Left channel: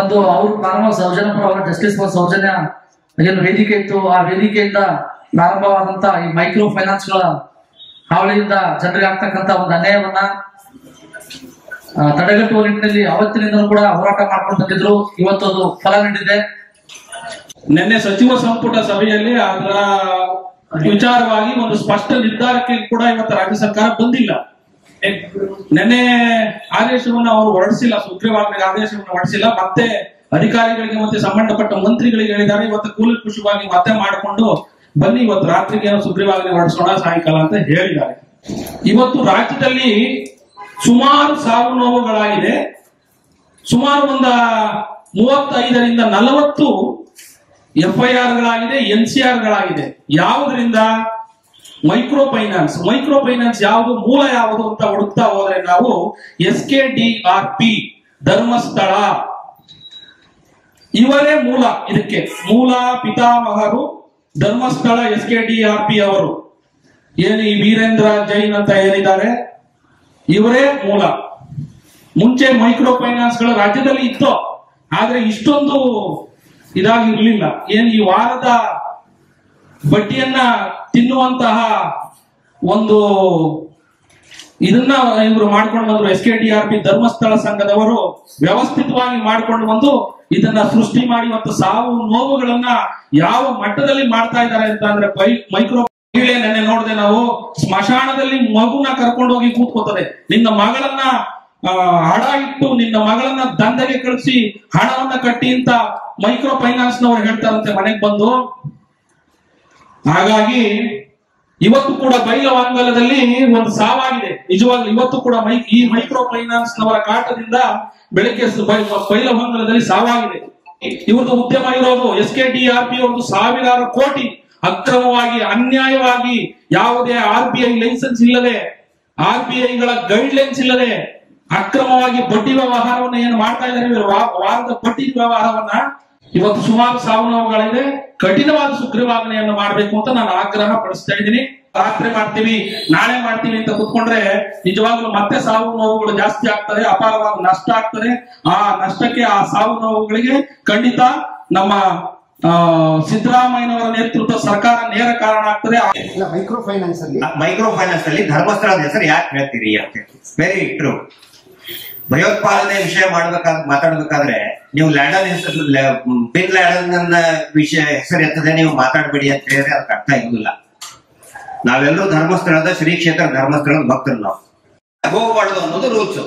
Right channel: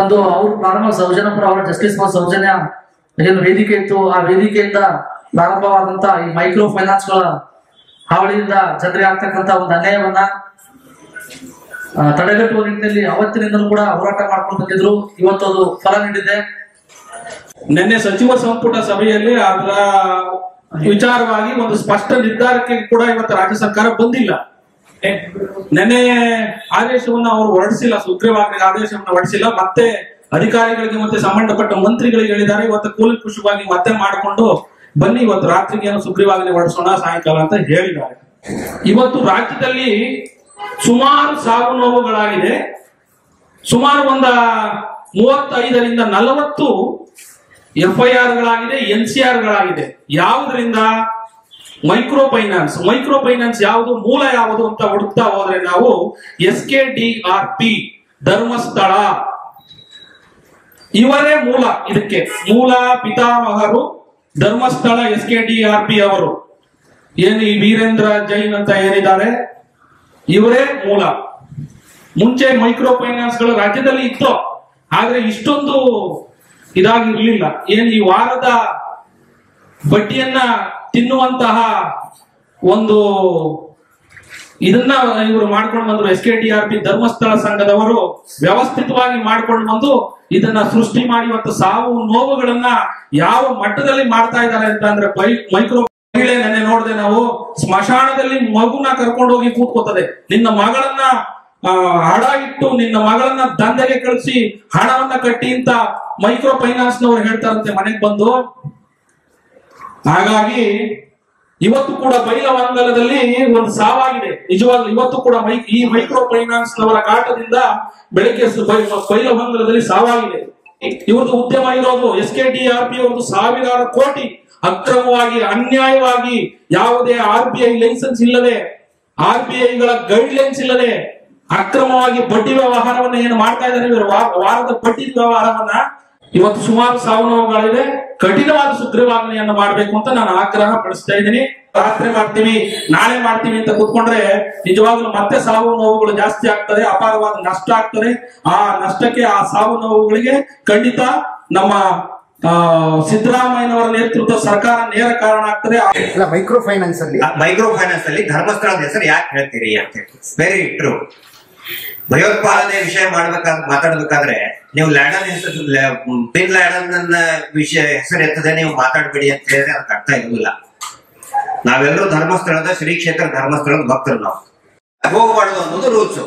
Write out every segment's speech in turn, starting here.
ಒಂದು ಅವರು ಪ್ರಾರಂಭ ಸೌಜನ್ಯಪುರ ಅವರ ಜಸ್ಟಿಸ್ ಫಾರ್ ಸೌಜನ್ಯ ಏನು ವೇದಿಕೆ ಇತ್ತು, ಆ ವೇದಿಕೆಯಿಂದ ಪ್ರಾರಂಭವಾದಂತ ಈ ಮೈಕ್ರೋ ಫೈನಾನ್ಸ್ ಗಳ ಹಾವಳಿಯಿಂದ ಜನರಿಗೆ ಆಗ್ತಕ್ಕಂತ ಒಂದು ಅನ್ಯಾಯವನ್ನ ತಡೆಗಟ್ಟುವ ನಿಟ್ಟಿನಲ್ಲಿ ಅವತ್ತಿನಿಂದಲೂ ಕೂಡ ಹೋರಾಟ ಮಾಡ್ಕೊಂಡು ಬಂದಿದ್ರು. ಇವತ್ತು ಅದು ಫಲ ನೀಡಿದೆ. ನಿನ್ನೆ ಸಚಿವ ಸಂಪುಟ ಸಭೆಯಲ್ಲಿ ಅದರ ವಿಚಾರವಾಗಿ ಒಂದು ಸ್ಪಷ್ಟ ನಿರ್ಧಾರಕ್ಕೆ ಕೂಡ ಇವತ್ತು ರಾಜ್ಯ ಸರ್ಕಾರ ಬಂದಿಲ್ಲ. ನಿನ್ನೆ ಆದೇಶವನ್ನು ಅವರು ಹೊರಡಿಸಿಲ್ಲ, ಸುಗ್ರೀವಾಜ್ಞೆ ಆದೇಶವನ್ನು ಹೊರಡಿಸಿಲ್ಲ. ಮತ್ತೆ ಅಧಿಕಾರಿಗಳಿಗೆ ಮತ್ತೆ ಸಂಬಂಧಪಟ್ಟ ಮಂತ್ರಿಗಳಿಗೆ ಹೇಳಿದ್ದಾರೆ, ಇವತ್ತು ಕೂಲಂಕುಷವಾಗಿ ಮತ್ತೆ ಮಾಡಿಕೊಂಡು ಬನ್ನಿ ಇವತ್ತು ರಾತ್ರಿಗೆ ಸುಗ್ರೀವಾಜ್ಞೆ ಹೊರಡಿಸೋಣ ಸಾಯಂಕಾಲ ಅಂತ ಹೇಳಿದ್ದಾರೆ. ಇವತ್ತು ರಾಜ್ಯದಲ್ಲಿ ಸುಮಾರು ಸಾವು ನೋವುಗಳಾಗಿದೆ. ಸುಮಾರು 35ರಿಂದ 40 FIR ಗಳಾಗಿದೆ, NCR ಗಳಾಗಿದೆ. ಯಾವುದರಿಂದ? ಮೈಕ್ರೋ ಫೈನಾನ್ಸ್ ಯಾವುದು, ಮೂಲ ಯಾವುದು ಅಂತ ಹುಡುಕ್ತಾ ಹೋದ್ರೆ ನಾವು SKDRP ಧರ್ಮಸ್ಥಳ ಇವರೇ ಮೂಲ. ಇದಕ್ಕೆ ಮೂಲ ಪಿತಾಮಹರು ಧರ್ಮಸ್ಥಳ SKDRP ಅವರು. ಏನು ಈ ವೀರೇಂದ್ರ ಜೈನ್ ಅಂತ ಏನಿದ್ದಾರೆ ಇವರೇ ಮೂಲ. ಮುಂಚೆ ಮೈಕ್ರೋ ಫೈನಾನ್ಸ್ ಗಳು ರಾಜ್ಯದಲ್ಲಿ ಇತ್ತು, ಆದ್ರೆ ಇಷ್ಟೊಂದು ಇದಾಗಿರ್ಲಿಲ್ಲ. ಏನು ಈ ವಾರದ ಬಡ್ಡಿಯನ್ನ ತಿನ್ನುವಂತಹ ಒಂದು ಇದನ್ನ ಇವರು ಮಾಡ್ಕೊಂಡು ಬಂದ್ರು. SKDRP ಧರ್ಮಸ್ಥಳ ಸಂಘದವರು ವ್ಯವಸ್ಥಿತವಾಗಿ ಮಾಡ್ಕೊಂಡು ಬಂದು ಇದನ್ನ ಸೃಷ್ಟಿ ಮಾಡಿ ಇವತ್ತು ಸಾವು ನೋವುಗಳನ್ನ ಯಾವ ಮಟ್ಟದಲ್ಲಿ ಮಾಡ್ತಾ ಇದ್ದಾರೆ ಅಂತ ಅಂದ್ರೆ ಮೈಕ್ರೋ ಮಹಿಳೆ ನೆನ್ನೆ ನೋಡಿದೆ ನಾವು, ಸ್ಮಶಾನದಲ್ಲಿ ಮಗುನ ಕರ್ಕೊಂಡು ಹೋಗಿ ಕೂತ್ಕೋತದೆ. ನಿನ್ನ ಮಗಳನ್ನ ಹಣ ಇಟ್ಟು ನಿನ್ನ ಮಗಳನ್ನ ದಂಧೆಗೆ ಕಳಿಸಿ ಹಣವನ್ನ ಕಟ್ಟಿ ಅಂತ ಮೈಕ್ರೋ ಫೈನಾನ್ಸ್ ನವರು ಹೇಳ್ತಾರಂತೆ ಮನೆಗೆ ಬಂದು. ಹಾಗಾಗಿ ಇವತ್ತು ಕೂಡ ಬೈಲಹೊಂಗಲದಲ್ಲಿ ಒಂದು ಸಾವಾಗಿದೆ. ನಿಜವಾಗ್ಲೂ ಇವತ್ತು ಕೂಡ ಈ ಮೈಕ್ರೋ ಫೈನಾನ್ಸ್ ನವರ ಕಾಟದಿಂದ ಬೆಳಗ್ಗೆ ಬೈಲಹೊಂಗಲದಲ್ಲಿ ಸಾವಾಗಿದೆ. ಇವ್ರದ್ದು ಉದ್ಯಮ ಇರೋದು SKDRP ಅವ್ರದ್ದು ಸಾವಿರಾರು ಕೋಟಿ ಅಕ್ರಮವಾಗಿ ಅನ್ಯಾಯವಾಗಿ ಯಾವುದೇ RBI ಲೈಸೆನ್ಸ್ ಇಲ್ಲದೆ RBI ಗಳ ಗೈಡ್ ಲೈನ್ಸ್ ಇಲ್ಲದೆ ಅಕ್ರಮವಾಗಿ ಬಡ್ಡಿ ವ್ಯವಹಾರವನ್ನ ಏನು ಮಾಡ್ತಾ ಇದ್ದಾರೆ ಇವರು, ವಾರದ ಬಡ್ಡಿ ವ್ಯವಹಾರವನ್ನ. ಇವತ್ತು ಸುಮಾರು ಸಾವು ನೋವುಗಳಿದೆ. ಕಠಿಣವಾದ ಸುಗ್ರೀವಾಜ್ಞೆಯನ್ನು ಮಾಡಬೇಕು ಅಂತ ನಾನು ಆಗ್ರಹ ಪಡಿಸ್ತಾ ಇದ್ದೀನಿ. ರಾತ್ರಿ ಮಾಡ್ತೀವಿ ನಾಳೆ ಮಾಡ್ತೀವಿ ಅಂತ ಕೂತ್ಕೊಂಡ್ರೆ ನಿಜವಾಗ್ಲೂ ಮತ್ತೆ ಸಾವು ನೋವುಗಳು ಜಾಸ್ತಿ ಆಗ್ತದೆ, ಅಪಾರವಾದ ನಷ್ಟ ಆಗ್ತದೆ. ಆ ನಷ್ಟಕ್ಕೆ ಆ ಸಾವು ನೋವುಗಳಿಗೆ ಖಂಡಿತ ನಮ್ಮ ಸಿದ್ದರಾಮಯ್ಯನವರ ನೇತೃತ್ವ ಸರ್ಕಾರ ನೇರ ಕಾರಣ ಆಗ್ತದೆ. ಮೈಕ್ರೋ ಫೈನಾನ್ಸ್ ಅಲ್ಲಿ ಧರ್ಮಸ್ಥಳದ ಹೆಸರು ಯಾಕೆ ಹೇಳ್ತೀರಿ ಅಂತ ವೆರಿ ಟ್ರೂ. ಭಯೋತ್ಪಾದನೆ ವಿಷಯ ಮಾತಾಡ್ಬೇಕಾದ್ರೆ ನೀವು ಬಿನ್ ಲ್ಯಾಡನ್ ವಿಷಯ ಹೆಸರು ಎತ್ತದೆ ನೀವು ಮಾತಾಡ್ಬೇಡಿ ಅಂತ ಹೇಳಿದ್ರೆ ಅದಕ್ಕೆ ಅರ್ಥ ಇರುವುದಿಲ್ಲ. ನಾವೆಲ್ಲರೂ ಧರ್ಮಸ್ಥಳದ ಶ್ರೀ ಕ್ಷೇತ್ರ ಧರ್ಮಸ್ಥಳದ ಭಕ್ತರು. ನಾವು ಹೋಗಬಾರ್ದು ಅನ್ನೋದು ರೂಲ್ಸ್.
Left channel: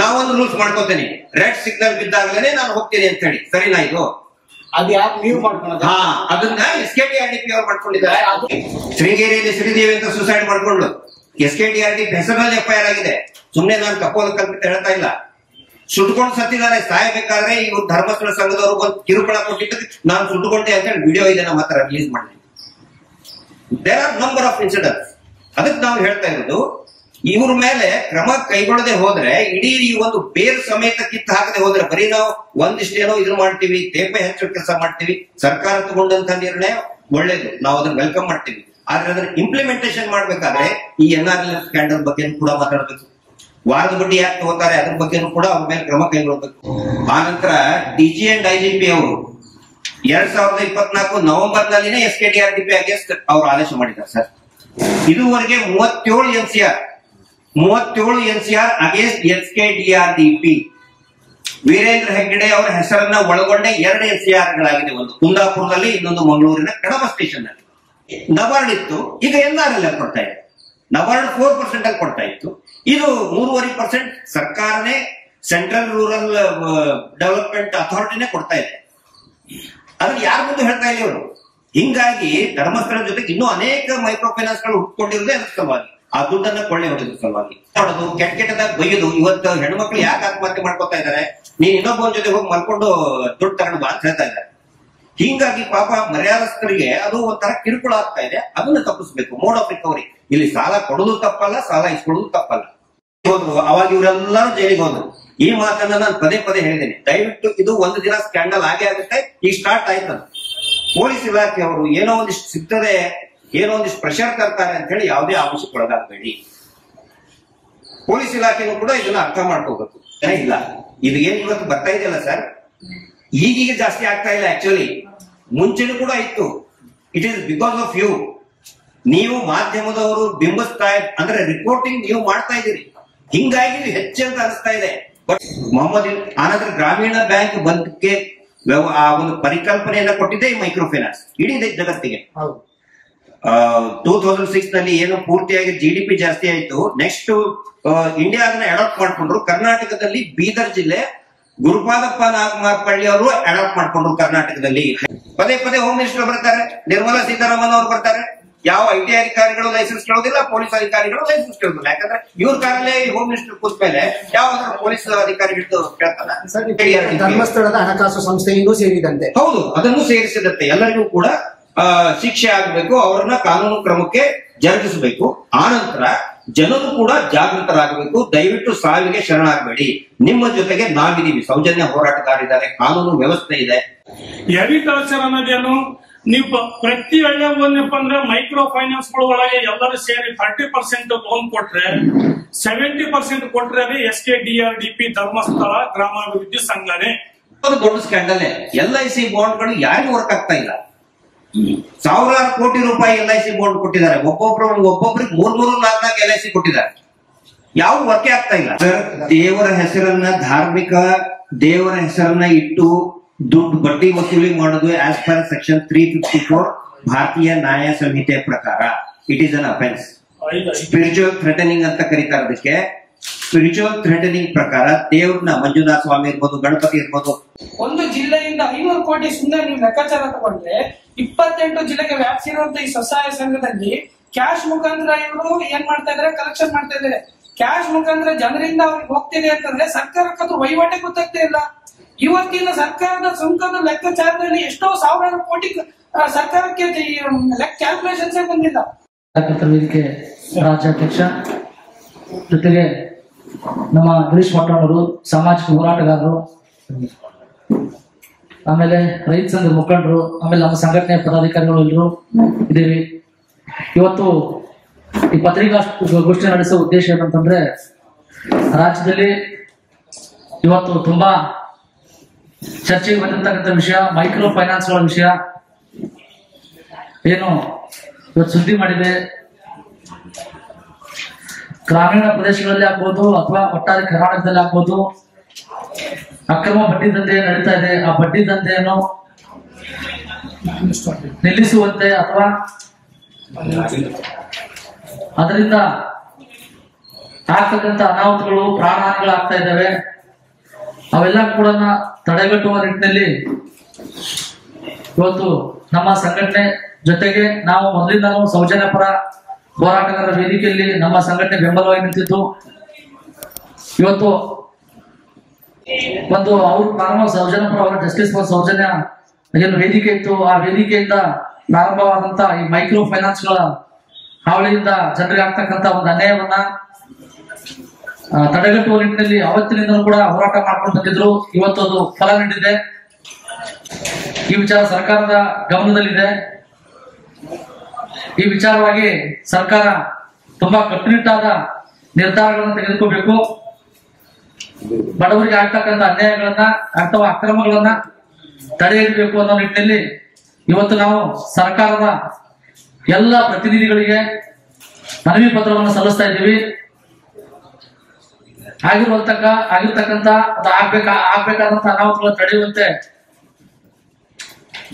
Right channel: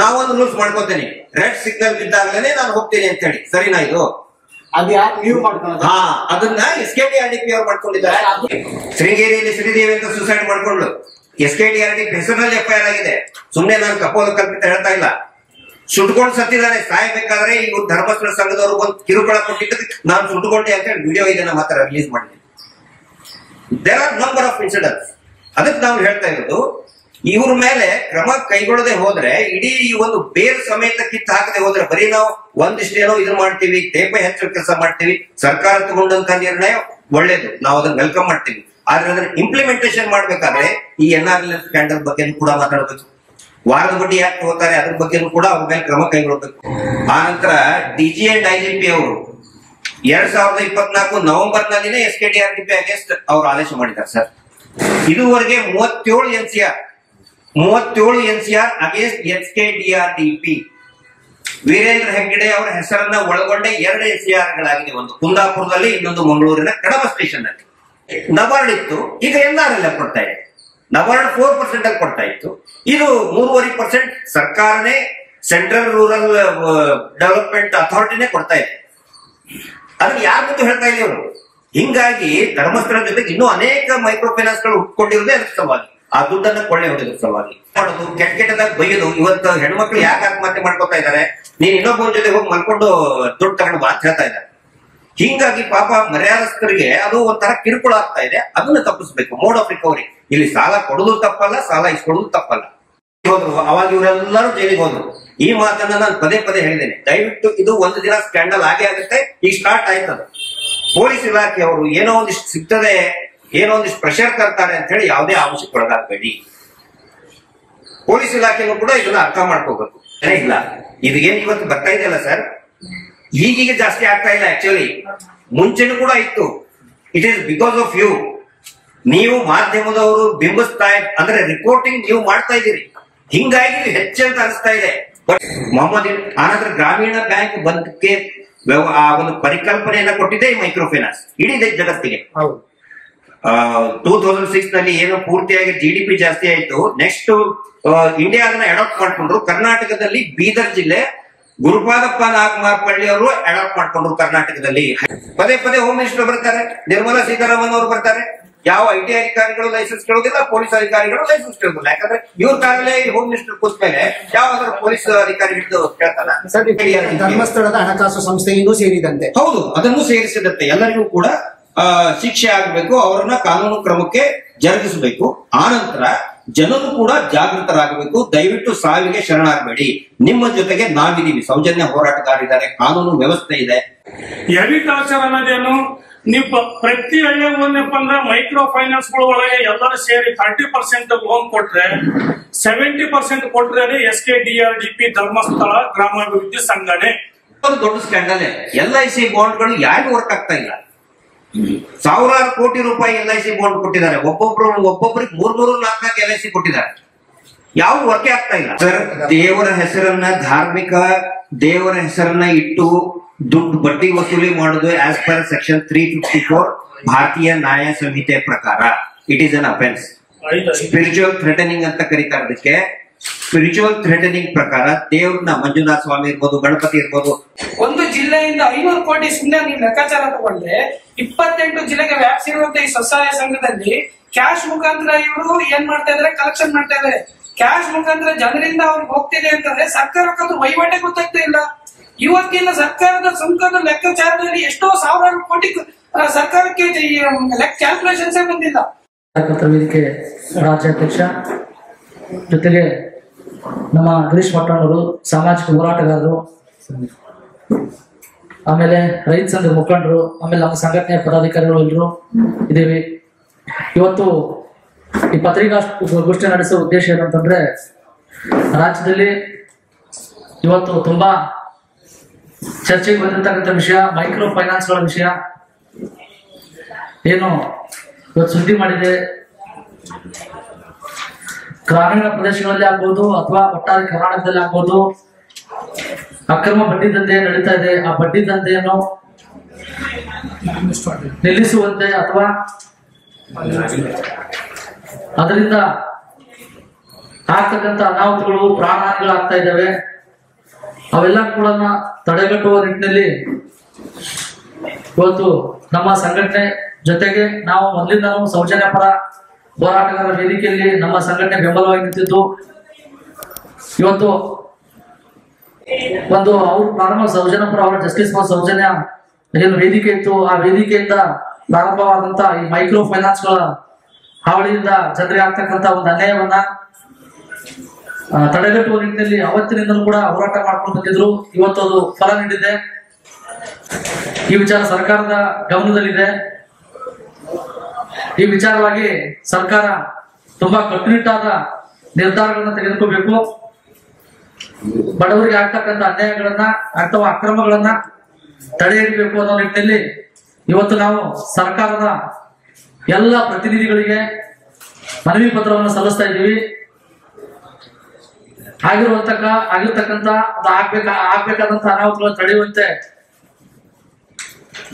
ನಾವೊಂದು ರೂಲ್ಸ್ ಮಾಡ್ಕೋತೇನೆ, ರೆಡ್ ಸಿಗ್ನಲ್ ಬಿದ್ದಾಗ್ಲೇನೆ ನಾನು ಹೋಗ್ತೀನಿ ಅಂತ ಹೇಳಿ. ಸರಿನಾ? ಇದು ಅದನ್ನ SKDRP ಅವ್ರು ಮಾಡ್ಕೊಂಡಿದ್ದಾರೆ. ಶೃಂಗೇರಿಯಲ್ಲಿ ಶ್ರೀದೇವಿ ಅಂತ ಸುಸೈಡ್ ಮಾಡ್ಕೊಂಡು SKDRP ಹೆಸರಿನಲ್ಲಿ FIR ಆಗಿದೆ. ಸುಮ್ನೆ ನಾನು ಕಪೋಲ ಕಲ್ಪಿತ ಹೇಳ್ತಾ ಇಲ್ಲ. ಸುಟ್ಕೊಂಡು ಸತ್ತಿದ್ದಾರೆ. ಸಾಯಬೇಕಾದ್ರೆ ಇವ್ರು ಧರ್ಮಸ್ಥಳ ಸಂಘದವರು ಒಂದು ಕಿರುಕುಳ ಕೊಟ್ಟಿದ್ದಕ್ಕೆ ನಾನು ಸುಟ್ಕೊಂಡೆ ಅಂತ ಹೇಳಿ ವಿಡಿಯೋ ಇದೆ ನಮ್ಮ ಹತ್ರ ರಿಲೀಸ್ ಮಾಡಿದ್ವಿ. There are number of incidents. ಅದಕ್ಕೆ ನಾವು ಹೇಳ್ತಾ ಇರೋದು, ಇವ್ರ ಮೇಲೆ ಕ್ರಮ ಕೈಗೊಳ್ಳದೆ ಹೋದ್ರೆ, ಇಡೀ ಈ ಒಂದು ಬೇರ್ ಸಮೇತ ಕಿತ್ತು ಹಾಕದೆ ಹೋದ್ರೆ, ಬರೀ ನಾವು ಒಂದಿಷ್ಟೇನೋ ಇದು ಮಾಡ್ತೀವಿ, ತೇಪೆ ಹೆಚ್ಚು ಕೆಲಸ ಮಾಡ್ತೀವಿ. ಸರ್ಕಾರ ತಗೊಂಡಂತ ನಿರ್ಣಯ ಒಳ್ಳೇದು, ನಾವು ಅದನ್ನ ವೆಲ್ಕಮ್ ಮಾಡ್ತೀವಿ. ಆದ್ರೆ ಅದನ್ನ ಇಂಪ್ಲಿಮೆಂಟೇಷನ್ ಮಾಡ್ಬೇಕಾದ್ರೆ ಈ NRL ಸ್ಕ್ಯಾಂಡಲ್ ಬಗ್ಗೆ ಕೂಡ ಮಾತಾಡಬೇಕು. ವಾರದ ಬಡ್ಡಿ ಯಾಕೆ ತಗೋತಾರೆ ಅದ್ರ ಬಗ್ಗೆ ಕೂಡ ಅವ್ರ ಮೇಲೆ ಕ್ರಮ ಕೈಗೊಳ್ಳಬೇಕು. ಆ ನಂತರ DG and IGP ಅವರು 2024 ನವೆಂಬರ್ನಲ್ಲಿನೇ SKDRP ಅಗೇನ್ಸ್ಟ್ ಅವರು ಆದೇಶ ಮಾಡಿದ್ದಾರೆ ಸರ್. ಇದುವರೆಗೆ 37 NCR against SKDRP. Veerendra Heggade ಅವರ ಹೆಸರನ್ನ ಒಳಗೊಂಡ 2 NCR ಗಳಾಗಿದೆ, ಒಂದು ಕುಂದಾಪುರದಲ್ಲಿ, ಇನ್ನೊಂದು ಮಂಗಳೂರಿನ ಕಡಬ ಸ್ಟೇಷನ್ ಅಲ್ಲಿ. ನಬಾರ್ಡ್ ಇತ್ತು, ಈಗ NRL ಕೊಡ್ತಾ ಇದೆ. ನಬಾರ್ಡ್ 4% ಅಲ್ಲಿ ಕೊಡ್ತಾ ಇತ್ತು, ಇದು 3.5% ಸರ್ಕಾರನೇ, ಸೆಂಟ್ರಲ್ ರೂರಲ್ ಡೆವಲಪ್ಮೆಂಟ್ ಅಥಾರಿಟಿನೇ ಕೊಡ್ತಾ ಇದೆ. ಅದನ್ನ ಯಾರ ಮುಂದೆ ಹೇಳ್ತಾ ಇಲ್ಲ ಇವರು. ಹಿಂಗಾಗಿ ಧರ್ಮಸ್ಥಳ ಜೊತೆಗೆ ಇನ್ನೂ ಅನೇಕ ಮೈಕ್ರೋ ಫೈನಾನ್ಸ್ ಗಳು ಹುಟ್ಕೊಂಡಿರೋದೇ ಅದಕ್ಕೆ ಸಲುವಾಗಿ, ಆ ದುಡ್ಡನ್ನ ಕೊಳ್ಳೆ ಹೊಡೆದ ಸಲುವಾಗಿ ಮಾಡೋದು, ಕೆಟ್ಟದಾಗ ಬೈಯೋದು. ಇವತ್ತು ಹೆಣ್ಮಕ್ಳು ಯಾಕೆ ಆತ್ಮಹತ್ಯೆ ಮಾಡ್ಕೊತಾ ಇದ್ದಾರೆ, ನೀನ್ ಇನ್ನೊಬ್ಬರ ಜೊತೆ ಹೋಗಿ ಮಾಡ್ಕೊಂಡು ದುಡ್ಡು ತಗೊಂಡು ಬಾ ಅಂತ ಹೇಳ್ತಾ ಇದ್ದಾರೆ. ಹಿಂಗಾಗಿ ಪಾಪ ಮರ್ಯಾದಸ್ಥರಿಗೆ ಅದು ಒಂಥರ ಕಿರುಕುಳ ಆಗ್ತಾ ಇದೆ. ಅದನ್ನ ತಪ್ಪಿಸ್ಬೇಕು. Mode of recovery. ಇಲ್ಲಿ ಸಾಲ ಕೊಡೋದು ತಪ್ಪಲ್ಲ, ಸಾಲ ಇಸ್ಕೊಡೋದು ತಪ್ಪಲ್ಲ. ಹೋದ್ರು ಅವಾಗ ಇವರೆಲ್ಲರೂ ಜೈಲಿಗೆ ಹೋದ್ರು. ಈ ಮಾತನ್ನ ನಾನು ಪದೇ ಪದೇ ಹೇಳಿದ್ದೇನೆ. ದಯವಿಟ್ಟು ಇದು ಒಂದು ದಿನ ಸ್ಕ್ಯಾಂಡಲ್ ಆಗೇ ಆಗುತ್ತೆ. ಈಗ ಸ್ಟಾರ್ಟ್ ಆಯ್ತದ. ಪೊಲೀಸ್ ಇಲಾಖೆಯವರು ಏನೋ ಒಂದಿಷ್ಟು ಸಿಗ್ತದೆ, ಏನೋ ಒಂದಿಷ್ಟು ಪ್ರೆಷರ್ ತರ್ತಾರೆ ಅಂತ ಹೇಳಿ ಯಾವುದೇ ಆಂಶಕ್ಕೆ ಒಳಗಾಗಬೇಡಿ. ಪೊಲೀಸ್ ಇಲಾಖೆನೂ ಕೂಡ ಇದನ್ನ ಅರ್ಥ ಮಾಡ್ಕೋಬೇಕು. ಇಲ್ಲ ಇದು ಏನ್ ಇವತ್ತು ಬರ್ತಾ ಇದೆಯಲ್ಲ ಸರ್, ಈಗೀಗ ಜಾಸ್ತಿ ಆಗ್ತಾ ಇಲ್ಲ. ಆಕ್ಚುಲಿ ಮುಂಚೆನೂ ಕೂಡ ಇತ್ತು. It is because of you. ನೀವು ಮಾಧ್ಯಮದವರು ಬಿಂಬಿಸ್ತಾ ಅಂದ್ರೆ ರಿಪೋರ್ಟಿಂಗ್ ನೀವು ಮಾಡ್ತಾ ಇದ್ದೀರಿ, ಹಿಂಗಾಗಿ ಹೆಚ್ಚಂತ ಅನಿಸ್ತಾ ಇದೆ. ಬಟ್ ಮೊಹಮ್ಮದ್ ಆನಂತರ ಗ್ರಾಮೀಣ ಬ್ಯಾಂಕ್ ಬಂದಕ್ಕೆ ಆ ಒಂದು ಪರಿಕಲ್ಪನೆಯನ್ನ ಕೊಟ್ಟಿದೆ ಈ ಮೈಕ್ರೋ ಫೈನಾನ್ಸ್ ಇಡೀ ಜಗತ್ತಿಗೆ. 2006 ನಲ್ಲಿ ಏನು ಪೂರ್ತಿಯಾಗಿ GDP ಜಾಸ್ತಿ ಆಯ್ತು. ನೆಕ್ಸ್ಟ್ ಇಂಡಿಯಾ ಅದನ್ನ ಅಡಾಪ್ಟ್ ಮಾಡ್ಕೊಂಡ್ರು. ಕರ್ನಾಟಕದಲ್ಲಿ ಬೀದರ್ ಜಿಲ್ಲೆ ಗುರುಪಾದಪ್ಪ ನಾಗಮಾರ್ಪಳ್ಳಿ ಅವರು ಅಡಾಪ್ಟ್ ಮಾಡ್ಕೊಂಡ್ರು. ಕರ್ನಾಟಕದಲ್ಲಿ ಪದೇ ಪದೇ ಹೋಮ್ ಮಿನಿಸ್ಟರ್ ಬರ್ತಾರೆ, ನಿರ್ಮಲಾ ಸೀತಾರಾಮನ್ ಅವರು ಬರ್ತಾರೆ. ಯಾವ IT ಅಧಿಕಾರಿಗಳು ಲೈಸೆನ್ಸ್ ಕೇಳೋದಿಲ್ಲ, ಪೊಲೀಸ್ ಅಧಿಕಾರಿಗಳು ಲೈಸೆನ್ಸ್ ಕೇಳೋದಿಲ್ಲ. ಯಾಕಂದ್ರೆ ಇವ್ರ ಕಾಲಲ್ಲೇ ಹೋಮ್ ಮಿನಿಸ್ಟರ್ ಕೂತ ಮೇಲೆ ಯಾವ್ದಾದ್ರು ಪೊಲೀಸ್ ಅಧಿಕಾರಿಗಳು ಕೇಳ್ತಾರ. ಧರ್ಮಸ್ಥಳದ ಹಣಕಾಸು ಸಂಸ್ಥೆಯಿಂದ ಸೇರಿದಂತೆ. ಹೌದು, ಅದನ್ನು ಸೇರಿಸಿದಂತೆ ಎಲ್ಲರಿಗೂ ಕೂಡ ಶಿಕ್ಷೆ ಆಗಬೇಕು, ಅವರನ್ನ ಕಾನೂನು ಕ್ರಮಕ್ಕೆ ಜರುಗಿಸಬೇಕು. ಆನಂತರ ಜನರು ಕೂಡ ಜಾಗೃತರಾಗಬೇಕು. ದಯವಿಟ್ಟು ಸಾವಿಗೆ ಶರಣಾಗಬೇಡಿ, ನಿಮ್ಮ ಜೊತೆಗೆ ನಾವಿದೀವಿ. ಸೌಜನ್ಯ ಹೋರಾಟಗಾರಿದ್ದಾರೆ, ಕಾನೂನು ವ್ಯವಸ್ಥೆ ಇದೆ. ಅಗ್ರಿಕಲ್ಚರ್ ಅನ್ನೋದೇನು, ನೀವು ಪ್ರತಿ ಹಳ್ಳಿ ಏನಪ್ಪ ಅಂದ್ರೆ ಮೈಕ್ರೋ ಫೈನಾನ್ಸ್ ಒಳಗೆ ಎಲ್ಲರೂ ಸೇರಿ 30% ಲೋನ್ ಕೊಟ್ರೆ 70% ಕೊಟ್ರೆ SKDRDP ಧರ್ಮಸ್ಥಳ ಗ್ರಾಮಾಭಿವೃದ್ಧಿ ಸಂಘನೇ. ದೊಡ್ಡ ಸ್ಕ್ಯಾಂಡಲ್. LIC ಬಾಂಡ್ಗಳು ಯಾರಿಗೂ ವರ್ಕ್ ಆಗ್ತಾ ಇಲ್ಲ. ಸಾವಿರಾರು ಕೋಟಿ ರೂಪಾಯಿ LIC ಬಾಂಡ್ ಕೊಟ್ಟಿದ್ದಾರೆ. ಒಬ್ಬೊಬ್ಬರಿಗೆ 3-4 LIC ಕೊಟ್ಟಿದ್ದಾರೆ. ಯಾವ ವರ್ಕೇ ಆಗ್ತಾ ಇಲ್ಲ. ದೇವರ ಹೆಸರನ್ನ, ಧಾರ್ಮಿಕ ದೇವರ ಹೆಸರನ್ನ ಇಟ್ಟು ದುಡ್ಡು ಬಡ್ಡಿ ವಸೂಲಿ ಮಾಡುದು ಆಸ್ ಪರ್ ಸೆಕ್ಷನ್ 354 ಭಾರತೀಯ ನ್ಯಾಯ ಸಂಹಿತೆ ಪ್ರಕಾರ it is an offence. Spiritual threatening ಅಂತ ಕರೀತಾರೆ ಅದಕ್ಕೆ. ಸ್ಪಿರಿಚುವಲ್ ಥ್ರೆಟನಿಂಗ್ ಪ್ರಕಾರ ದೇವ್ರನ್ನ ಮಂಜುನಾಥ ಸ್ವಾಮಿ ಇರ್ಬೋದು, ಗಣಪತಿ ಇರ್ಬೋದು, ಒಂದು ಜಿಲ್ಲೆಯಿಂದ 500 ಕೋಟಿ ಸುಮ್ಮನೆ ನೀವು ಲೆಕ್ಕಾಚಾರ ತಗೊಂಡ್ರೆ 28 ಜಿಲ್ಲೆಗೆ ವ್ಯಾಪ್ಸಿರುವಂತ ಈ ಸ್ವಸಹಾಯ ಸಂಘದಲ್ಲಿ ಕ್ಯಾಶ್ ಮುಖಾಂತರ ಇವರು ಏನ್ ಮಾಡ್ತಾ ಇದಾರೆ, ಕಲೆಕ್ಷನ್ ಮಾಡ್ತಾ ಇದಾರೆ. ಕ್ಯಾಶ್ ಮುಖಾಂತರ ಜನರಿಂದ ಅವ್ರಿಗೆ ಹೋಗ್ತಿದೆ ಅಂತಂದ್ರೆ ಸರ್ಕಾರಕ್ಕಂತೂ ವಹಿವಾಟೆ ಗೊತ್ತಾಗ್ತಾ ಇಲ್ಲ. ಇವತ್ತಿನ ಸರ್ಕಾರದ ಸುಂಕದ ಲೆಕ್ಕಾಚಾರದಲ್ಲಿ ಎಷ್ಟೋ ಸಾವಿರಾರು ಕೋಟಿ ಸರ್ಕಾರಕ್ಕೆ ಕ್ಯಾಲ್ಕುಲೇಷನ್ಸ್ ಬಂದಿಲ್ಲ. ವೇದಿಕೆ ರಾಜ್ಯಾಧ್ಯಕ್ಷ ಜೊತೆಗೆ ನಮ್ಮ ಗಿರೀಶ್ ಮಟ್ಟಣ್ಣವರು, ಸಾಮಾಜಿಕ ಹೋರಾಟಗಾರರು, ಆಮೇಲೆ ರೈತ ಸಂಘದ ಮುಖಂಡರು, ಆಮೇಲೆ ನಮ್ಮ ಸಂಘಟನೆಯ ಪದಾಧಿಕಾರಿಗಳು ಎಲ್ಲರೂ ಇದ್ದೀವಿ. ಇವತ್ತು ಈ ಪತ್ರಿಕಾಗೋಷ್ಠಿ ನಡೆಸುವ ಉದ್ದೇಶ ಏನಂತಂದ್ರೆ, ರಾಜ್ಯದಲ್ಲಿ ಇವತ್ತು ತುಂಬಾ ಚರ್ಚೆಗೆ ಬಂದಿರ್ತಕ್ಕಂಥ ವಿಷಯ ಮೈಕ್ರೋ ಫೈನಾನ್ಸ್ಗಳ ವಿಷಯ ಏನು ಇವತ್ತು ಸುದ್ದಿ ಮಾಡಿದೆ. ಗ್ರಾಮೀಣ ಪ್ರದೇಶಗಳಲ್ಲಿ ಆಗ್ಬೋದು ಅಥವಾ ಒಟ್ಟಾರೆ ಕರ್ನಾಟಕದಲ್ಲಿ ಆಗ್ಬೋದು ಅಕ್ರಮ ಬಡ್ಡಿ ದಂಧೆ ನಡೀತಾ ಇದೆ. ಆ ಬಡ್ಡಿ ದಂಧೆಯನ್ನು ನಿಲ್ಲಿಸುವಂತೆ ಅಥವಾ ಅದರಿಂದ ಆಗ್ತಕ್ಕಂಥ ಅನಾಹುತಗಳು, ಪ್ರಾಣಹಾನಿಗಳು ಆಗ್ತಾ ಇದ್ದಾವೆ. ಅವೆಲ್ಲ ಕೂಡ ತಡೆಗಟ್ಟುವ ನಿಟ್ಟಿನಲ್ಲಿ ಇವತ್ತು ನಮ್ಮ ಸಂಘಟನೆ ಜೊತೆಗೆ ನಾವು ಮೊದಲಿಂದ ಸೌಜನ್ಯ ಪರ ಹೋರಾಟಗಾರರ ವೇದಿಕೆಯಲ್ಲಿ ನಮ್ಮ ಸಂಘಟನೆ ಬೆಂಬಲವಾಗಿ ನಿಂತಿದ್ದು. ಇವತ್ತು ಒಂದು ಅವರು ಪ್ರಾರಂಭ ಸೌಜನ್ಯ ಪರ ಅವರ ಜಸ್ಟಿಸ್ ಫಾರ್ ಸೌಜನ್ಯ ಏನು ವೇದಿಕೆ ಇತ್ತು, ಆ ವೇದಿಕೆಯಿಂದ ಪ್ರಾರಂಭವಾದಂತ ಈ ಮೈಕ್ರೋ ಫೈನಾನ್ಸ್ಗಳ ಹಾವಳಿಯಿಂದ ಜನರಿಗೆ ಆಗ್ತಕ್ಕಂಥ ಒಂದು ಅನ್ಯಾಯವನ್ನ ತಡೆಗಟ್ಟುವ ನಿಟ್ಟಿನಲ್ಲಿ ಅವತ್ತಿನಿಂದ ಕೂಡ ಹೋರಾಟ ಮಾಡ್ಕೊಂಡು ಬಂದಿದ್ರು. ಇವತ್ತು ಅದು ಫಲ ನೀಡಿದೆ. ಈ ವಿಚಾರ ಸರ್ಕಾರದ ಗಮನದಲ್ಲಿದೆ. ಈ ವಿಚಾರವಾಗಿ ಸರ್ಕಾರ ತುಂಬಾ ಕಟ್ಟುನಿಟ್ಟಾದ ನಿರ್ಧಾರಗಳನ್ನ ತೆಗೆದುಕೋಬೇಕು. ಬಡವರಿಗೆ ಆಗ್ತಕ್ಕಂಥ ಅನ್ಯಾಯಗಳನ್ನ ಅಥವಾ ಅಕ್ರಮಗಳನ್ನ ತಡೆ ಹಿಡಿಬೇಕು ಅನ್ನೋ ನಿಟ್ಟಿನಲ್ಲಿ ಇವತ್ತು ನಾವು ಸರ್ಕಾರದ ಎಲ್ಲ ಪ್ರತಿನಿಧಿಗಳಿಗೆ ಮನವಿ ಪತ್ರವನ್ನು ಸಲ್ಲಿಸ್ತಾ ಇದ್ದೀವಿ. ಆಗಿರ್ತಕ್ಕಂಥ ಆಗ್ಬೇಕಾದಂತ ಅನಾಹುತಗಳನ್ನು ತಡೆಯುವಂತೆ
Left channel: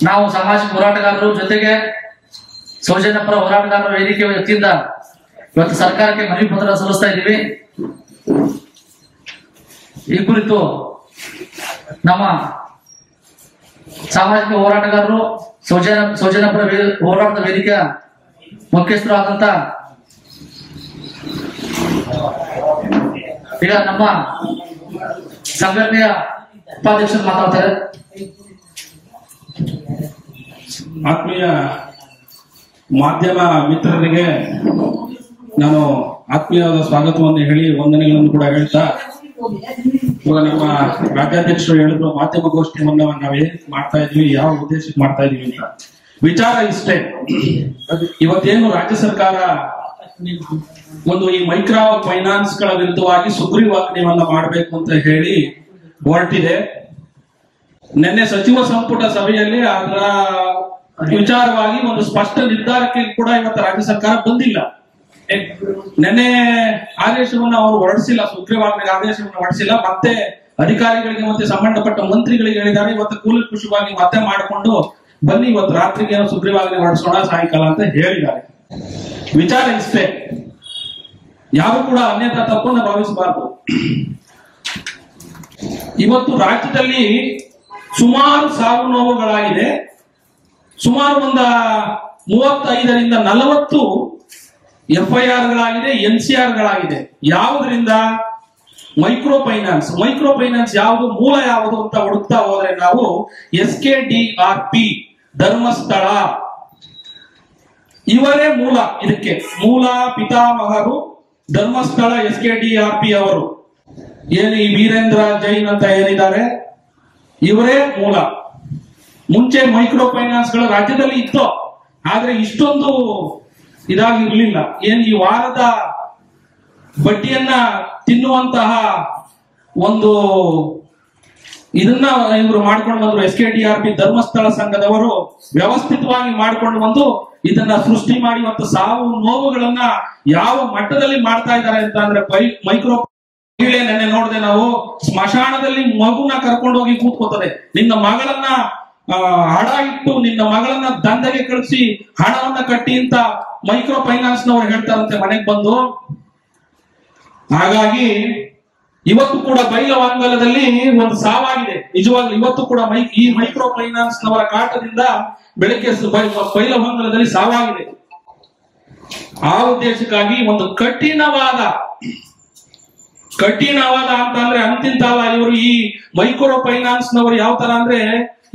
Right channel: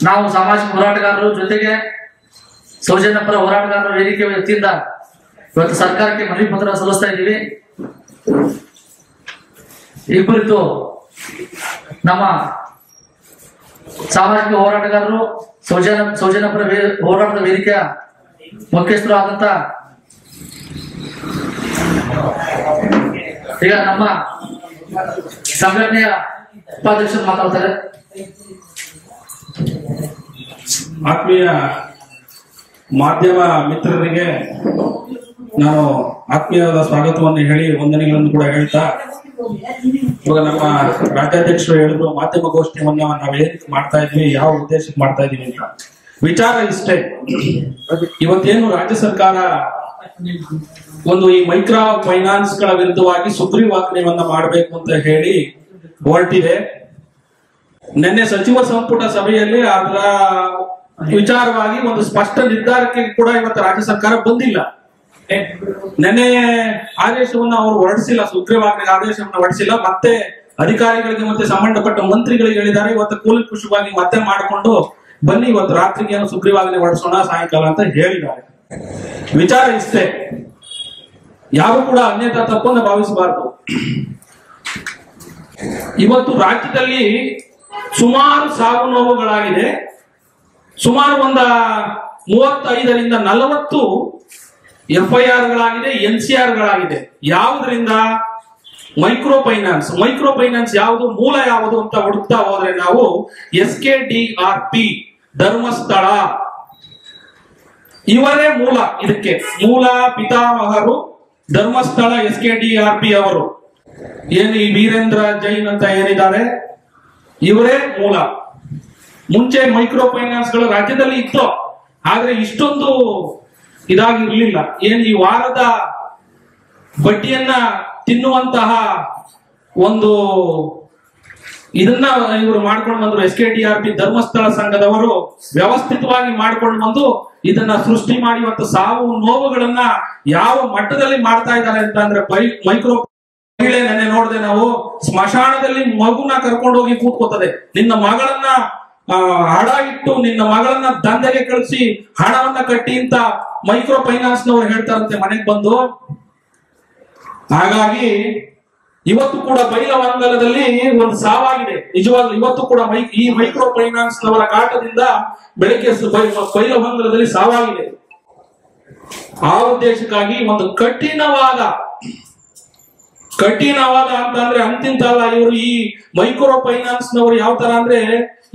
ನಾವು ಸಾಮಾಜಿಕ ಹೋರಾಟಗಾರರು ಜೊತೆಗೆ ಸೌಜನ್ಯ ಪರ ಹೋರಾಟಗಾರರ ವೇದಿಕೆ ವತಿಯಿಂದ ಇವತ್ತು ಸರ್ಕಾರಕ್ಕೆ ಮನವಿ ಪತ್ರ ಸಲ್ಲಿಸ್ತಾ ಇದ್ದೀವಿ. ಈ ಕುರಿತು ನಮ್ಮ ಸಾಮಾಜಿಕ ಹೋರಾಟಗಾರರು ಸೌಜನ್ಯ ಪರ ಹೋರಾಟದ ವೇದಿಕೆಯ ಮುಖ್ಯಸ್ಥರು ಆದಂತ ಈಗ ನಮ್ಮ ಸಂಘಟನೆಯ ಉಪಾಧ್ಯಕ್ಷರು ಮಾತಾಡ್ತಾರೆ. ಆತ್ಮೀಯ ಮಾಧ್ಯಮ ಮಿತ್ರರಿಗೆ ನಾನು ಆತ್ಮೀಯವಾದ ಸ್ವಾಗತವನ್ನು ಹೇಳಿ ವಂದನೆಗಳನ್ನು ಕೂಡ ಹೇಳ್ತಾ, ಇವಾಗ ನಮ್ಮ ರಾಜ್ಯಾಧ್ಯಕ್ಷರು ಹೇಳಿದ್ರು ಮಾಧ್ಯಮಗೋಷ್ಠಿಯನ್ನ ನಾವೇನ್ ಮಾಡ್ತಾ ಇದೀವಿ, ಯಾವ ಉದ್ದೇಶಕ್ಕೆ ಮಾಡ್ತಾ ಇದೀವಿ ಅಂತ. ವಿಚಾರ ಇಷ್ಟೇ, ಇವತ್ತೇನು ರಾಜ್ಯ ಸರ್ಕಾರ ಒಂದು ಈ ಮೈಕ್ರೋ ಫೈನಾನ್ಸ್ ಗಳ ವಿರುದ್ಧವಾಗಿ ಸುಗ್ರೀವಾಜ್ಞೆಯನ್ನ ಮಾಡಬೇಕು ಅಂತ ಹೇಳಿ ಹೊರಟಿದೆ. ನಿನ್ನೆ ಸಚಿವ ಸಂಪುಟ ಸಭೆಯಲ್ಲಿ ಅದರ ವಿಚಾರವಾಗಿ ಒಂದು ಸ್ಪಷ್ಟ ನಿರ್ಧಾರಕ್ಕೆ ಕೂಡ ಇವತ್ತು ರಾಜ್ಯ ಸರ್ಕಾರ ಬಂದಿಲ್ಲ. ನಿನ್ನೆ ಆದೇಶವನ್ನು ಅವರು ಹೊರಡಿಸಿಲ್ಲ, ಸುಗ್ರೀವಾಜ್ಞೆಗೆ ಆದೇಶವನ್ನು ಹೊರಡಿಸಿಲ್ಲ. ಮತ್ತೆ ಅಧಿಕಾರಿಗಳಿಗೆ ಮತ್ತೆ ಸಂಬಂಧಪಟ್ಟ ಮಂತ್ರಿಗಳಿಗೆ ಹೇಳಿದ್ದಾರೆ, ಇವತ್ತು ಕೂಲಂಕುಷವಾಗಿ ಮತ್ತೆ ಮಾಡಿಕೊಂಡು ಬನ್ನಿ ಇವತ್ತು ರಾತ್ರಿಗೆ ಏನೋ ಸುಗ್ರೀವಾಜ್ಞೆ ಹೊರಡಿಸೋಣ ಸಾಯಂಕಾಲ ಅಂತ ಹೇಳಿದ್ದಾರೆ. ವಿಚಾರ ಇಷ್ಟೇ, ಯಾರು ಕೂಡ ಅನ್ಯತಾ ತಪ್ಪನ್ನು ಭಾವಿಸಬಾರದು. ಇವತ್ತು ರಾಜ್ಯದಲ್ಲಿ ಸುಮಾರು ಸಾವು ನೋವುಗಳಾಗಿದೆ. ಸುಮಾರು 35ರಿಂದ 40 FIRಗಳಾಗಿದೆ, NCRಗಳಾಗಿದೆ. ಯಾವುದರಿಂದ? ಮೈಕ್ರೋ ಫೈನಾನ್ಸ್ ಯಾವುದು, ಮೂಲ ಯಾವುದು ಅಂತ ಹುಡುಕ್ತಾ ಹೋದ್ರೆ ನಾವು SKDRP ಧರ್ಮಸ್ಥಳ ಇವರೇ ಮೂಲ. ಇದಕ್ಕೆ ಮೂಲ ಪಿತಾಮಹರು ಧರ್ಮಸ್ಥಳ SKDRP ಅವರು. ಏನು ಈ ವೀರೇಂದ್ರ ಜೈನ್ ಅಂತ ಏನಿದ್ದಾರೆ ಇವರೇ ಮೂಲ. ಮುಂಚೆ ಮೈಕ್ರೋ ಫೈನಾನ್ಸ್ ಗಳು ರಾಜ್ಯದಲ್ಲಿ ಇತ್ತು, ಆದ್ರೆ ಇಷ್ಟೊಂದು ಇದಾಗಿರ್ಲಿಲ್ಲ. ಏನು ಈ ವಾರದ ಬಡ್ಡಿಯನ್ನ ತಿನ್ನುವಂತಹ ಒಂದು ಇದನ್ನ ಇವರು ಮಾಡ್ಕೊಂಡು ಬಂದ್ರು. SKDRP ಧರ್ಮಸ್ಥಳ ಸಂಘದವರು ವ್ಯವಸ್ಥಿತವಾಗಿ ಮಾಡ್ಕೊಂಡು ಬಂದು ಇದನ್ನ ಸೃಷ್ಟಿ ಮಾಡಿ ಇವತ್ತು ಸಾವು ನೋವುಗಳನ್ನ ಯಾವ ಮಟ್ಟದಲ್ಲಿ ಮಾಡ್ತಾ ಇದ್ದಾರೆ ಅಂತ ಅಂದ್ರೆ ಮೈಕ್ರೋ ಮಹಿಳೆ ನೆನ್ನೆ ನೋಡಿದೆ ನಾವು, ಸ್ಮಶಾನದಲ್ಲಿ ಮಗುನ ಕರ್ಕೊಂಡು ಹೋಗಿ ಕೂತ್ಕೋತದೆ. ನಿನ್ನ ಮಗಳನ್ನ ಹಣ ಇಟ್ಟು ನಿನ್ನ ಮಗಳನ್ನ ದಂಧೆಗೆ ಕಳಿಸಿ ಹಣವನ್ನ ಕಟ್ಟಿ ಅಂತ ಮೈಕ್ರೋ ಫೈನಾನ್ಸ್ ನವರು ಹೇಳ್ತಾರಂತೆ ಮನೆಗೆ ಬಂದು. ಹಾಗಾಗಿ ಇವತ್ತು ಕೂಡ ಬೈಲಹೊಂಗಲದಲ್ಲಿ ಒಂದು ಸಾವಾಗಿದೆ. ನಿಜವಾಗ್ಲೂ ಇವತ್ತು ಕೂಡ ಈ ಮೈಕ್ರೋ ಫೈನಾನ್ಸ್ ನವರ ಕಾಟದಿಂದ ಬೆಳಗ್ಗೆ ಬೈಲಹೊಂಗಲದಲ್ಲಿ ಸಾವಾಗಿದೆ. ಆ ಉದ್ದೇಶಕ್ಕಾಗಿ ಒಂದು ಕಠಿಣವಾದ ಅಂತಂದ್ರೆ ಅಂತಿಂತಲ್ಲ. ಇವರು ಈ ಮೈಕ್ರೋ ಫೈನಾನ್ಸ್ ನವರು ಯಾವ ತರ ಅಂದ್ರೆ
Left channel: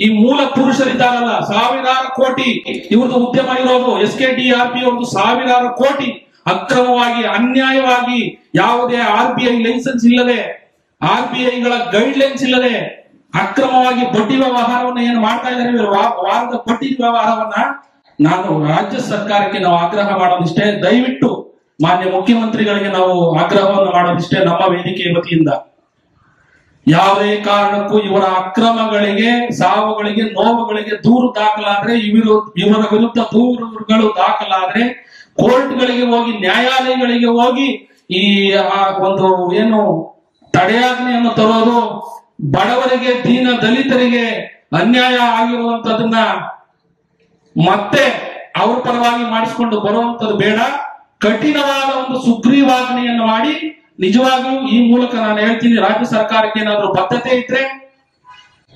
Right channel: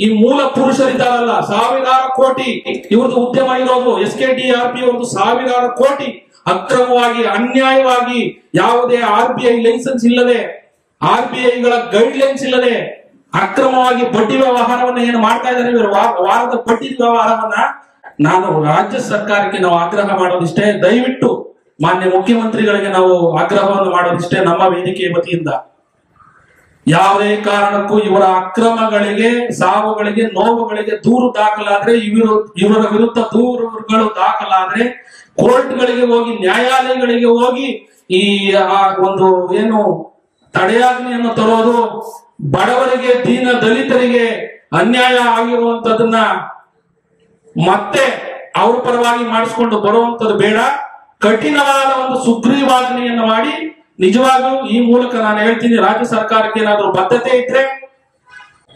ಈ ಮೂಲ ಪುರುಷರಿದ್ದಾರಲ್ಲ, ಸಾವಿರಾರು ಕೋಟಿ ಇವ್ರದ್ದು ಉದ್ಯಮ ಇರೋದು. SKDRP ಅವ್ರದ್ದು ಸಾವಿರಾರು ಕೋಟಿ ಅಕ್ರಮವಾಗಿ ಅನ್ಯಾಯವಾಗಿ ಯಾವುದೇ RBI ಲೈಸೆನ್ಸ್ ಇಲ್ಲದೆ, RBIಗಳ ಗೈಡ್ ಲೈನ್ಸ್ ಇಲ್ಲದೆ ಅಕ್ರಮವಾಗಿ ಬಡ್ಡಿ ವ್ಯವಹಾರವನ್ನ ಏನು ಮಾಡ್ತಾ ಇದ್ದಾರೆ ಇವರು, ವಾರದ ಬಡ್ಡಿ ವ್ಯವಹಾರವನ್ನ. ನಾನು ರಾಜ್ಯ ಸರ್ಕಾರಕ್ಕೆ ನಾವು ಆಗ್ರಹ ಮಾಡೋದಿಷ್ಟೇ, ದಯವಿಟ್ಟು ಮಾನ್ಯ ಮುಖ್ಯಮಂತ್ರಿಗಳಿಗೆ ನಾವು ಆಗ್ರಹವನ್ನು ಮಾಡೋದಿಷ್ಟೇ ನಮ್ಮ ವೇದಿಕೆಯ ವತಿಯಿಂದ. ಯಾವುದೇ ಕಾರಣಕ್ಕೂ ಇವರ ಅಕ್ರಮಗಳಿಗೆ, ಸಾವುಗಳಿಗೆ, ನೋವುಗಳಿಗೆ ದೂರು ದಾಖಲಾದ್ರೆ, ಇವರ ವಿರುದ್ಧ ದೂರುಗಳು ದಾಖಲಾದ್ರೆ ಕೋರ್ಟ್ಗಳಿಗೆ ಹೋಗಿ, ನ್ಯಾಯಾಲಯಗಳಿಗೆ ಹೋಗಿ ಈ ಒಂದು ಏನು ತಡೆಯಾಜ್ಞೆಯನ್ನು ತರೋದು, ಬಡವರಿಗೆ, ದೀನ ದಲಿತರಿಗೆ ಅನ್ಯಾಯ ಆಗಿರುವಂತದನ್ನ ಮತ್ತೆ ಅವ್ರ ಪರವಾಗಿ ಮಾಡಿಸ್ಕೊಂಡು ಬರುವಂತದ್ದು ಬೇಡ. ಕಠಿಣವಾದ ಒಂದು ಸುಗ್ರೀವಾಜ್ಞೆಯನ್ನು ಮಾಡಿ, ನಿಜವಾಗ್ಲೂ ಈ ಮೂಲಕ ನಾನು ಹೇಳ್ತೀನಿ, ರಾಜ್ಯ ಸರ್ಕಾರಕ್ಕೆ ಏನಾದ್ರೂ ಬದ್ಧತೆ ಇದ್ರೆ,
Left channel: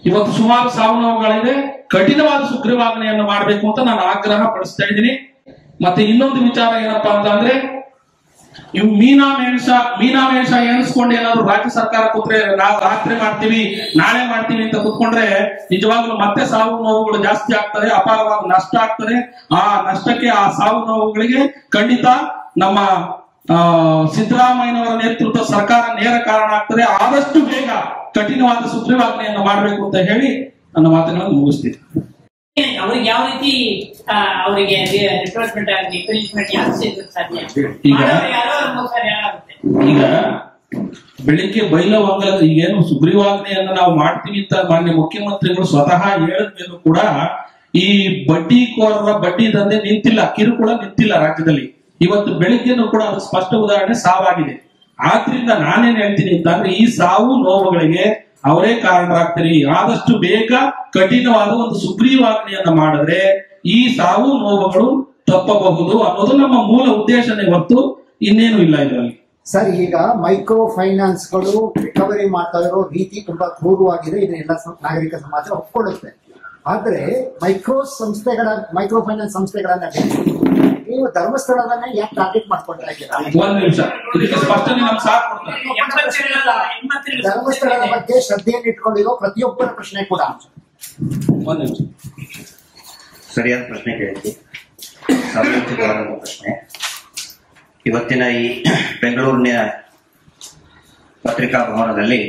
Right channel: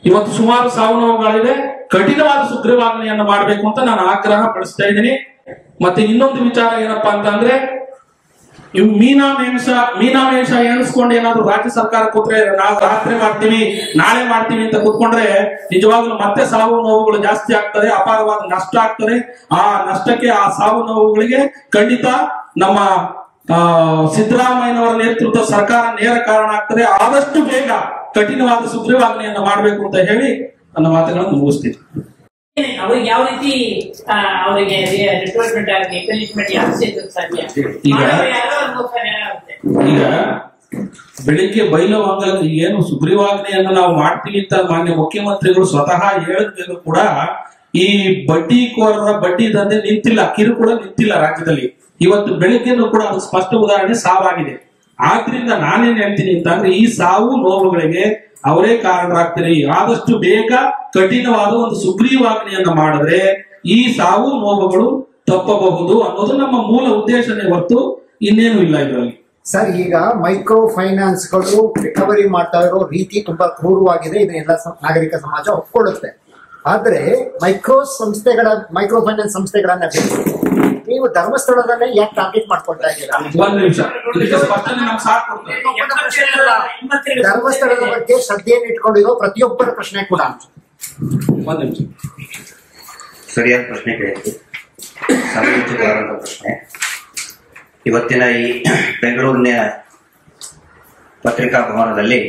ಇವತ್ತು ಸುಮಾರು ಸಾವು ನೋವುಗಳಿದೆ, ಕಠಿಣವಾದ ಸುಗ್ರೀವಾಜ್ಞೆಯನ್ನು ಮಾಡಬೇಕು ಅಂತ ನಾನು ಆಗ್ರಹ ಪಡಿಸ್ತಾ ಇದ್ದೀನಿ. ಮತ್ತೆ ಇನ್ನೊಂದು ವಿಚಾರ ಏನಪ್ಪಾ ಅಂತ ಅಂದ್ರೆ, ಇವು ಮೀನಾಮೇಷ ಎಣಿಸ್ಕೊಂಡು ಏನಾದ್ರು ರಾಜ್ಯ ಸರ್ಕಾರ ಕೂತ್ರೆ ನಾವು ರಾತ್ರಿ ಮಾಡ್ತೀವಿ, ನಾಳೆ ಮಾಡ್ತೀವಿ ಅಂತ ಕೂತ್ಕೊಂಡ್ರೆ ನಿಜವಾಗ್ಲೂ ಮತ್ತೆ ಸಾವು ನೋವುಗಳು ಜಾಸ್ತಿ ಆಗ್ತದೆ, ಅಪಾರವಾದ ನಷ್ಟ ಆಗ್ತದೆ. ಆ ನಷ್ಟಕ್ಕೆ, ಆ ಸಾವು ನೋವುಗಳಿಗೆ ಖಂಡಿತ ನಮ್ಮ ಸಿದ್ದರಾಮಯ್ಯನವರ ನೇತೃತ್ವ ಸರ್ಕಾರ ನೇರ ಕಾರಣ ಆಗ್ತದೆ. ಆದಷ್ಟು ಬೇಗ ಕಠಿಣವಾದ ಸುಗ್ರೀವಾಜ್ಞೆಯನ್ನು ಮಾಡಬೇಕು ಅಂತ ಹೇಳಿ ನನ್ನ ಮಾತುಗಳನ್ನು ಮುಗಿಸ್ತೀನಿ. ಅವ್ರಿಗೆ ಯಾವ ರೀತಿ ಅವರಿಗೆ ರಿಕ್ರೂಟ್ಮೆಂಟ್ ಆಗಲಿ, ಪನಿಷ್ಮೆಂಟ್ ಯಾರು ಸಿಗೋದು ಸಾಧ್ಯ? ಈಗ ಬೆಳಿಗ್ಗೆ ಬೈಲಹೊಂಗಲದ ಏನು ಸುಗ್ರೀವಾಜ್ಞೆಯನ್ನು ನಾವು ಮಾಡ್ತೀವಿ ಅಂತ ಮಾನ್ಯ ಮುಖ್ಯಮಂತ್ರಿಗಳು ಸ್ವತಃ ಹೇಳಿದ್ಮೇಲೂ ಕೂಡ ಈ ಬಡ್ಡಿಕೋರರ ಬಡ್ಡಿ ದಂಧೆ ನಿಂತಿಲ್ಲ, ಕಿರುಕುಳ ನಿಂತಿಲ್ಲ ರಾಜ್ಯದಲ್ಲಿ. ಇವತ್ತು ಬೆಳಿಗ್ಗೆನೂ ಕೂಡ ಅದು ಸ್ಪಷ್ಟ ಉದಾಹರಣೆ ಸಾವಾಗಿದೆ. ಆದ್ರಿಂದ ನಾನೇನ್ ಹೇಳ್ತೀನಿ ಅಂತಂದ್ರೆ, ಈ ಸಾವು ನೋವುಗಳಿಗೆ ಅವರೇ ಕಾರಣರಾಗ್ತೀರಿ. ಆದಷ್ಟು ಬೇಗ ಕಠಿಣವಾದ ಒಂದು ಸುಗ್ರೀವಾಜ್ಞೆಯನ್ನ ಮಾಡಿದ್ರೆ ಈ ಸಾವು ನೋವುಗಳು ತಪ್ಪಬಹುದು ಅನ್ನೋದು ನಮ್ಮ ಮೂಲ ಉದ್ದೇಶನೇ ಹೊರತು ಇನ್ನೇನು ಇಲ್ಲ ಇದರಲ್ಲಿ. ಸರ್, ಈಗ ಮೈಕ್ರೋ ಫೈನಾನ್ಸ್ ಗಳು ರಿಕವರಿ ಮಾಡ್ತಾ ಇರೋ ರೀತಿ ತುಂಬಾ ಕ್ರೂರವಾಗಿದೆ, ಇದನ್ನೆಲ್ಲ ನಾಗರಿಕ ಸಮಾಜ ಒಪ್ಕೊಳ್ಳುತ್ತೆ. ಆದ್ರೆ ಮೈಕ್ರೋ ಫೈನಾನ್ಸ್ ಸಂಸ್ಥೆಗಳನ್ನ ನೀವು ಧರ್ಮಸ್ಥಳದಲ್ಲೇ ಯಾಕೆ ಟಾರ್ಗೆಟ್ ಮಾಡ್ಕೊಳ್ತಾ ಇದ್ದೀರಾ? ಒಂದ್ ನಿಮಿಷ, ಸ್ಪಷ್ಟನೆ ನಮ್ಗೆ ಸಾಕು. ಧರ್ಮಸ್ಥಳದ ಬಗ್ಗೆ ಶ್ರದ್ಧೆಯನ್ನು ಇಟ್ಕೊಂಡಿರೋ ಪ್ರತಿಯೊಬ್ಬರ ಪ್ರಶ್ನೆ ಕೂಡ ಒಂದ್ ನಿಮಿಷ. ಸರಿಯಾದ ಪ್ರಶ್ನೆ ಕೇಳಿದ್ದು, ಸಮಯೋಚಿತವಾದ ಪ್ರಶ್ನೆ. ಇವತ್ತಿನ ಈ ಬೆಂಗಳೂರಿನ ಪತ್ರಿಕಾ ಭವನದಲ್ಲಿ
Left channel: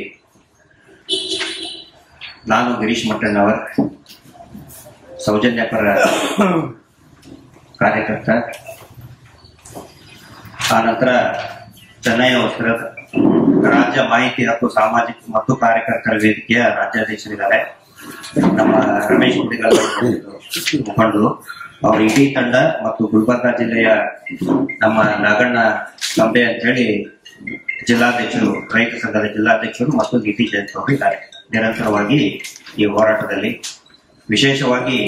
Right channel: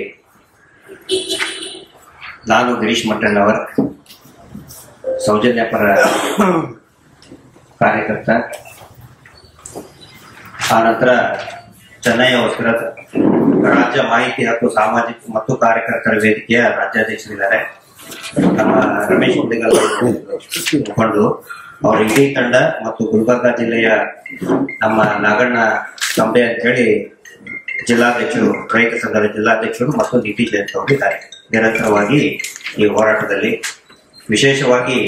ನಾನು ಗಿರೀಶ್ ಮಟ್ಟಣ್ಣವರ್, ಸೌಜನ್ಯಪರ ಕಾರ್ಯಕರ್ತ, ಆನಂತರ ಚೆನ್ನೈ ವಸ್ತ್ರ ರಾಜ್ಯ ಮಾಹಿತಿ ಹಕ್ಕು ಸಾಮಾಜಿಕ ಮತ್ತು ಕಾರ್ಯಕರ್ತರ ವೇದಿಕೆಯ ರಾಜ್ಯಾಧ್ಯಕ್ಷರಿದ್ದಾರೆ. ನಮ್ಮ ರಮೇಶ್ ಹುಂಡಿಗಾಲ್ ಮುಖಂಡರು, ಅವರ ಇಡೀ ತಂಡ ಮತ್ತು ಗುಲ್ಬರ್ಗಾ ಜಿಲ್ಲೆಯ ನಮ್ಮ ನಾಗಣ್ಣ ಕಂಬೆ ಅಂತ ಹೇಳಿ ಜಿಲ್ಲಾಧ್ಯಕ್ಷರು, ರೈತ ಸಂಘದ ಜಿಲ್ಲಾಧ್ಯಕ್ಷರು ಮತ್ತು ಡಿ ಟಿ ಜಯಂತ್ ಅವರಿದ್ದಾರೆ. ನಿರಂತರವಾಗಿ ಈ ಹೋರಾಟದಲ್ಲಿ ವಿಶೇಷವಾಗಿ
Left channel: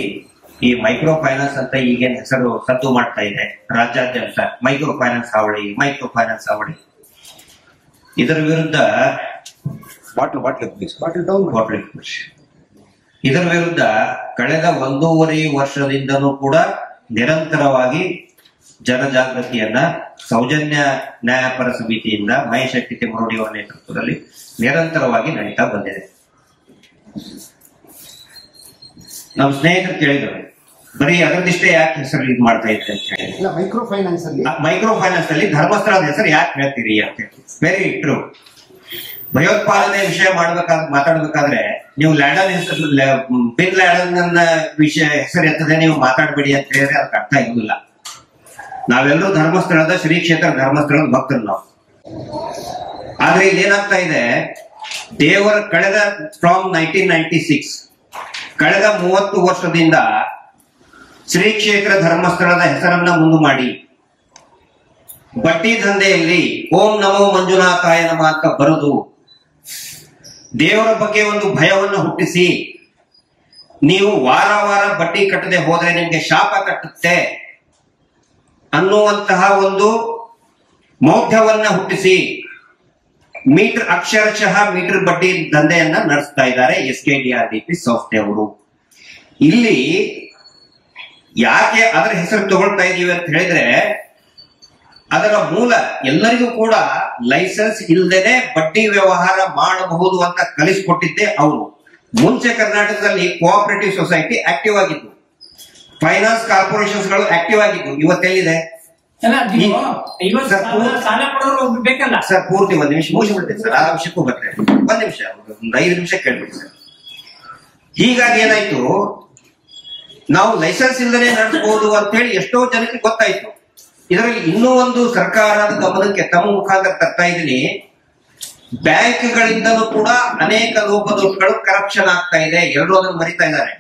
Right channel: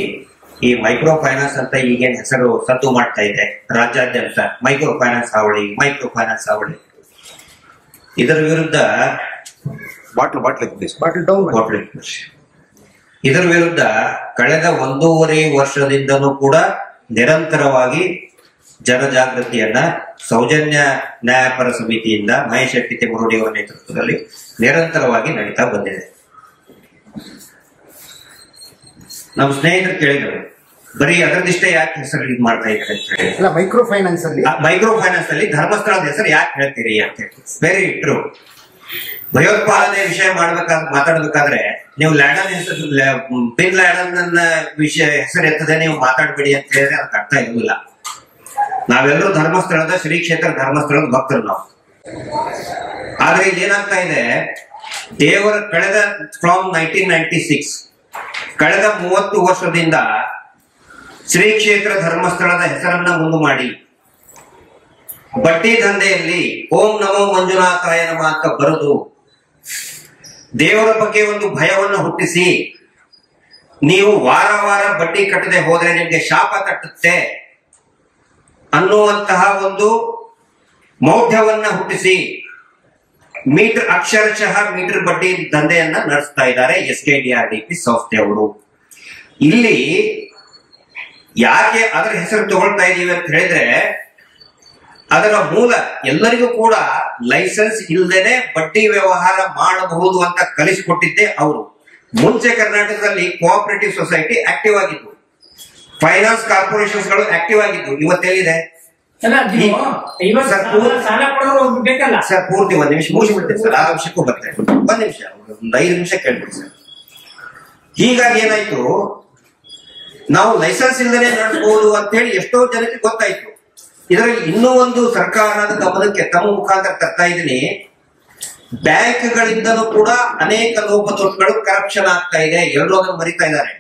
ಈ ಮೈಕ್ರೋ ಫೈನಾನ್ಸ್ ಅಂತ ಈಗೇನ್ ಹೆಸರು ಸದ್ದು ಮಾಡ್ತಾ ಇದೆ ರಾಜ್ಯಾದ್ಯಂತ, ಮೈಕ್ರೋ ಫೈನಾನ್ಸ್ ಹಾವಳಿ, ಮೈಕ್ರೋ ಫೈನಾನ್ಸ್ ಹಾವಳಿ, ಇದರ ವಿರುದ್ಧ ಇದರ ವಿರುದ್ಧ ಕಳೆದ 1.5 ವರ್ಷದಿಂದನೂ ಕೂಡ ನಿರಂತರವಾಗಿ ಜನಜಾಗೃತಿಯನ್ನ ಸೌಜನ್ಯ ನ್ಯಾಯಪರ ಸಮಿತಿಯಿಂದ ಮಹೇಶ್ ಶೆಟ್ಟಿ ತಿಮ್ಮರೋಡಿ ಅವರ ನೇತೃತ್ವದಲ್ಲಿ ನಿರಂತರವಾಗಿ ನಡೀತಾ ಬಂದಿದೆ. ನಮ್ಮ ಸ್ನೇಹಿತರು ಕೇಳಿದರು, ಬರೀ ಅದರದಿಷ್ಟೇ ಯಾಕೆ ಹೆಸರು ಇದು ಮಾಡ್ತಾ ಇದ್ದಾರೆ ಅಂತ ಹೇಳಿ. ಮೈಕ್ರೋ ಫೈನಾನ್ಸ್ ಅಲ್ಲಿ ಧರ್ಮಸ್ಥಳದ ಹೆಸರು ಯಾಕೆ ಹೇಳ್ತೀರಿ ಅಂತ ಹೇಳಿ. Very true. ಭಯೋತ್ಪಾದನೆ ವಿಷಯ ಮಾತಾಡ್ಬೇಕಾದ್ರೆ ನೀವು ಲ್ಯಾಡನ್ ಹೆಸರು, ಬಿನ್ ಲ್ಯಾಡನ್ ವಿಷಯ ಹೆಸರು ಎತ್ತದೆ ನೀವು ಮಾತಾಡ್ಬೇಡಿ ಅಂತ ಹೇಳಿದ್ರೆ ಅದಕ್ಕೆ ಅರ್ಥ ಇರುವುದಿಲ್ಲ. ನಾವೆಲ್ಲರೂ ಧರ್ಮಸ್ಥಳದ ಶ್ರೀ ಕ್ಷೇತ್ರ ಧರ್ಮಸ್ಥಳದ ಭಕ್ತರು ನಾವು. ಆದ್ರೆ ಇಲ್ಲಿ ಏನಾಗ್ತಾ ಇದೆ, ದೇವರ ಕಳೆದ ಫ್ರಾಮ್ 1996 ಕಳೆದ 30 ವರ್ಷದಿಂದ ಶ್ರೀ ಕ್ಷೇತ್ರ ಧರ್ಮಸ್ಥಳದ ಹೆಸರನ್ನ ಮುಂದು ಮಾಡಿ ಬಡ್ಡಿ ದಂಧೆಯಲ್ಲಿ ಓಂ ನಮೋ ಮಂಜುನಾಥಾಯ ನಮಃ ಅಂತ ಬರೆದು ದೇವರ ಬಗ್ಗೆ ಒಂದು ಭಯವನ್ನು ಹುಟ್ಟಿಸಿ, ನೀವು ವಾರ ವಾರ ಬಡ್ಡಿ ಕಟ್ಟದೆ ಹೋದ್ರೆ ನಿಮ್ಗೆ ಶಾಪ ಕಟ್ಟುತ್ತೆ ಅನ್ನುವಂತಹ ಒಂದು ಮೌಢ್ಯವನ್ನ ಹುಟ್ಟಿಸಿ ಅಕ್ಷರಶಃ ಮೀಟರ್ ಬಡ್ಡಿ ದಂಧೆಯನ್ನ ನಡೆಸ್ತಾ ಇದ್ದಾರೆ SKDRDP ಸಂಸ್ಥೆಯವರು. ಇಲ್ಲಿ ಯಾಕೆ ಅದರ ಹೆಸರು ತಗೊಳ್ತಾ ಇದೀವಿ ಅಂತ ಹೇಳಿದ್ರೆ, ಅದರ ಮೂಲ ಎಲ್ಲರಿಗೂ ಕೂಡ ಲೈಸೆನ್ಸ್ ಇಲ್ಲದೇನೆ ಬಡ್ಡಿ ವ್ಯವಹಾರ ಮಾಡಬಹುದು ಅಂತ ಕಲಿಸಿಕೊಟ್ಟಿದ್ದೆ ಅವರು. ಮುಂಚೆ ಕರ್ನಾಟಕದಲ್ಲಿ ಕೋಆಪರೇಟಿವ್ ಸೊಸೈಟಿ ಆಕ್ಟಿವ್ ಆಗಿತ್ತು, ಫೈನಾನ್ಸ್ ಕಾರ್ಪೊರೇಷನ್ಸ್ ಗಳು ಆಕ್ಟಿವ್ ಆಗಿದ್ದು. ಇವತ್ತೆಲ್ಲಿದೆ ಸರ್? ಪೂರ್ತಿ 1 ನಿಮಿಷ ಮುಗಿಸ್ಬಿಡ್ತೇನೆ ಸರ್, ಆ ವಿಷಯಕ್ಕೂ ಬರ್ತೇನೆ. 1 ನಿಮಿಷ, ಒಂದು 5 ನಿಮಿಷ ಕೇಳ್ಬಿಡಿ ಸರ್. ಹೀಗಾಗಿ ಏನಾಯ್ತು, ನಾವು ಲೈಸೆನ್ಸ್ ಇಲ್ಲದೆ ನಡೆಸಬಹುದು ಅಂತ ಹೇಳಿ ಎಷ್ಟೋ ಜನಕ್ಕೆ ಗೊತ್ತಾಯ್ತು. ಇದರಲ್ಲಿ ಇನ್ನೂ ಒಂದು ಸರ್ಕಾರದ ಗಮನಕ್ಕೆ ತಮ್ಮ ಮುಖಾಂತರ ತರ್ತಾ ಇದ್ದೀನಿ. ಬ್ಯಾಂಕ್ಗಳಿಂದಲೂ ಕೂಡ ಅನೇಕ ಲೋಪದೋಷಗಳು, ಕರಪ್ಷನ್ ಆಗ್ತಾ ಇದೆ. ಎಲ್ಲರೂ ಅದನ್ನು ಮರಿತಾ ಇದ್ದಾರೆ.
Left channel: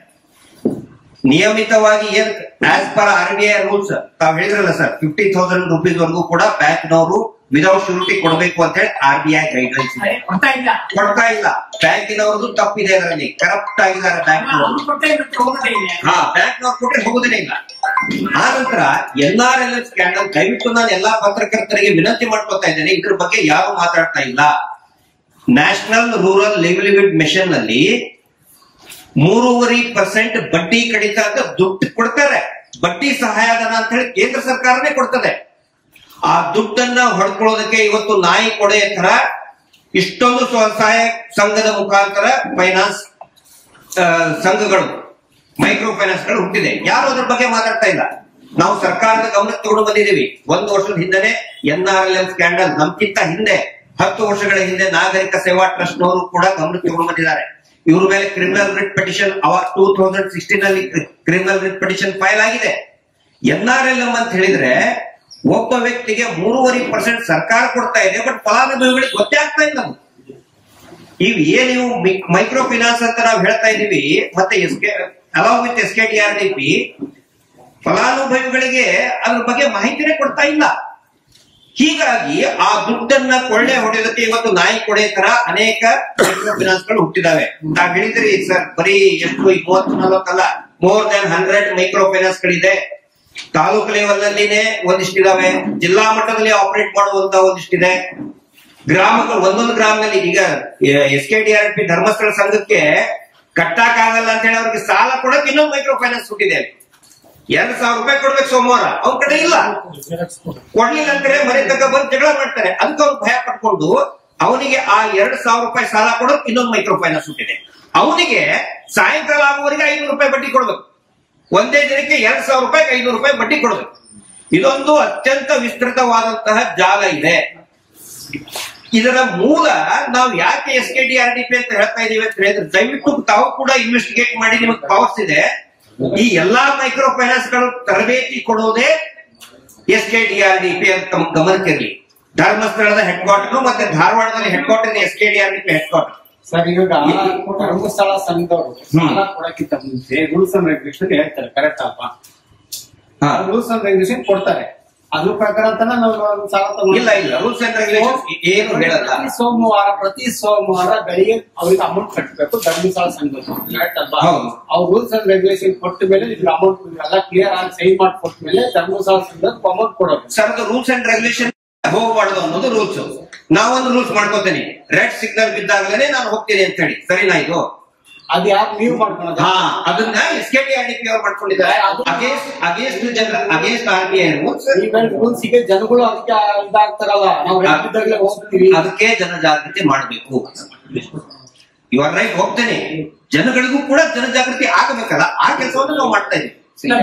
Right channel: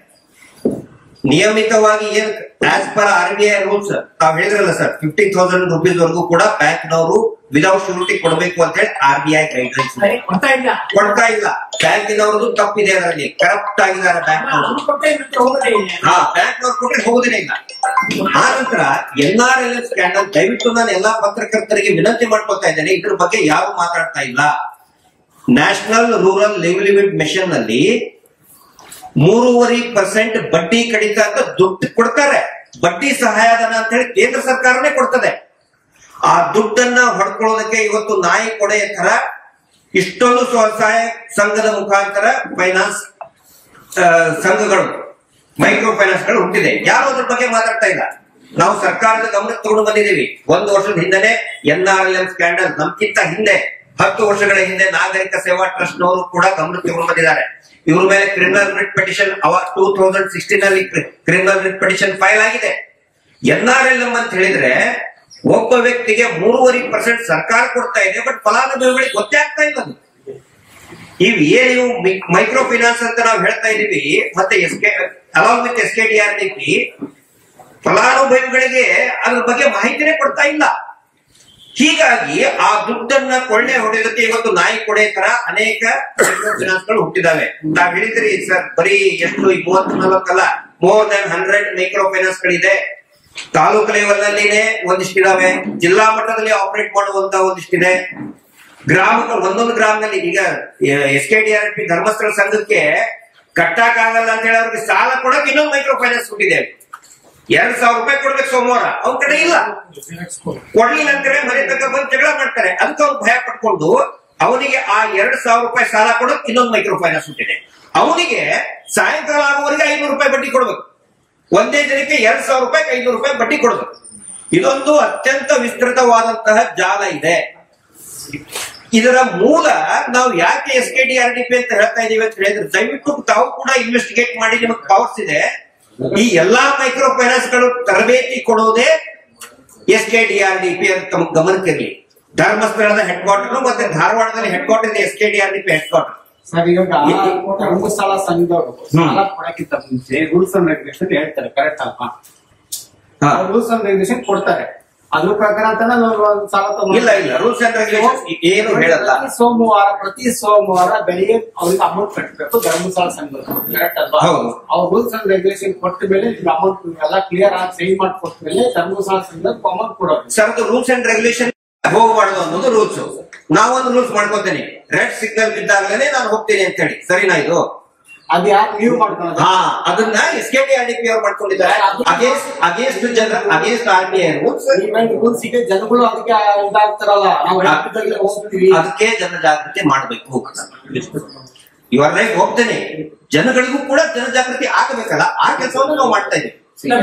ನಿಯಮಿತವಾಗಿ ಏನ್ ಆಸ್ ಪರ್ RBI ರೂಲ್ಸ್ ತಾವ್ ಹೇಳಿದ್ರಲ್ಲ ಸರ್, 50,000 rupees ವರೆಗೂ ಕೂಡ ಬ್ಯಾಂಕ್ನವರು ವಿದೌಟ್ ಶ್ಯೂರಿಟಿ ಕೊಡಬೇಕು ಅಂತ ಹೇಳಿ RBI ಗೈಡ್ಲೈನ್ಸ್ ಕೊಡ್ತಾ ಇಲ್ಲ. ಬ್ಯಾಂಕಿನವ್ರದ್ದು ತಪ್ಪಿದೆ, ಅದರಲ್ಲಿ ಕರಪ್ಟ್ ಆಗಿದ್ದಾರೆ ಬ್ಯಾಂಕ್ನವರು. ಬ್ಯಾಂಕ್ನವ್ರು ಕೊಟ್ಟರೆ ಹೋಗೋದೇನೆ ಇಲ್ಲ. ಆ ನಂತರ NRLM ಸ್ಕ್ಯಾಂಡಲ್, ದಯವಿಟ್ಟು ನಾನು ಎಲ್ಲಾ ಪತ್ರಕರ್ತರಿಗೆ ವಿನಂತಿ ಮಾಡ್ಕೊತಾ ಇದ್ದೇನೆ, ಇದ್ರ ಬಗ್ಗೆ ಯಾರು ಮಾತಾಡ್ತಾ ಇಲ್ಲ. ನ್ಯಾಷನಲ್ ರೂರಲ್ ಲಿವ್ಲಿಹುಡ್ ಮಿಷನ್ ನಲ್ಲಿ 3.5% ಬಡ್ಡಿ ಕಡಿತ ಅಂತ ದುಡ್ಡು ಕೊಡ್ತಾರೆ. ಬಡ್ಡಿ ಸಹಾಯಧನ ಅಂತ ಹೇಳಿ ಕೇಂದ್ರ ಸರ್ಕಾರನೇ ಕೊಡ್ತದೆ. ಆ ದುಡ್ಡನ್ನ ಹೊಡ್ಕೊಳ್ಳೋದಕ್ಕೆ ಇವತ್ತು ನಾಯಿ ಕೊಡೆಯ ತರ ಇಷ್ಟೊಂದು ಸ್ವಸಹಾಯ ಸಂಘದ ಮುಖಾಂತರ ಫೈನಾನ್ಸ್ ಸಂಘಗಳು, ಮೈಕ್ರೋ ಫೈನಾನ್ಸ್ ಗಳು ಹುಟ್ಟಿದೆ. ಯಾರು ಅದ್ರ ಬಗ್ಗೆ ಮಾತಾಡ್ತಾ ಇಲ್ಲ. ನಾವು ಸರ್ಕಾರದ ಗಮನಕ್ಕೆ ತಗೊಂಡು ಬಂದಿದ್ದೀವಿ. 1 ವರ್ಷದ ಹಿಂದೆನೆ NRLM ಸ್ಕ್ಯಾಂಡಲ್, ನಮ್ಗಿಂತ ಹಿಂದೆ 10 ವರ್ಷಗಳ ಹಿಂದೆ ನಾಗರಿಕ ಸೇವಾ ಟ್ರಸ್ಟ್ ನವರು ಕೂಡ ಗಮನಕ್ಕೆ ತಗೊಂಡು ಬಂದಿದ್ದಾರೆ. ಇವ್ರ ಮೇಲೆ ಕ್ರಿಮಿನಲ್ ರಿಟ್ ಪಿಟಿಷನ್ 2016 ನಲ್ಲಿ ಕ್ರಿಮಿನಲ್ ರಿಟ್ ಪಿಟಿಷನ್ ಫೈಲ್ ಆಗಿದೆ. NRLM ಅಂತ ಹೇಳಿದ್ರೆ ಒಬ್ಬ ವ್ಯಕ್ತಿಗೆ 3.5% ಸರ್ಕಾರ ಕೊಡ್ತಾ ಇದೆ, ಬಟ್ ಫಲಾನುಭವಿಗಳಿಗೆ ಗೊತ್ತೇ ಆಗ್ತಾ ಇಲ್ಲ. ಇವ್ ಏನು ಮೈಕ್ರೋ ಫೈನಾನ್ಸ್ ಅಂತ ನಾವು ಹೇಳ್ತಾ ಇದೀವಿ, ಮತ್ತೆ ಅಲಾಂಗ್ ವಿತ್ SKDRDP ಫಲಾನುಭವಿಗಳಿಗೆ ಅದ್ರ ಬಗ್ಗೆ ಮಾಹಿತಿನೇ ಕೊಡ್ತಾ ಇಲ್ಲ. ಹೀಗಾಗಿ ಆ ದುಡ್ಡನ್ನ ಕೊಳ್ಳೆ ಹೊಡೆಯೋದಕ್ಕೆ ಇವತ್ತು ನಾಯಿ ಕೊಡೆ ತರ ಅನೇಕ ಮೈಕ್ರೋ ಫೈನಾನ್ಸ್ ಗಳು ಹುಟ್ಟಿದಾವೆ. ತಾವ್ ಹೇಳಿದ್ರಿ ಸರ್, ಬರೀ ಎಷ್ಟು 30-40 ಅಲ್ಲ, ಮೋರ್ ದನ್ 100 ಮೈಕ್ರೋ ಫೈನಾನ್ಸ್ ಗಳಿದೆ. ತಾಲೂಕು ಲೆವೆಲ್ ನಲ್ಲಿನೇ ಒಂದಿಷ್ಟಿದಾವೆ, ಜಿಲ್ಲಾ ಮಟ್ಟದಲ್ಲಿ ಆಪರೇಟ್ ಮಾಡುವಂತ ಒಂದಿಷ್ಟಿದೆ. ಗ್ರಾಮಗಳು, ಒಂದೊಂದು ಗ್ರಾಮದಲ್ಲಿ ಈಗ SKDRDP ಧರ್ಮಸ್ಥಳ ಸಂಘಕ್ಕೆ ಕಟ್ಟಕ್ಕಾಗಲ್ಲ ಅಂತ ಹೇಳಿ ಅವ್ರಿಗೆ ಸಾಲ ಕೊಡಕ್ಕೆ ಇನ್ನೊಂದು ಮೈಕ್ರೋ ಫೈನಾನ್ಸ್ ಹುಟ್ಟಿದೆ. 2,000 ರೂಪಾಯಿ ಕೊಡ್ಬೇಕು ಸೋಮವಾರ, ಅವ್ರ ಕಡೆ ಇಲ್ಲ. ಕೊಡ್ಲಿಲ್ಲ ಅಂತಾರೆ, ಮನೆ ತಕ್ಕ ಬಂದು ಜಗಳ ಮಾಡ್ತಾರೆ. ಅದಕ್ಕೆ ಅವ್ರು ಭಯ ಪಟ್ಕೊಂಡು ಅವನಿಗೆ ಆ 2,000 ರೂಪಾಯಿ ಸಾಲ ಕೊಡೋಕೆ ಇನ್ನೊಂದು ಮೈಕ್ರೋ ಫೈನಾನ್ಸ್ ಹುಟ್ಟಿದೆ. ಅವನಿಗೆ ಸಾಯಂಕಾಲ ಆಗುವವರೆಗೆ 500 ರೂಪಾಯಿ ಬಡ್ಡಿ ಕೊಡ್ಬೇಕು. ಒಂದೇ ದಿನಕ್ಕೆ 2,000 ರೂಪಾಯಿ 500 ರೂಪಾಯಿ ಬಡ್ಡಿ ಕೊಡ್ಬೇಕು. ಇದೊಂದು ಅತ್ಯಂತ ವಿಸ್ತೃತವಾದಂತಹ ಜಾಲ ಇದೆ. ಇದರ ಮೂಲ ನಾವು ಯಾಕೆ SKDRDP ಅಂತ ಹೇಳ್ತಾ ಇದೀವಿ ಅಂತ ಹೇಳಿದ್ರೆ, ದಯವಿಟ್ಟು ತಾವು ಕೂಡ ಇನ್ವೆಸ್ಟಿಗೇಟ್ ಮಾಡಿ, ನಿಮಗೆ ಪವರ್ಸ್ ಇದೆ. ಈ ಎಲ್ಲಾ ಮೈಕ್ರೋ ಫೈನಾನ್ಸ್ ಗಳು ತರಬೇತಿ ಕೊಡೋದೇ SKDRDP ಅಂತ ತಮ್ಮ ಗಮನಕ್ಕಿರಲಿ. ಧರ್ಮಸ್ಥಳದ ಹೆಡ್ ಕ್ವಾರ್ಟರ್ ಮತ್ತೆ ಧಾರವಾಡದಲ್ಲಿ ಹೆಡ್ ಕ್ವಾರ್ಟರ್ ಇದೆ SKDRDP ಹೆಡ್ ಕ್ವಾರ್ಟರ್. ಸರ್ ಇವಾಗ ಧರ್ಮಸ್ಥಳ ಸಂಘದವರು ಸಾಲ ಕೊಡಕ್ಕಿಂತ ಮುಂಚೆ ರೂಲ್ಸ್ ಅಂಡ್ ರೆಗ್ಯುಲೇಷನ್ ಹೇಳ್ತಾರೆ, ಕರೆಕ್ಟ್ ಅಲ್ವಾ? ರೂಲ್ಸ್ ಅಂಡ್ ರೆಗ್ಯುಲೇಷನ್ ಕೊಡ್ತಾರೆ, ಅದ್ರ ಪ್ರಕಾರ ಅಂತಾನೆ ನಾವು ಸಾಲ ಇಲ್ಲ ಇಲ್ಲ ರೂಲ್ಸ್ ಅಂಡ್ ರೆಗ್ಯುಲೇಷನ್ ಏನು ಹೇಳಲ್ಲ. ಪ್ರತಿ ಸೋಮವಾರ ಬೆಳಿಗ್ಗೆ ಅವ್ರಿಗೆ ಅಮೌಂಟ್ ಕಟ್ಟಬೇಕು ಧರ್ಮಸ್ಥಳ ಸಂಘದವರು, ಕರೆಕ್ಟ್ ಅಲ್ವಾ? ಅವ್ರು ರೂಲ್ಸ್ ಅಂಡ್ ರೆಗ್ಯುಲೇಷನ್ ಕೊಟ್ಟ ಮೇಲೆ ಅಮೌಂಟ್ ಎಲ್ಲ ಕ್ಲಿಯರ್ ಆಗಿ ಸೈನ್ ಮಾಡಿ ಕೊಟ್ಟ ಮೇಲೆ ಧರ್ಮಸ್ಥಳ ಸಂಘದವ್ರು ಅಮೌಂಟ್ ಕೊಡೋದು. ಸರ್ ರೂಲ್ಸ್ ಅಂಡ್ ರೆಗ್ಯುಲೇಷನ್ ಹೋಗಬಾರ್ದು ಅನ್ನೋದು ರೂಲ್ಸ್. ನಾವೊಂದು ರೂಲ್ಸ್ ಮಾಡ್ಕೋತೀನಿ, ರೆಡ್ ಸಿಗ್ನಲ್ ಬಿದ್ದಾಗಲೇ ನಾನು ಹೋಗ್ತೀನಿ ಅಂತ ಹೇಳಿ, ಸರಿನಾ? ಇದು ಅದು ಯಾರು ನೀವು ಮಾಡ್ಕೊಳ್ಳೋದು? ಅದನ್ನ SKDRDP ಅವ್ರು ಮಾಡ್ಕೊಂಡಿದ್ದಾರೆ ಅಗೇನ್ಸ್ಟ್ RBI ರೂಲ್ಸ್ ಗೆ ಜನಗಳು ಅದಕ್ಕೆ ಇದಾಗ್ತಾರಲ್ಲ, ನಾವು ಹೋಗ್ತೀವಿ, ಅದಕ್ಕೆ ಜನಜಾಗೃತಿ ಮಾಡಬೇಕು. ಇವರ ರೈಟ್, ಹೋಗ್ತೇನೆ. ಜನಗಳಿಗೂ ಕೂಡ ಜನಜಾಗೃತಿ ಆಗಬೇಕಲ್ಲ, ಆ ಕೆಲಸವನ್ನು ನಾವು ಮಾಡ್ತಾ ಇದ್ದೀವಿ.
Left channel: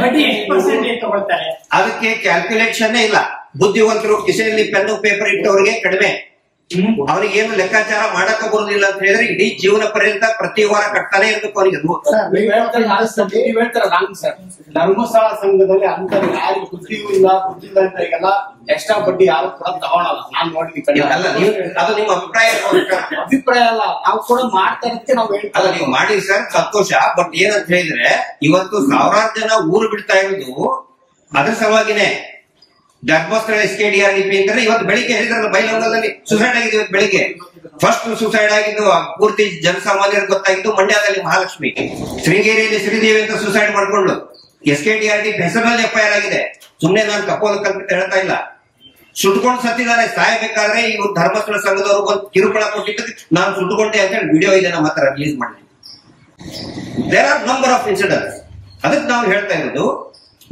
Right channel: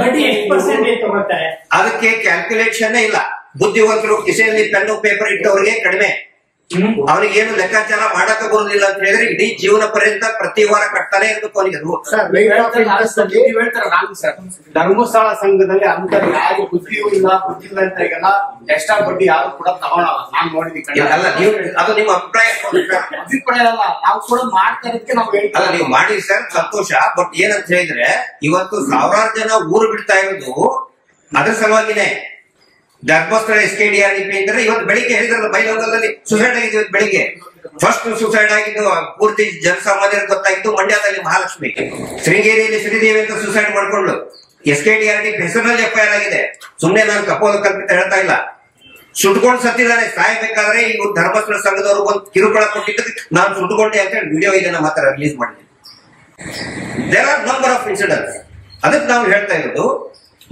ಬಡ್ಡಿ ಎಷ್ಟು ಪರ್ಸೆಂಟೇಜ್ ತಗೊಳ್ತಾರೆ? ಅದಕ್ಕೆ ಕ್ಯಾಲ್ಕುಲೇಷನ್ ಇಲ್ಲ. ಬುದ್ಧಿವಂತರು ಕಿಸೆಯಲ್ಲಿ ಪೆನ್ನು ಪೇಪರ್ ಇಟ್ಟವರಿಗೆ ಕಡಿಮೆ, ಅವ್ರಿಗೆ ಏನು ಲೆಕ್ಕಾಚಾರ ಮಾಡಕ ಬರುದಿಲ್ಲ ಅಂತ ಹೇಳಿದ್ರೆ ಇಡೀ ಜೀವನ ಪರ್ಯಂತ ಪ್ರತಿ ವಾರ ಕಟ್ತಾನೆ ಇರ್ಬೇಕು ಅವರಿಗೆ. ನೀವು ಹೇಳ್ತಾರೆ ರಾಂಗ್ ಸರ್. ಧರ್ಮಸ್ಥಳ ಸಂಘದಲ್ಲಿ ಅಂತ ಯಾರು ಬುದ್ಧಿಯೂ ಇಲ್ಲ ಬುದ್ಧಿಲ್ಲ ಅಂತ ಈಗೆಲ್ಲ ಎಕ್ಸ್ಟ್ರಾ ಬಡ್ಡಿ ಯಾರು ಕೂಡ ತಗೊಳಲ್ಲ. ನಾನ್ ನೋಡಿದೀನಿ. ಅಲ್ಲ ನೀವು ಅದು ನಿಮ್ಮ ಅಭಿಪ್ರಾಯ ಅಲ್ಲ, ನಾವು ಕೂಡ ಮಾಡ್ತಾ ಇರೋದಕ್ಕೆ ನಾವು ಹೇಳ್ತೀವಿ. ಅಲ್ಲ ನೀವು ಮಾಡಿ ಸರ್, ಸಂತೋಷ. ಬಟ್ ಏನಂತ ಹೇಳಿದ್ರೆ ಇವತ್ತು ಸಾವಿರಾರು ಜನ ಊರು ಬಿಡ್ತಾ ಇರೋದು ಅದ್ರ ಸಲುವಾಗಿನೇ. ಧರ್ಮಸ್ಥಳ SKDRDP ಅಂದ್ರೆ ಇವತ್ತು ಬೆಳಿಗ್ಗೆ ಹೇಳಿದ್ರಲ್ಲ, ಬೈಲಹೊಂಗಲದಲ್ಲಿ ಸುಸೈಡ್ ಆಗಿದೆ. ಇವತ್ತು ಬೆಳಿಗ್ಗೆ ಫಸ್ಟ್ ಸುಸೈಡ್ ಆಗಿದ್ದು ಪೂರ್ತಿ ಜನಸಾಮಾನ್ಯರಿಗೆ ಗೊತ್ತಾಗಿದ್ದು ಮಂಡ್ಯದಲ್ಲಿ ಮಹಾಲಕ್ಷ್ಮಿ, ಶೃಂಗೇರಿಯಲ್ಲಿ ಶ್ರೀದೇವಿ ಅಂತ ಸುಸೈಡ್ ಮಾಡ್ಕೊಂಡು SKDRDP ಹೆಸರಿನಲ್ಲಿ FIR ಆಗಿದೆ. ಸುಮ್ನೆ ನಾನು ಕಪೋಲ ಕಲ್ಪಿತ ಹೇಳ್ತಾ ಇಲ್ಲ. ಸುಟ್ಕೊಂಡು ಸತ್ತಿದ್ದಾರೆ. ಸಾಯಬೇಕಾದ್ರೆ ಇವ್ರು ಧರ್ಮಸ್ಥಳ ಸಂಘದವರು ಒಂದು ಕಿರುಕುಳ ಕೊಟ್ಟಿದ್ದಕ್ಕೆ ನಾನು ಸುಟ್ಕೊಂಡೆ ಅಂತ ಹೇಳಿ ವಿಡಿಯೋ ಇದೆ ನಮ್ಮ ಹತ್ರ ರಿಲೀಸ್ ಮಾಡಿದ್ವಿ. There are number of incidents. ಅದಕ್ಕೆ ನಾವು ಹೇಳ್ತಾ ಇರೋದು,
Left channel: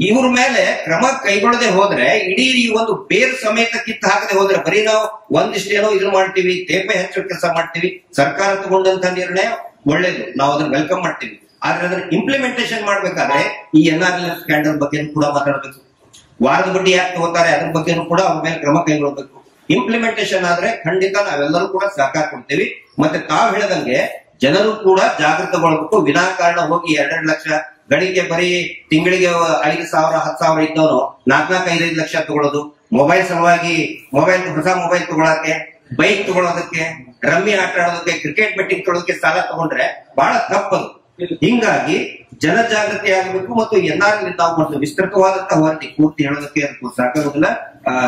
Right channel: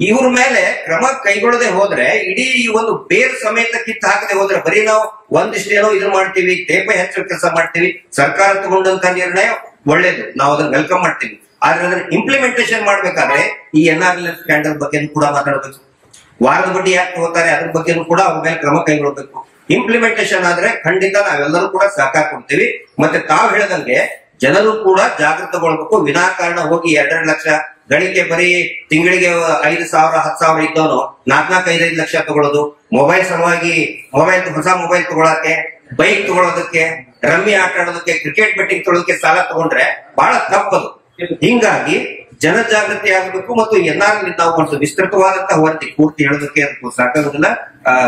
ಇವ್ರ ಮೇಲೆ ಕ್ರಮ ಕೈಗೊಳ್ಳದೆ ಹೋದ್ರೆ, ಇಡೀ ಈ ಒಂದು ಬೇರ್ ಸಮೇತ ಕಿತ್ತು ಹಾಕದೆ ಹೋದ್ರೆ, ಬರೀ ನಾವು ಒಂದಿಷ್ಟೇನೋ ಇದು ಮಾಡ್ತೀವಿ, ತೇಪೆ ಹೆಚ್ಚು ಕೆಲಸ ಮಾಡ್ತೀವಿ. ಸರ್ಕಾರ ತಗೊಂಡಂತ ನಿರ್ಣಯ ಒಳ್ಳೇದು, ನಾವು ಅದನ್ನ ವೆಲ್ಕಮ್ ಮಾಡ್ತೀವಿ. ಆದ್ರೆ ಅದನ್ನ ಇಂಪ್ಲಿಮೆಂಟೇಷನ್ ಮಾಡ್ಬೇಕಾದ್ರೆ ಈ NRLF ಸ್ಕ್ಯಾಂಡಲ್ ಬಗ್ಗೆ ಕೂಡ ಮಾತಾಡಬೇಕು. ವಾರದ ಬಡ್ಡಿ ಯಾಕೆ ತಗೋತಾರೆ ಅದ್ರ ಬಗ್ಗೆನೂ ಕೂಡ ಅವ್ರ ಮೇಲೆ ಕ್ರಮ ಕೈಗೊಳ್ಳಬೇಕು. ಇಂಪ್ಲಿಮೆಂಟೇಷನ್ ಆದ್ರೆ ಖಂಡಿತ ನಾವೆಲ್ಲರೂ ಕೂಡ ಸಹಕಾರ ಕೊಡ್ತೀವಿ. ಮತ್ತೆ ತಾವು ಹೇಳದಂಗೆ ಜನರು ಕೂಡ ಜಾಗೃತಗೊಳ್ಬೇಕು. ವಿನಾಕಾರಣ ಹೋಗಿ 2 ಲಕ್ಷ ಗಳಿಕೆ ಬರೀ ತಿಂಗಳಿಗೆ 5,000 10,000 ಇದ್ದವನು 4-5 ಲಕ್ಷ ತಗೊಳ್ಳೋದು, ಮೊಬೈಲ್ ಸಲುವಾಗಿ ಹೊಸ ಮೊಬೈಲ್ ತಗೊಳಕ್ಕೆ, ಬೈಕ್ ತಗೊಳ್ಳೋದಕ್ಕೆ, ರಮ್ಮಿ ಆಟ ಆಡೋದಕ್ಕೆ, ಕ್ರಿಕೆಟ್ ಬೆಟ್ಟಿಂಗ್ ತೊಗೊಳೋದಕ್ಕೆ ಸಾಲ ತಗೊಂಡ್ರೆ ಬಹಳ ತಪ್ಪದು. ಹಿಂಗಾಗಿ ಜನಜಾಗೃತಿ ಆಗಬೇಕು. ಮತ್ತು NRL ನಾವು ಮಾಡ್ತೀವಿ ವಿಸ್ತೃತವಾದಂತಹ ವರದಿ, ಪೂರ್ತಿ ಹೇಳೋದಕ್ಕೆ ಸಾಕಾಗುದಿಲ್ಲ,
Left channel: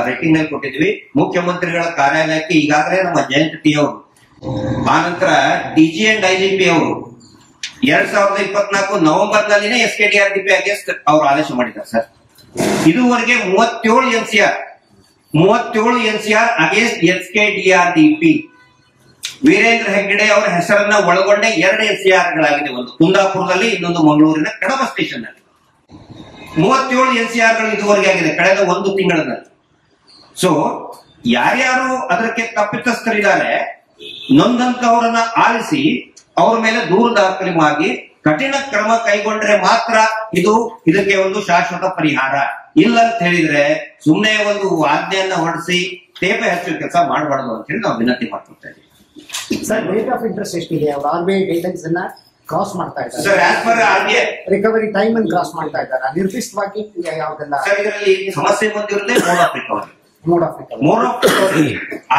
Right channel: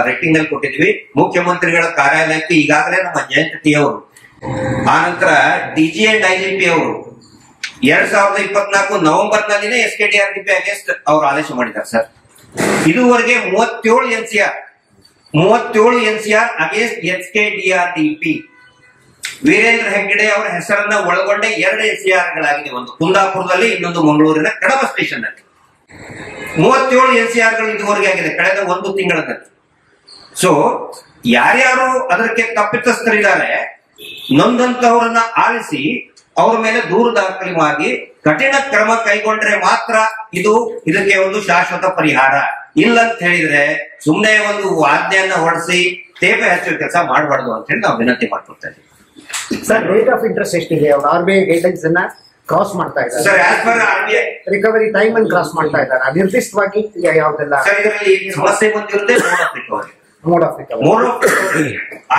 ರೈಟಿಂಗ್ ನಲ್ಲಿ ಕೊಟ್ಟಿದ್ವಿ. ಮುಖ್ಯಮಂತ್ರಿಗಳ ಕಾರ್ಯಾಲಯಕ್ಕೆ ಈಗಾಗಲೇ ನಮ್ಮ ಜಯಂತ್ ಟಿ ಅವರು, ಆನಂತರ DG ಅಂಡ್ IGP ಅವರು 2024 ನವೆಂಬರ್ ನಲ್ಲಿನೇ SKDRDP ಅಗೇನ್ಸ್ಟ್ ಅವರು ಆದೇಶ ಮಾಡಿದ್ದಾರೆ ಸರ್. ಇದುವರೆಗೆ 37 NCR against SKDRDP. Veerendra Heggade ಅವರ ಹೆಸರನ್ನ ಒಳಗೊಂಡ 2 NCR ಗಳಾಗಿದೆ, ಒಂದು ಕುಂದಾಪುರದಲ್ಲಿ, ಇನ್ನೊಂದು ಮಂಗಳೂರಿನ ಕಡಬ ಸ್ಟೇಷನ್ ನಲ್ಲಿ. 37 NCR ಗಳು ಇದುವರೆಗೆ ಆಗಿದೆ ಕಳೆದ 1 ತಿಂಗಳಲ್ಲಿ. ಸೊ ಯಾರ್ಯಾರು ಅದಕ್ಕೆ ತಪ್ಪಿತಸ್ಥರಿದ್ದಾರೆ, ನೊಂದಂತವರನ್ನ ಆಲಿಸಿ ಅವ್ರ ಮೇಲೆ ದೂರು ದಾಖಲಾಗಿ ಕಠಿಣ ಕ್ರಮ ಕೈಗೊಂಡ್ರೆ ಮಾತ್ರ ಇದಕ್ಕೆ ಒಂದು ಶಾಶ್ವತ ಪರಿಹಾರ. ಇಲ್ಲ ಅಂತ ಹೇಳಿದ್ರೆ ಸುಮ್ನೆ ಒಂದು ಆಜ್ಞೆಯನ್ನ ಹೊರಡಿಸಿ ತೇಪೆ ಹಚ್ಚುವ ಕೆಲಸ ಮಾಡಬಾರ್ದು ಅಂತ ಹೇಳಿ ನಾವು ವಿನಂತಿ ಮಾಡ್ಕೊಳ್ತಾ ಇದ್ದೀವಿ. ಸರ್ ರೇಟ್ ಆಫ್ ಇಂಟ್ರೆಸ್ಟ್ ಎಷ್ಟಿದೆ? ಅವ್ರು RBI ಗೈಡ್ಲೈನ್ಸ್ ಅನ್ನ ಕ್ರಾಸ್ ಮಾಡ್ತಾ ಇದ್ದಾರೆ sir. As per RBI recovery time ಅನ್ನು ಕ್ರಾಸ್ ಮಾಡ್ತಾ ಇದ್ದಾರೆ. ನಿರ್ದಿಷ್ಟವಾಗಿ ಯಾವ್ದೆಲ್ಲ ಸರ್ ಇದರಲ್ಲಿ ಸಮಸ್ಯೆ ಬಂದಿರುತ್ತೆ? ಮೋಡ್ ಆಫ್ ರಿಕವರಿ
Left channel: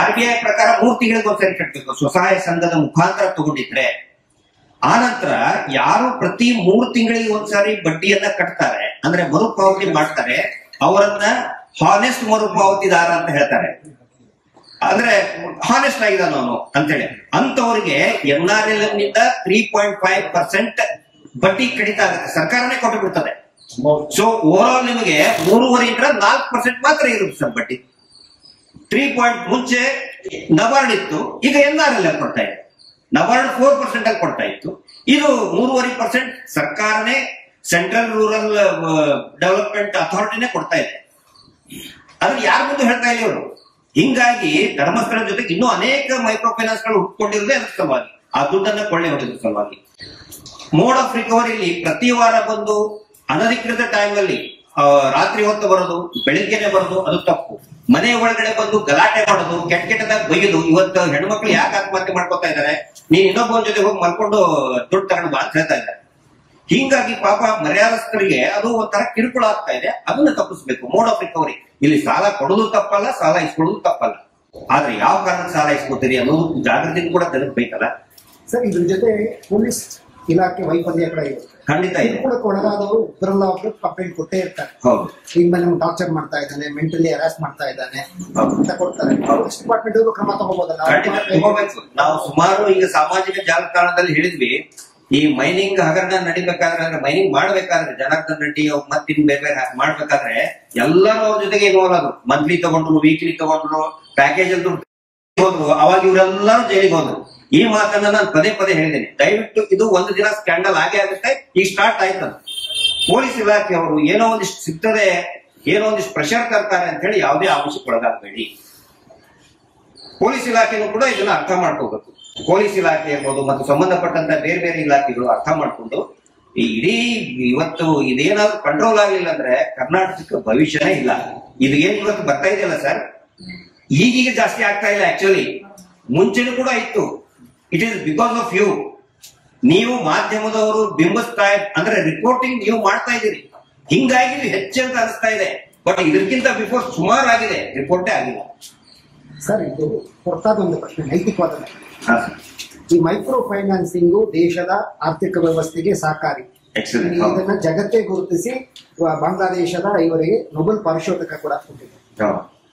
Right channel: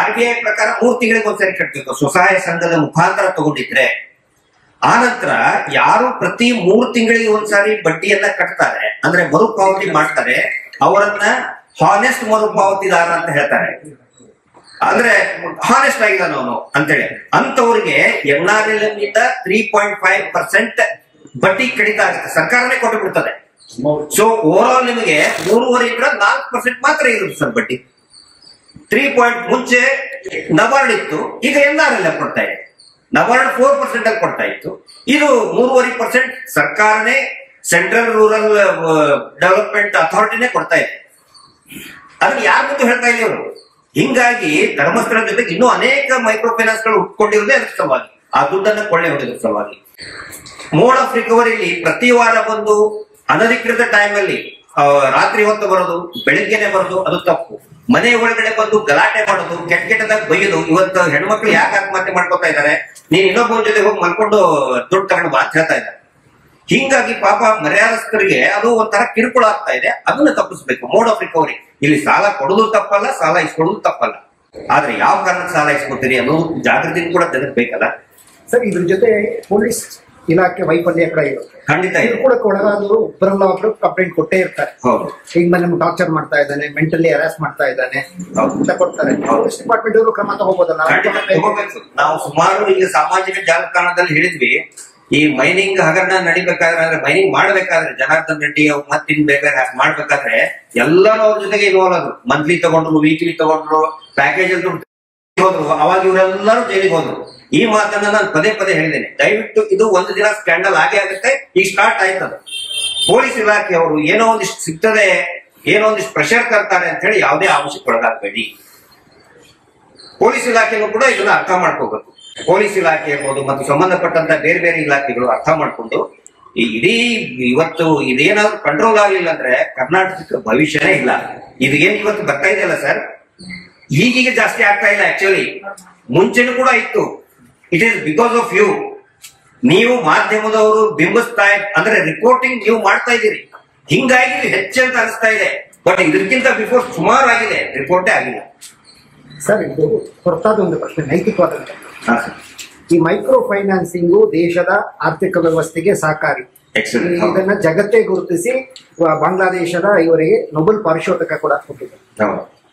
RBI ಪ್ರಕಾರ 3 ತಿಂಗಳಿಗೆ ಒಂದ್ಸರಿ ಕಟ್ಟಬೇಕು. ಸ್ವಸಹಾಯ ಸಂಘದ ಮುಖಾಂತರ ತಗೊಂಡಿದ್ರೆ, ಆನಂತರ ಯಾರು ಪ್ರತಿ 3 ತಿಂಗಳಿಗೆ ಒಂದ್ಸಾರಿ ಬಡ್ಡಿಯನ್ನ ಕಟ್ತಾರೆ, ಅಂದ್ರೆ ಮರುಪಾವತಿ ಮಾಡ್ತಾರೆ, ಅವರನ್ನ ಹಾನೆಸ್ಟ್ ಮರುಪಾವತಿದಾರ ಅಂತ ಹೇಳ್ತಾರೆ. ಅಂದ್ರೆ ಹಾನೆಸ್ಟ್ ಆಗಿದಾನ ಅವನು ಅಂತೇಳಿ ಅಂತವರಿಗೆ NRLM ನಿಂದ 3.5% ಬಡ್ಡಿ ಕಡಿತ ಆಗುತ್ತೆ, ಸರ್ಕಾರನೇ ಕೊಟ್ಟು ಬಿಡ್ತದೆ. ಸೊ ಓವರ್ ಆಲ್ ನಿಮಗೆ 3.5 4% ಮಾತ್ರ ಇರುತ್ತೆ ಸರ್ ಬಡ್ಡಿ. 3 ಮುಂಚೆ ನಬಾರ್ಡ್ ಇತ್ತು, ಈಗ NRLM ಕೊಡ್ತಾ ಇದೆ. ನಬಾರ್ಡ್ 4% ಅಲ್ಲಿ ಕೊಡ್ತಾ ಇತ್ತು, ಇದು 3.5% ಸರ್ಕಾರನೇ, ಸೆಂಟ್ರಲ್ ರೂರಲ್ ಡೆವಲಪ್ಮೆಂಟ್ ಅಥಾರಿಟಿನೇ ಕೊಡ್ತಾ ಇದೆ. ಅದನ್ನ ಯಾರ ಮುಂದೆ ಹೇಳ್ತಾ ಇಲ್ಲ ಇವರು. ಹಿಂಗಾಗಿ ಧರ್ಮಸ್ಥಳ ಜೊತೆಗೆ ಇನ್ನೂ ಅನೇಕ ಮೈಕ್ರೋ ಫೈನಾನ್ಸ್ ಗಳು ಹುಟ್ಕೊಂಡಿರೋದೇ ಅದರ ಸಲುವಾಗಿ, ಆ ದುಡ್ಡನ್ನ ಕೊಳ್ಳೆ ಹೊಡೆದ ಸಲುವಾಗಿ. ಮೋಡ್ ಆಫ್ ರಿಕವರಿಲಿ ಪ್ರತಿ ವಾರ ಬಂದು ಅನಧಿಕೃತ ಟೈಮ್ ಅಲ್ಲಿ ರಾತ್ರಿ ಹೊತ್ತು ಬರೋದು, ಬೆಳಿಗ್ಗೆನೆ ಬರೋದು, ಅದು ತಪ್ಪು. ಮನೆ ಒಳಗಡೆ ಬಂದು ಗಲಾಟೆ ಮಾಡೋದು, ಕೆಟ್ಟದಾಗ ಬೈಯೋದು. ಇವತ್ತು ಹೆಣ್ಮಕ್ಳು ಯಾಕೆ ಆತ್ಮಹತ್ಯೆ ಮಾಡ್ಕೊತಾ ಇದ್ದಾರೆ, ನೀನ್ ಇನ್ನೊಬ್ಬನ ಜೊತೆ ಹೋಗಿ ಮಲ್ಕೊಂಡು ದುಡ್ಡು ತಗೊಂಡು ಬಾ ಅಂತ ಹೇಳ್ತಾ ಇದ್ದಾರೆ. ಹಿಂಗಾಗಿ ಪಾಪ ಮರ್ಯಾದಸ್ಥರಿಗೆ ಅದು ಒಂಥರ ಕಿರುಕುಳ ಆಗ್ತಾ ಇದೆ. ಅದನ್ನ ತಪ್ಪಿಸ್ಬೇಕು. ಮೋಡ್ ಆಫ್ ರಿಕವರಿ ಇಲ್ಲಿ ಸಾಲ ಕೊಡೋದು ತಪ್ಪಲ್ಲ, ಸಾಲ ಇಸ್ಕೊಳ್ಳೋದು ತಪ್ಪಲ್ಲ. ಆದ್ರೆ ಯಾವ ಕಾರಣಕ್ಕೆ ಸಾಲ ಇಸ್ಕೊತೀರಿ ಅನ್ನೋದು ಜಾಗೃತಿ ಕೂಡ ಜನಕ್ಕೆ ಬೇಕಲ್ಲ. ಸರ್ ಇದ್ರ ಜೊತೆ ಪೊಲೀಸ್ ಇಲಾಖೆ ವೈಫಲ್ಯ ಕೂಡ ಇರುತ್ತೆ. ಖಂಡಿತ ಇದೆ. ಕೂಡ ಒಳಗಾದವರು ಒಬ್ಬರಲ್ಲ ಒಬ್ರು ಕಂಪ್ಲೇಂಟ್ ಕೊಟ್ಟೇ ಇರ್ತಾರೆ. ಹೌದು. ಈಗ ನಮ್ಗೆ ಟಾರ್ಚರ್ ಮಾಡ್ತಾ ಇದ್ದಾನೆ, ಮೆಂಟಲಿ ಹರಾಸ್ ಮಾಡ್ತಾ ಇದ್ದಾನೆ ಅಂತ ಕೊಡ್ತಾರೆ. ಪೊಲೀಸ್ ಡಿಪಾರ್ಟ್ಮೆಂಟ್ ಅವರು ಕ್ರಮ ತಗೋಬೋದಲ್ಲ? ತಗೋಬೇಕು. ನಾವು ಸುಮಾರು ಈಗ ಸಾಮಾಜಿಕ ಜಾಲತಾಣದಲ್ಲಿ ಹೇಳಿದ್ವಿ, ಈ ಮೈನಿಂಗ್ ಹಗರಣ ನಡಿಬೇಕಾದ್ರೆ ಅಂದ್ರೆ ಮೈನಿಂಗ್ ಮಾಡ್ಬೇಕಾದ್ರೆ ಜನಾರ್ದನ್ ರೆಡ್ಡಿ ಅವ್ರು ಮತ್ತಿನ್ ಬೇಕಾದ್ರೆ ಮಾಡ್ಬೇಕಾದ್ರೆ ಎಲ್ಲರೂ ಅವ್ರ ಜೊತೆಗೆ ಇನ್ವಾಲ್ವ್ ಆದ್ರು. ಮಂತ್ಲಿ ತಗೊಂಡ್ರು, ವೀಕ್ಲಿ ತಗೊಂಡ್ರು, ಪ್ಯಾಕೇಜ್ ಅಂತ ಹೋದ್ರು. ಅವಾಗ ಇವರೆಲ್ಲರೂ ಜೈಲಿಗೆ ಹೋದ್ರು. ಈ ಮಾತನ್ನ ನಾನು ಪದೇ ಪದೇ ಹೇಳಿದ್ದೇನೆ. ದಯವಿಟ್ಟು ಇದು ಒಂದು ದಿನ ಸ್ಕ್ಯಾಂಡಲ್ ಆಗೇ ಆಗುತ್ತೆ. ಈಗ ಸ್ಟಾರ್ಟ್ ಆಯ್ತದ. ಪೊಲೀಸ್ ಇಲಾಖೆಯವರು ಏನೋ ಒಂದಿಷ್ಟು ಸಿಗ್ತದೆ, ಏನೋ ಒಂದಿಷ್ಟು ಪ್ರೆಷರ್ ತರ್ತಾರೆ ಅಂತ ಹೇಳಿ ಯಾವುದೇ ಆಂಶಕ್ಕೆ ಒಳಗಾಗಬೇಡಿ. ಪೊಲೀಸ್ ಇಲಾಖೆನೂ ಕೂಡ ಇದನ್ನ ಅರ್ಥ ಮಾಡ್ಕೋಬೇಕು. ಪೊಲೀಸ್ ಇಲಾಖೆ ಇರ್ಬೋದು ಮತ್ತು ಸಂಬಂಧಪಟ್ಟಂತ ಬೇರೆ ಬೇರೆ ಇಲಾಖೆಗಳು ಅರ್ಥ ಮಾಡ್ಕೊಂಡು ಈ ಇಡೀ ಇವತ್ತು ಇದೇನಾದ್ರೂ ಕಂಟ್ರೋಲ್ ಆಗಲಿಲ್ಲ ಅಂದ್ರೆ ಕರ್ನಾಟಕಕ್ಕೆ ಭವಿಷ್ಯನೇ ಇಲ್ಲ. ಇದು ಏನ್ ಇವತ್ತು ಬರ್ತಾ ಇದೆಯಲ್ಲ ಸರ್, ಈಗೀಗ ಜಾಸ್ತಿ ಆಗ್ತಾ ಇಲ್ಲ. ಆಕ್ಚುಲಿ ಮುಂಚೆನೂ ಕೂಡ ಇತ್ತು. It is because of you. ನೀವು ಮಾಧ್ಯಮದವರು ಬಿಂಬಿಸ್ತಾ ಅಂದ್ರೆ ರಿಪೋರ್ಟಿಂಗ್ ನೀವು ಮಾಡ್ತಾ ಇದ್ದೀರಿ, ಹಿಂಗಾಗಿ ಹೆಚ್ಚಂತ ಅನಿಸ್ತಾ ಇದೆ. ಬಟ್ ಇದಕ್ಕಿಂತ ಬಿಫೋರ್ ಸುಮಾರು ಆಗಿದೆ, ರಿಪೋರ್ಟೇ ಆಗಿಲ್ಲ. ಸರ್ ಇದು ಹೊರತಾದ ಒಂದು ಪ್ರಶ್ನೆ, ನೈತಿಕವಾದ. ಈ ಮೈಕ್ರೋ ಫೈನಾನ್ಸಿಂಗು ದೇಶದ ಆರ್ಥಿಕ ವ್ಯವಸ್ಥೆಗೆ ಸಹಕಾರಿ. ಇದನ್ನ ಜಗತ್ತೇ ಗುರುತಿಸಿ ಬಾಂಗ್ಲಾದೇಶದ ಇವರಿಗೆ ನೊಬೆಲ್ ಪಾರಿತೋಷಿಕ ಕೂಡ ಕೊಟ್ಟಿದೆ.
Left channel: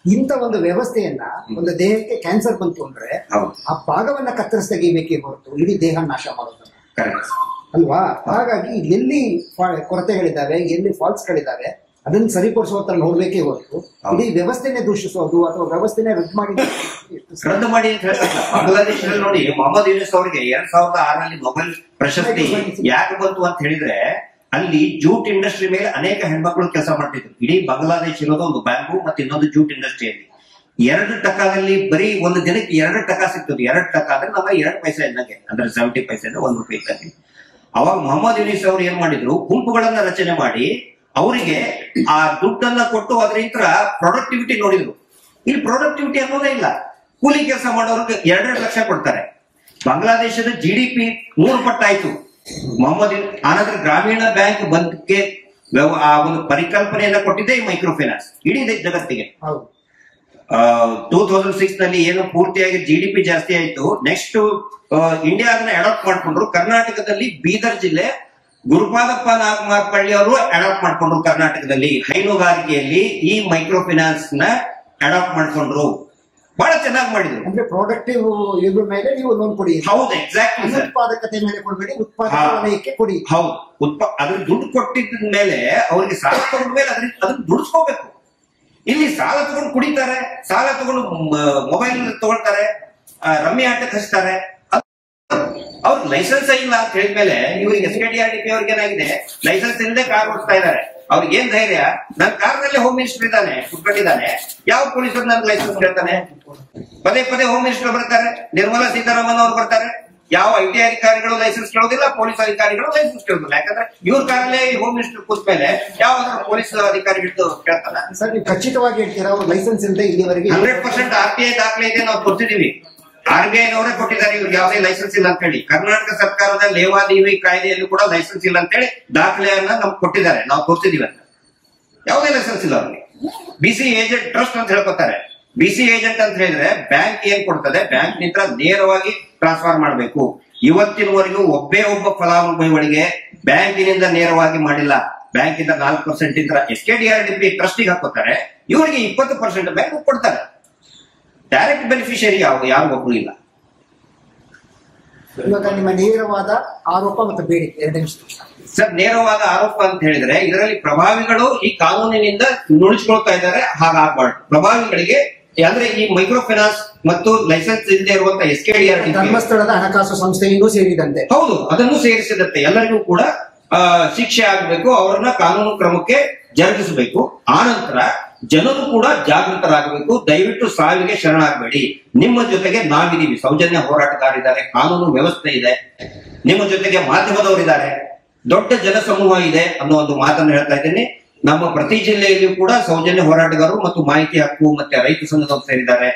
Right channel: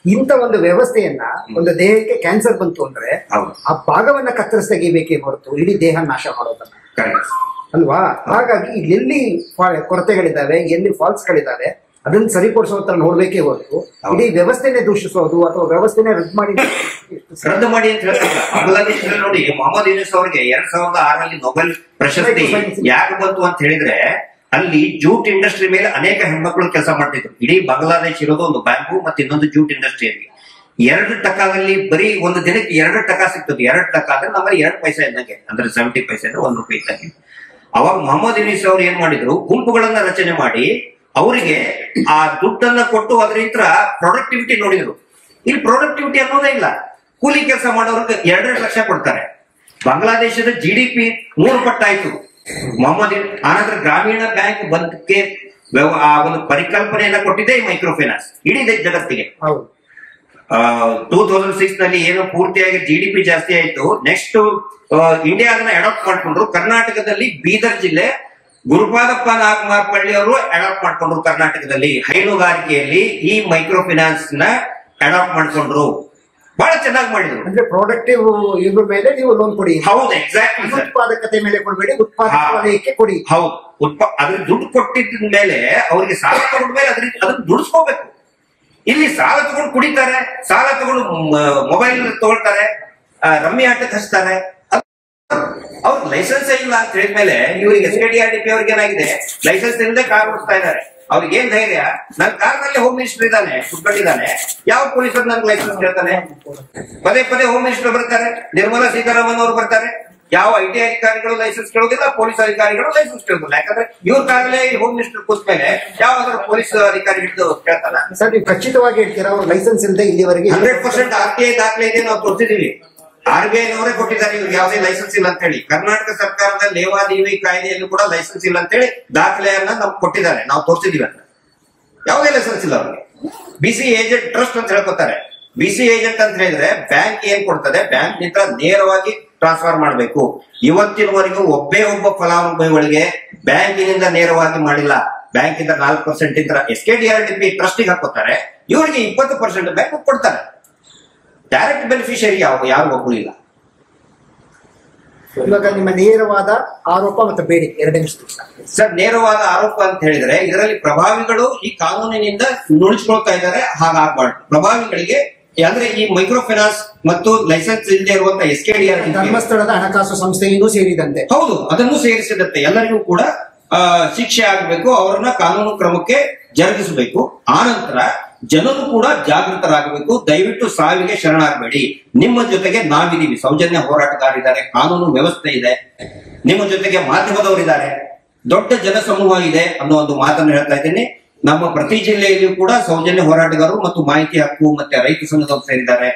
ಇಂಥ ಒಂದು ವ್ಯವಸ್ಥೆಯನ್ನ, ಒಂದು ದೇಹಕ್ಕೆ ಕ್ಯಾನ್ಸರ್ ಬಂತು ಅಂದ್ರೆ ಆ ಭಾಗವನ್ನ ಕತ್ತರಿಸಿ ತೆಗಿಬೇಕೇ ಹೊರತು ಇಡೀ ದೇಹ ನಾಶ ಮಾಡೋದನ್ನ ಅಲ್ವಾ? ಹಾಗಾಗಿ ಎಲ್ಲಿ ಕೊರತೆಗಳಿದ್ದಾವೆ, ಎಲ್ಲಿ ಫಾಲ್ಸ್ ಗಳಿದ್ದಾವೆ ಅದನ್ನ ಸರಿಪಡಿಸೋ ಹತ್ರ ನೋಡ್ಬೇಕೇ ಹೊರತು ಇಡೀ ವ್ಯವಸ್ಥೆನೆ ದೂಷಿಸೋದು ಅಥವಾ ವ್ಯವಸ್ಥೆನೆ ರದ್ದು ಮಾಡಿ ಅಂತ ಹೇಳ್ತಾರೆ. ಬಾಂಗ್ಲಾದೇಶದಲ್ಲಿ ನೋಡಿ, ಮೊಹಮ್ಮದ್ ಯೂನಿಸ್ ಅವರಿಗೆ 2006 ನೊಬೆಲ್ ಪ್ರಶಸ್ತಿ ಯಾಕೆ ಬಂತು ಅಂತ ಹೇಳಿದ್ರೆ, ಅಲ್ಲಿ ಜೂಟ್ ಇಂಡಸ್ಟ್ರಿ ಮೇಲೆ ಅನೇಕ ಹೆಣ್ಮಕ್ಳು ಕೆಲಸ ಮಾಡ್ತಿದ್ರು. ಇಡೀ ಬಾಂಗ್ಲಾದೇಶ ಇರೋದು ಒಂದು ಬ್ಯಾಂಬೂ ಮತ್ತೆ ಇನ್ನೊಂದು ಜೂಟ್ ಇಂಡಸ್ಟ್ರಿಯಲ್ಲಿ. 2 ಟಕಾದಲ್ಲಿ ಬರೀ ಒಂದು ದಿನಕ್ಕೆ 2 ಟಕಾ ಸಿಗ್ತದೆ. 2 ಟಕಾ ಅಂದ್ರೆ ನಮ್ಮಲ್ಲಿ 2 ಪೈಸೆ ಇದ್ದಂಗೆ, ಅಂದ್ರೆ 70 ಪೈಸೆ ಅಂದ್ರೆ 1 ರೂಪಾಯಿ ಇದ್ದಂಗೆ. ಅವಾಗ ಮೊಹಮ್ಮದ್ ಯೂನಿಸ್ ಅವ್ರು ಏನ್ ಮಾಡಿದ್ರು, ಗುಂಪುಗಳನ್ನ ರಚನೆ ಮಾಡಿ ಅವರಿಗೆ ಆ ದುಡ್ಡನ್ನ ಕೊಟ್ಟು ಅದರಿಂದ ಪ್ರೊಡಕ್ಟಿವಿಟಿ ನೋಡಿದ್ರು. ಇಲ್ಲಿ ಪ್ರೊಡಕ್ಟಿವಿಟಿ ಅನ್ನೋದೇ ಇಲ್ಲ. ಕೂಲಿ ಕೆಲಸ ಮಾಡೋರಿಗೆ 2 ಲಕ್ಷ ಕೊಡ್ತಾರೆ. ಬಾಂಗ್ಲಾದೇಶದ GDP 3 ಪಟ್ಟಾಯ್ತು. ಮೊಹಮ್ಮದ್ ಆನಂತರ ಗ್ರಾಮೀಣ ಬ್ಯಾಂಕ್ ಬಂದಕ್ಕೆ ಆ ಒಂದು ಪರಿಕಲ್ಪನೆಯನ್ನ ಕೊಟ್ಟಿದೆ ಈ ಮೈಕ್ರೋ ಫೈನಾನ್ಸ್ ಇಡೀ ಜಗತ್ತಿಗೆ. 2006 ನಲ್ಲಿ ಏನು ಪೂರ್ತಿಯಾಗಿ GDP ಜಾಸ್ತಿ ಆಯ್ತು. ನೆಕ್ಸ್ಟ್ ಇಂಡಿಯಾ ಅದನ್ನ ಅಡಾಪ್ಟ್ ಮಾಡ್ಕೊಂಡ್ರು. ಕರ್ನಾಟಕದಲ್ಲಿ ಬೀದರ್ ಜಿಲ್ಲೆ ಗುರುಪಾದಪ್ಪ ನಾಗಮಾರ್ಪಳ್ಳಿ ಅವರು ಅಡಾಪ್ಟ್ ಮಾಡ್ಕೊಂಡ್ರು. ಕರ್ನಾಟಕದಲ್ಲಿ ಹೈನುಗಾರಿಕೆಯಲ್ಲಿ ಈ ಮೈಕ್ರೋ ಫೈನಾನ್ಸ್ ನ ಅಡಾಪ್ಟ್ ಮಾಡ್ಕೊಂಡ್ರು. ಬಹಳ ಚೆನ್ನಾಗಿ ಮಾಡಿದ್ರು. ಅಂದ್ರೆ ಪ್ರೊಡಕ್ಟಿವ್ ಇದ್ರ ಮೇಲೆ ನೀವು ಲೋನ್ ಕೊಡಿ. ಹೌದು, ಎಕ್ಸಾಕ್ಟ್ಲಿ. ಉತ್ಪಾದಕತೆ ಮೇಲೆ ಕೊಡಬೇಡಿ, ಉತ್ಪಾದಕ ವಲಯಕ್ಕೆ ಕೊಡಿ. ಹೌದು, ಅದ್ರ ದುಡ್ಡು ಕೊಟ್ಟಿದ್ದ ಮೇಲೆ ಅವರಿಗೆ ಸಾಲ ತಗೊಂಡ ಮೇಲೆ ಅದನ್ನ ದುಡಿಸ್ಕೋಬೇಕು. ಇಲ್ಲಿ ಸಾಲ ತಗೊಂಡು ಕುಡಿತಾರೆ, ಸಾಲ ತಗೊಂಡು ಮೊಬೈಲ್ ತಗೊಳ್ತಾರೆ, ರಮ್ಮಿ ಆಟಕ್ಕೆ ಹಚ್ತಾರೆ. ಅವ್ರಿಗೆ ಲೈಸೆನ್ಸ್ ಇಲ್ಲ ಅಂತ ಹೇಳಿದ್ಮೇಲೆ ಇವ್ರಿಗೆ SKDRDP ಅವ್ರಿಗೆ ಏನಾಗಿದೆ, ಲೈಸೆನ್ಸ್ ಇಲ್ಲದೆ ಕಾರ್ ಓಡಿಸ್ತಾ ಇದ್ದಾರೆ. ಅವ್ರಿಗೆ ಏನ್ ಧೈರ್ಯ? ನನ್ನ ಕಾರ್ನಲ್ಲಿ ಹೋಮ್ ಮಿನಿಸ್ಟರ್ ಇದ್ದಾನೆ, ಕುತ್ಕೊಂಡಿದ್ದಾನೆ, ಯಾವ ಪೊಲೀಸರು ನನ್ಗೆ ಲೈಸೆನ್ಸ್ ಕೇಳ್ತಾನೆ? ಪದೇ ಪದೇ ಹೋಮ್ ಮಿನಿಸ್ಟರ್ ಬರ್ತಾರೆ, ನಿರ್ಮಲಾ ಸೀತಾರಾಮನ್ ಅವರು ಬರ್ತಾರೆ. ಯಾವ IT ಅಧಿಕಾರಿಗಳು ಲೈಸೆನ್ಸ್ ಕೇಳೋದಿಲ್ಲ, ಪೊಲೀಸ್ ಅಧಿಕಾರಿಗಳು ಲೈಸೆನ್ಸ್ ಕೇಳೋದಿಲ್ಲ. ಯಾಕಂದ್ರೆ ಇವ್ರ ಕಾರಲ್ಲೇ ಹೋಮ್ ಮಿನಿಸ್ಟರ್ ಕೂತ ಮೇಲೆ ಯಾವ್ದಾದ್ರು ಪೊಲೀಸ್ ಅಧಿಕಾರಿ ಹಿಡಿದು ಕೇಳ್ತಾನ? ಸರ್ ನೀವು ಖಚಿತವಾಗಿ ಹೇಳ್ತೀರಾ ಅವ್ರು ಲೈಸೆನ್ಸ್ ಇಲ್ಲದೆ ಇಲ್ಲಿವರೆಗೆ 100% RTI ದಾಖಲೆ ಇದೆ, ನಾವು ತೋರಿಸಿದೀವಿ. RBI ನವರೇ ಕೊಟ್ಟಿದ್ದಾರೆ ಇವ್ರಿಗೆ ಯಾವುದೇ ಲೈಸೆನ್ಸ್ ಇಲ್ಲ ಅಂತ ಹೇಳಿ. ಕರ್ನಾಟಕ ಸರ್ಕಾರದ ಲೇವಾದೇವಿ ಕಾಯ್ದೆಯಲ್ಲೂ ಕೂಡ ಲೈಸೆನ್ಸ್ ಇಲ್ಲ ಅಂತ ಹೇಳಿ ದಾಖಲೆಯನ್ನ ನಮ್ಗೆ ಕೊಟ್ಟಿದ್ದಾರೆ, ನಾವು ತೋರಿಸಿದೀವಿ ಅಂತ. ಯಾವುದೇ ಲೈಸೆನ್ಸ್ ಇಲ್ಲ ಅವ್ರಿಗೆ. BC ಏಜೆಂಟ್ ಟ್ರಸ್ಟ್ ಅಂತ ಹೇಳ್ಕೊತಾರೆ. BC ಏಜೆಂಟ್ ಅಂತ ಹೇಳಿದ್ರೆ ಬ್ಯಾಂಕ್ ಏನ್ ಕೊಡ್ತದೆ, ಬ್ಯಾಂಕ್ ನಿಂದ ನೇರವಾಗಿ ಟ್ರಾನ್ಸ್ಫರ್ ಮಾಡಬೇಕು. ಇವತ್ತಿನವರೆಗೂ ಒಬ್ಬ ಫಲಾನುಭವಿಗಳಿಗೆ ಬ್ಯಾಂಕಿನಿಂದ ನೇರವಾಗಿ ಮಾಡಿಲ್ಲ. ಬ್ಯಾಂಕಿಂದ 4% ಇಂದ SKDRDP ಟ್ರಸ್ಟಿಗೆ ಹಾಕೋತಾರೆ, ಇವರಿಗೆ 20% ಬ್ಯಾಂಕ್ ಕೊಡ್ತಾರೆ. ಡೈರೆಕ್ಟ್ ಬೆನಿಫಿಷಿಯರಿ ಯಾರು ಒಬ್ರು ಇಲ್ಲ. ಇವಾಗ ನಿಮ್ಮ ನೇರವಾದ ಆರೋಪ ಮತ್ತು ಬೇಡಿಕೆ 2 ನಿಮಿಷ ಸರ್. ನೇರವಾದ ಆರೋಪ ಅಂತ ಹೇಳಿದ್ರೆ ಇದರಲ್ಲಿ ಪ್ರಭಾವಿಗಳು ಈ ಕಾನೂನಿನಿಂದ ನುಡಿಸ್ಕೊಳ್ತಾ ಇದ್ದಾರೆ. ಹಾಗಾಗಬಾರ್ದು. ಪ್ರಭಾವಿಗಳಿಗೆ ಅಂದ್ರೆ ಈ ಮೈಕ್ರೋ ಫೈನಾನ್ಸ್ ಮತ್ತು ಲೈಸೆನ್ಸ್ ಇಲ್ಲದೆ ಇರುವಂತಹ SKDRDP ಧರ್ಮಸ್ಥಳದ ಹಣಕಾಸು ಸಂಸ್ಥೆಯಿಂದ ಸೇರಿದಂತೆ, ಹೌದು, ಅದನ್ನು ಸೇರಿಸಿದಂತೆ ಎಲ್ಲರಿಗೂ ಕೂಡ ಶಿಕ್ಷೆ ಆಗಬೇಕು. ಅವರನ್ನ ಕಾನೂನು ಕ್ರಮಕ್ಕೆ ಜರುಗಿಸಬೇಕು. ಆನಂತರ ಜನರು ಕೂಡ ಜಾಗೃತರಾಗಬೇಕು. ದಯವಿಟ್ಟು ಸಾವಿಗೆ ಶರಣಾಗಬೇಡಿ. ನಿಮ್ಮ ಜೊತೆಗೆ ನಾವಿದೀವಿ. ಸೌಜನ್ಯ ಹೋರಾಟಗಾರರಿದ್ದಾರೆ, ಕಾನೂನು ವ್ಯವಸ್ಥೆ ಇದೆ, ನಿಮ್ಮ ಜೊತೆಗೆ ಮಾಧ್ಯಮದವರಿದ್ದಾರೆ, ದೊಡ್ಡ ಜನಸಮೂಹ ಇದೆ ಅನ್ನೋ ಒಂದು ಮಾತನ್ನು ಹೇಳ್ತಾ ಇದ್ದೇನೆ. ನಮ್ಮ ಪ್ರತಿ ಜಿಲ್ಲೆಯಲ್ಲಿಯೂ ಕೂಡ ಸೌಜನ್ಯ ಹೋರಾಟಗಾರರು ಮತ್ತು ಮಾಹಿತಿ ಹಕ್ಕು ಮತ್ತೆ ರೈತ ಸಂಘದವರು ಸೇರಿದ್ದಾರೆ.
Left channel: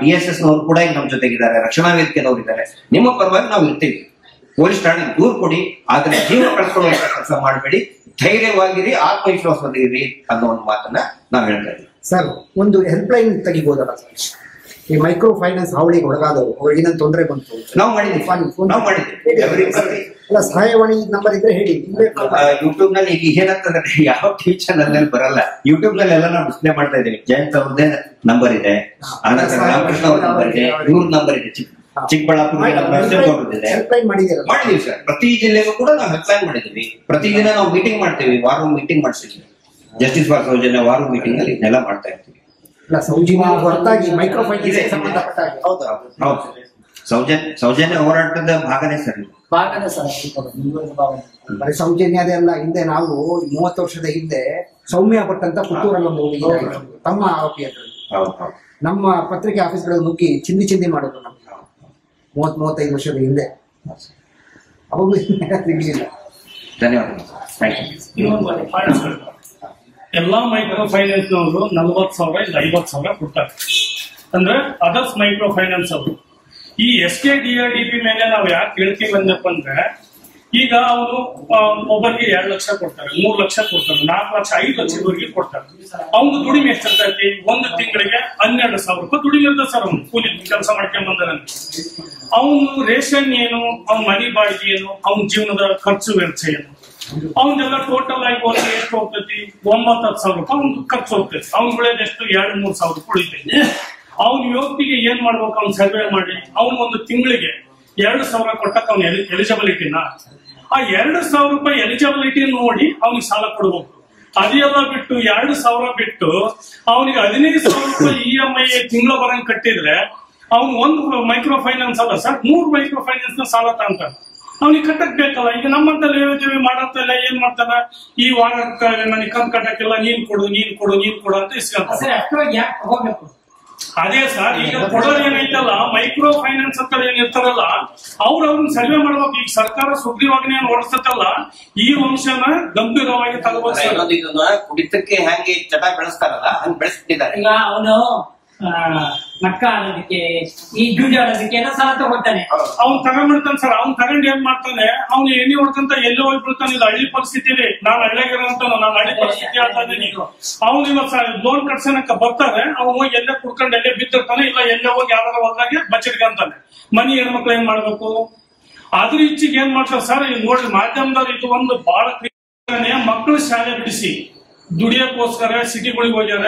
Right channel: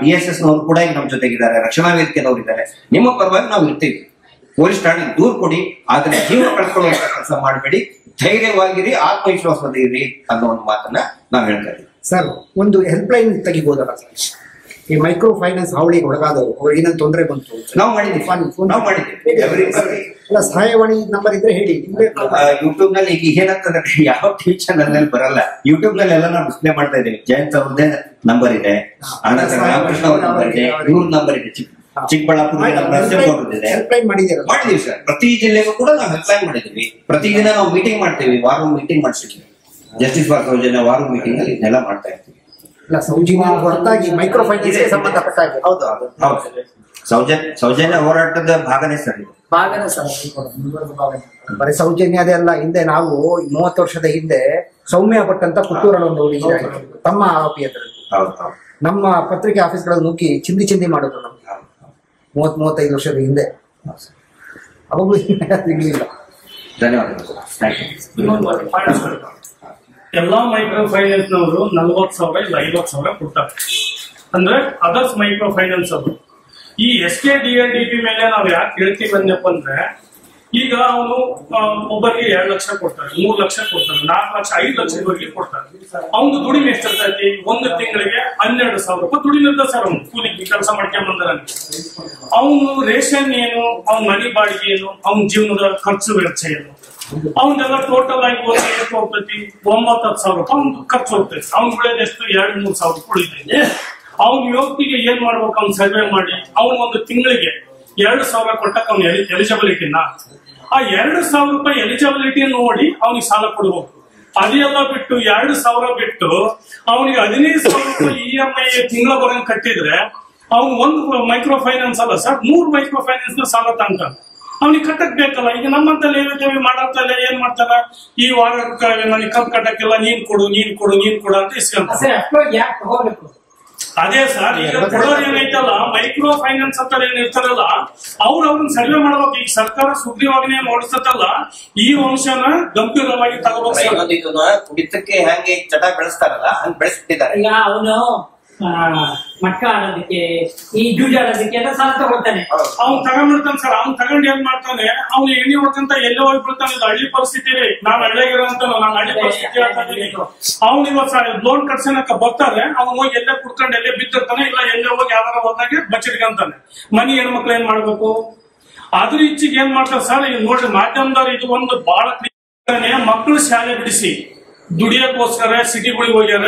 DSS ನವರು ಕೂಡ ಈಗ ನಮ್ಮ ಜೊತೆಗಿದ್ದಾರೆ, ರಕ್ಷಣಾ ವೇದಿಕೆದವರು ಇದ್ದಾರೆ. ನಿಮ್ಮ ಪರವಾಗಿ ನಾವು ಇರ್ತೀವಿ. ಪೊಲೀಸ್ ಠಾಣೆಗೆ ದೂರು ಕೊಡಿ, ಆದ್ರೆ ಜೀವ ಕಳ್ಕೊಳ್ಳುವಂತ ಕೆಲಸ ಮಾಡಬೇಡಿ. ಧೈರ್ಯವಾಗಿರಿ, ಆತ್ಮವಿಶ್ವಾಸವಾಗಿರಿ ಅನ್ನೋ ಒಂದು ಮಾತನ್ನ ನಾವು ಹೇಳ್ತಾ ಇದ್ದೀವಿ. ಸರ್ ಒಂದು ಹೆಲ್ಪ್ ಲೈನ್ ತೆಗಿಬಹುದಲ್ಲ? ಈ ಮೈಕ್ರೋ ಫೈನಾನ್ಸ್ ಹಾವಳಿಗೆ ಒಳಗಾದವರು ಅವ್ರಿಗೆ ಏನಂತ ತೊಂದರೆ ಬಂತು? ನಾವು ಮಾಡಿದ್ವಿ ಅಲ್ಲ, ಸಹಾಯವಾಣಿ ನಂಬರ್ ಇದ್ರೆ ಹೇಳಿ. ಯೂಟ್ಯೂಬ್ ನಲ್ಲಿ ಈಗ ಏನಂತಂದ್ರೆ ಯಾವ ಟಿವಿ ಚಾನಲ್ ನಲ್ಲಿ ಬರಲ್ಲ, ಯೂಟ್ಯೂಬ್ ನಲ್ಲಿ ಎಲ್ಲ ನಾವು ಡಿಸ್ಪ್ಲೇ ಮಾಡ್ತಾ ಇದ್ದೀವಿ. ಜಯಂತ್ ಅವ್ರದ್ದೇ ನಂಬರ್ ಇದೆ, ಆನಂತರ ರಾಮಕೃಷ್ಣ ಅವ್ರ ನಂಬರ್ ಇದೆ, ಇವ್ರ ನಂಬರ್ ಇದೆ, ಚಿಕ್ಕಬಳ್ಳಾಪುರ ಮಾಡಿದೀವಿ ಸರ್. ಪ್ರತಿ ಜಿಲ್ಲೆಗೂ ಕೂಡ ನಾವು ಹೆಲ್ಪ್ಲೈನ್ ಮಾಡಿದೀವಿ. ಪ್ರತಿದಿನ ನಾವು ಮೀಟಿಂಗ್ ಮಾಡ್ತೀವಿ, ವಾರ ಮೀಟಿಂಗ್ ಮಾಡ್ತೀವಿ. ಜಸ್ಟಿಸ್ ಫಾರ್ ಸೌಜನ್ಯ ವಾರ ಮೀಟಿಂಗ್ ಅಲ್ಲಿ ಇದನ್ನೆಲ್ಲ ಮಾಡ್ತಾ ಇರ್ತೀವಿ. ಸೌಜನ್ಯ ಹೊರತಾಗಿ ಮೈಕ್ರೋ ಫೈನಾನ್ಸ್ ಸಂಬಂಧಪಟ್ಟ ಸೌಜನ್ಯ ಹೋರಾಟದ ಭಾಗನೇ ಸರ್ ಇದು. ಬರೀ ಸೌಜನ್ಯದೇ ಅಲ್ಲ, ಹಿಂದೆ ನಾವು 30 ವರ್ಷದ ಹಿಂದೆ ಸೌಮ್ಯ ಭಟ್ ಅಂತ ಪುತ್ತೂರಲ್ಲಿ ಒಂದು ಹುಡುಗಿ ತಮ್ಮ ಆರೋಪಿ ಹತ್ರ ನಮ್ಮ ಪತ್ರಿಕೆ ಆಫೀಸ್ಗಳಲ್ಲಿ ನುಗ್ಗಿ ಚಿಂದಿ ಮಾಡಿದ್ರು ನಮ್ಗೆ 30-35 ವರ್ಷದ ಹಿಂದೆ. ಅವಾಗೂ ಸಿಗ್ಲಿಲ್ಲ. ಧನ್ಯವಾದಗಳು. ಎಲ್ಲಾ ಮೈಕ್ರೋ ಫೈನಾನ್ಸ್ ನವರು 40,000 ಇಲ್ಲ 50,000 ಕೊಡ್ತಾರೆ. ಅಂದ್ರೆ ಅದರ್ಸ್ ಮೈಕ್ರೋ ಫೈನಾನ್ಸ್ ಅವರು ಈ SKDRDP ಮೇಲೆ ನಾವು ಯಾಕೆ ಹೇಳ್ತೀವಿ ಅಂದಪ್ಪ ಅಂದ್ರೆ, ಈಗ ಅವನು ಒಬ್ಬರಿಗೆ 2 ಲಕ್ಷ ಕೊಡ್ತಾರೆ, 3 ಲಕ್ಷ ಕೊಡ್ತಾರೆ, 4 ಲಕ್ಷ 5 ಲಕ್ಷದವರೆಗೆ ಕೊಡ್ತಾರೆ. ಅವನು ದುಡಿಮೆ ಎಷ್ಟಿರ್ತೈತಿ? ಒಂದು ತಿಂಗಳಿಗೆ 12,000 ರೂಪಾಯಿ ದುಡಿಮೆ ಇರ್ತದೆ ಸರ್. ಅವ್ನು ಕೂಲಿ ಕೆಲಸ ಮಾಡ್ಕೊಂಡ್ ಬಂದ ಅವನು ರೇಷನ್ ಏನು, ಅವ್ನ ಮನೆ ಬಾಡಿಗೆ ಏನು, ಅವನ ಜೀವನದ ಖರ್ಚು ವೆಚ್ಚ ಏನು, ಅವನ್ನೆಲ್ಲ ಟೋಟಲ್ ಆಗಿ ಹೋದ್ರೆ ಎಷ್ಟು ಹೋಗ್ತೈತಿ? 9-10,000 ರೂಪಾಯಿ ಅವ್ನು ಖರ್ಚು ಹೋಗ್ತೈತಿ. ಅವ್ನು ಉಳಿಯೋದು ಎಷ್ಟು? 2-3 ಸಾವಿರ ಉಳಿತೈತಿ. ಅವ್ನ ವ್ಯಕ್ತಿಗೆ ಏನ್ ಮಾಡ್ಬೇಕು? ಅವ್ನು ಸರ್ವೆ ಮಾಡಿ ಅವ್ನು ಒಂದು ತಿಂಗಳಿಗೆ 2,000 ಕೊಟ್ಟಕ್ಕೆ ಅವ್ನ ಎಲಿಜಿಬಿಲಿಟಿನ ಆ 2,000 ರೂಪಾಯಿ ಎಲಿಜಿಬಿಲಿಟಿ ನೋಡಿ ಅವ್ನಿಗೆ ಸಾಲ ಕೊಡ್ಬೇಕು. ಅದೆಲ್ಲ ಬಿಟ್ಟು 2,000 ಬಿಟ್ಟು ಅವನಿಗೆ 15,000 ರೂಪಾಯಿ EMI ತಿಂಗಳ ಬರಂಗ್ ಕಟ್ಟಿದ್ರೆ ಅವ್ನು ಒಂದು ಮೈಕ್ರೋ ಫೈನಾನ್ಸ್ ಅಲ್ಲ ಸರ್, 3 ಮೈಕ್ರೋ ಫೈನಾನ್ಸ್ ನ ಸಾಲ ತಗೊಂತಾನೆ. ಅವ್ನಿಗೆ ಕಟ್ಟಕ್ ಬೇಕಲ್ಲ. ಈಗ ನಮ್ಮಂತ ಲೇವಿ ಮಾಡಂತಲ್ಲ ಏನ್ ಮಾಡ್ತಾನ, ಈ ವಾರ ನನಗೆ ಕಂತ್ ಕಟ್ಟಕ್ಕಿಲ್ಲ, ನೀನ್ ಕೊಡು ಅಂತ ಇಸ್ಕೊಂತ. ಅದೇ ಸರ್, ಈಗ ಕೊಡೋರು ಏನೈತಲ್ಲ ಮೈಕ್ರೋ ಫೈನಾನ್ಸ್ ಅಂತ ಏನ್ ಇರ್ತಾರಲ್ಲ ಅವ್ರನ್ನ ಸರ್ವೆ ಮಾಡ್ಬೇಕು. ಈಗ ಸರ್ಕಾರ ಸುಗ್ರೀವಾಜ್ಞೆ ಏನ್ ಹೊರಡಿಸ್ತಲ್ಲ, ಈ ಅಂಶನ ಗಂಭೀರವಾಗಿ ತಗೋಬೇಕು. ಕುಡಿತಕ್ಕೆ ಹೆಂಗೆ ಚಟ ಬೆಳೆಸ್ತಾರಲ್ಲ ಹಂಗ್ ಬೆಳೆಸ್ಬಿಟ್ಟಿದ್ದಾರೆ. ಈಗ ಅವನು ಮಟ್ಟ ಆಡೋದಕ್ಕೆ, ಈ ಜೂಜ ಆಡೋದಕ್ಕೆ ಎಲ್ಲ ಸಾಲ ತಗೋತಾನೆ. ಅವ್ನು ತಗೊಂಡ್ಬಿಡ್ತಾನೆ ಸರ್. ಅವ್ನು ತಗೊಂಡು ಏನ್ ಮಾಡ್ತಾನೆ, ಅವ್ನು ಎಣ್ಣೆ ಹೊಡ್ಕಂತ ಎಲ್ಲೋ ಹೋಗ್ಬಿಡ್ತಾನೆ. ಇದು ಹಳ್ಳಿ ಪರಿಸ್ಥಿತಿ ರೀ. ನಾನು ಹಳ್ಳಿಯಾಗಿರೋಂತ ನಾನು ಹಳ್ಳಿ ಪರಿಸ್ಥಿತಿ ಹೇಳ್ತಾ ಇದ್ದೀನಿ. ಅವ್ನು ಇವತ್ತು ಲೋನ್ ಕಟ್ಸನಕ ಬರ್ತಾರೆ, ಅವ್ನು ಹೋಗಿ ಎಲ್ಲೇ ಕುಡ್ಕೊಂಡು ಎಲ್ಲೇ ಬಿದ್ದಿರ್ತಾನೆ, ಇಲ್ಲ ಎಲ್ಲೇ ಹೋಗಿ ಯಾವ್ದಾರ ಹೋದಾಗೆ ಬಚ್ಚಿಡ್ಕಂತಾನೆ. ಮನಿ ಹೆಣ್ಮಕ್ಳು ಏನ್ ಮಾಡ್ಬೇಕು? ಅದ್ರ ಇಚ್ಚಿಗೆ ಏನ್ ಮಾಡ್ತಾರೆ ಸರ್, ಈಗ ನೋಡ್ರಿ ಮಾಧ್ಯಮದವ್ರು ಇದು ಒಂದು ಬಹಳ ಮಕ್ಕಳು ಶಾಲೆ ಬಿಡಿಸಿ ದುಡಿಯಕ್ಕೋಸ್ಕರ ಸಿಟಿಗಳಿಗೆ ಹೋಗ್ಯಾರ.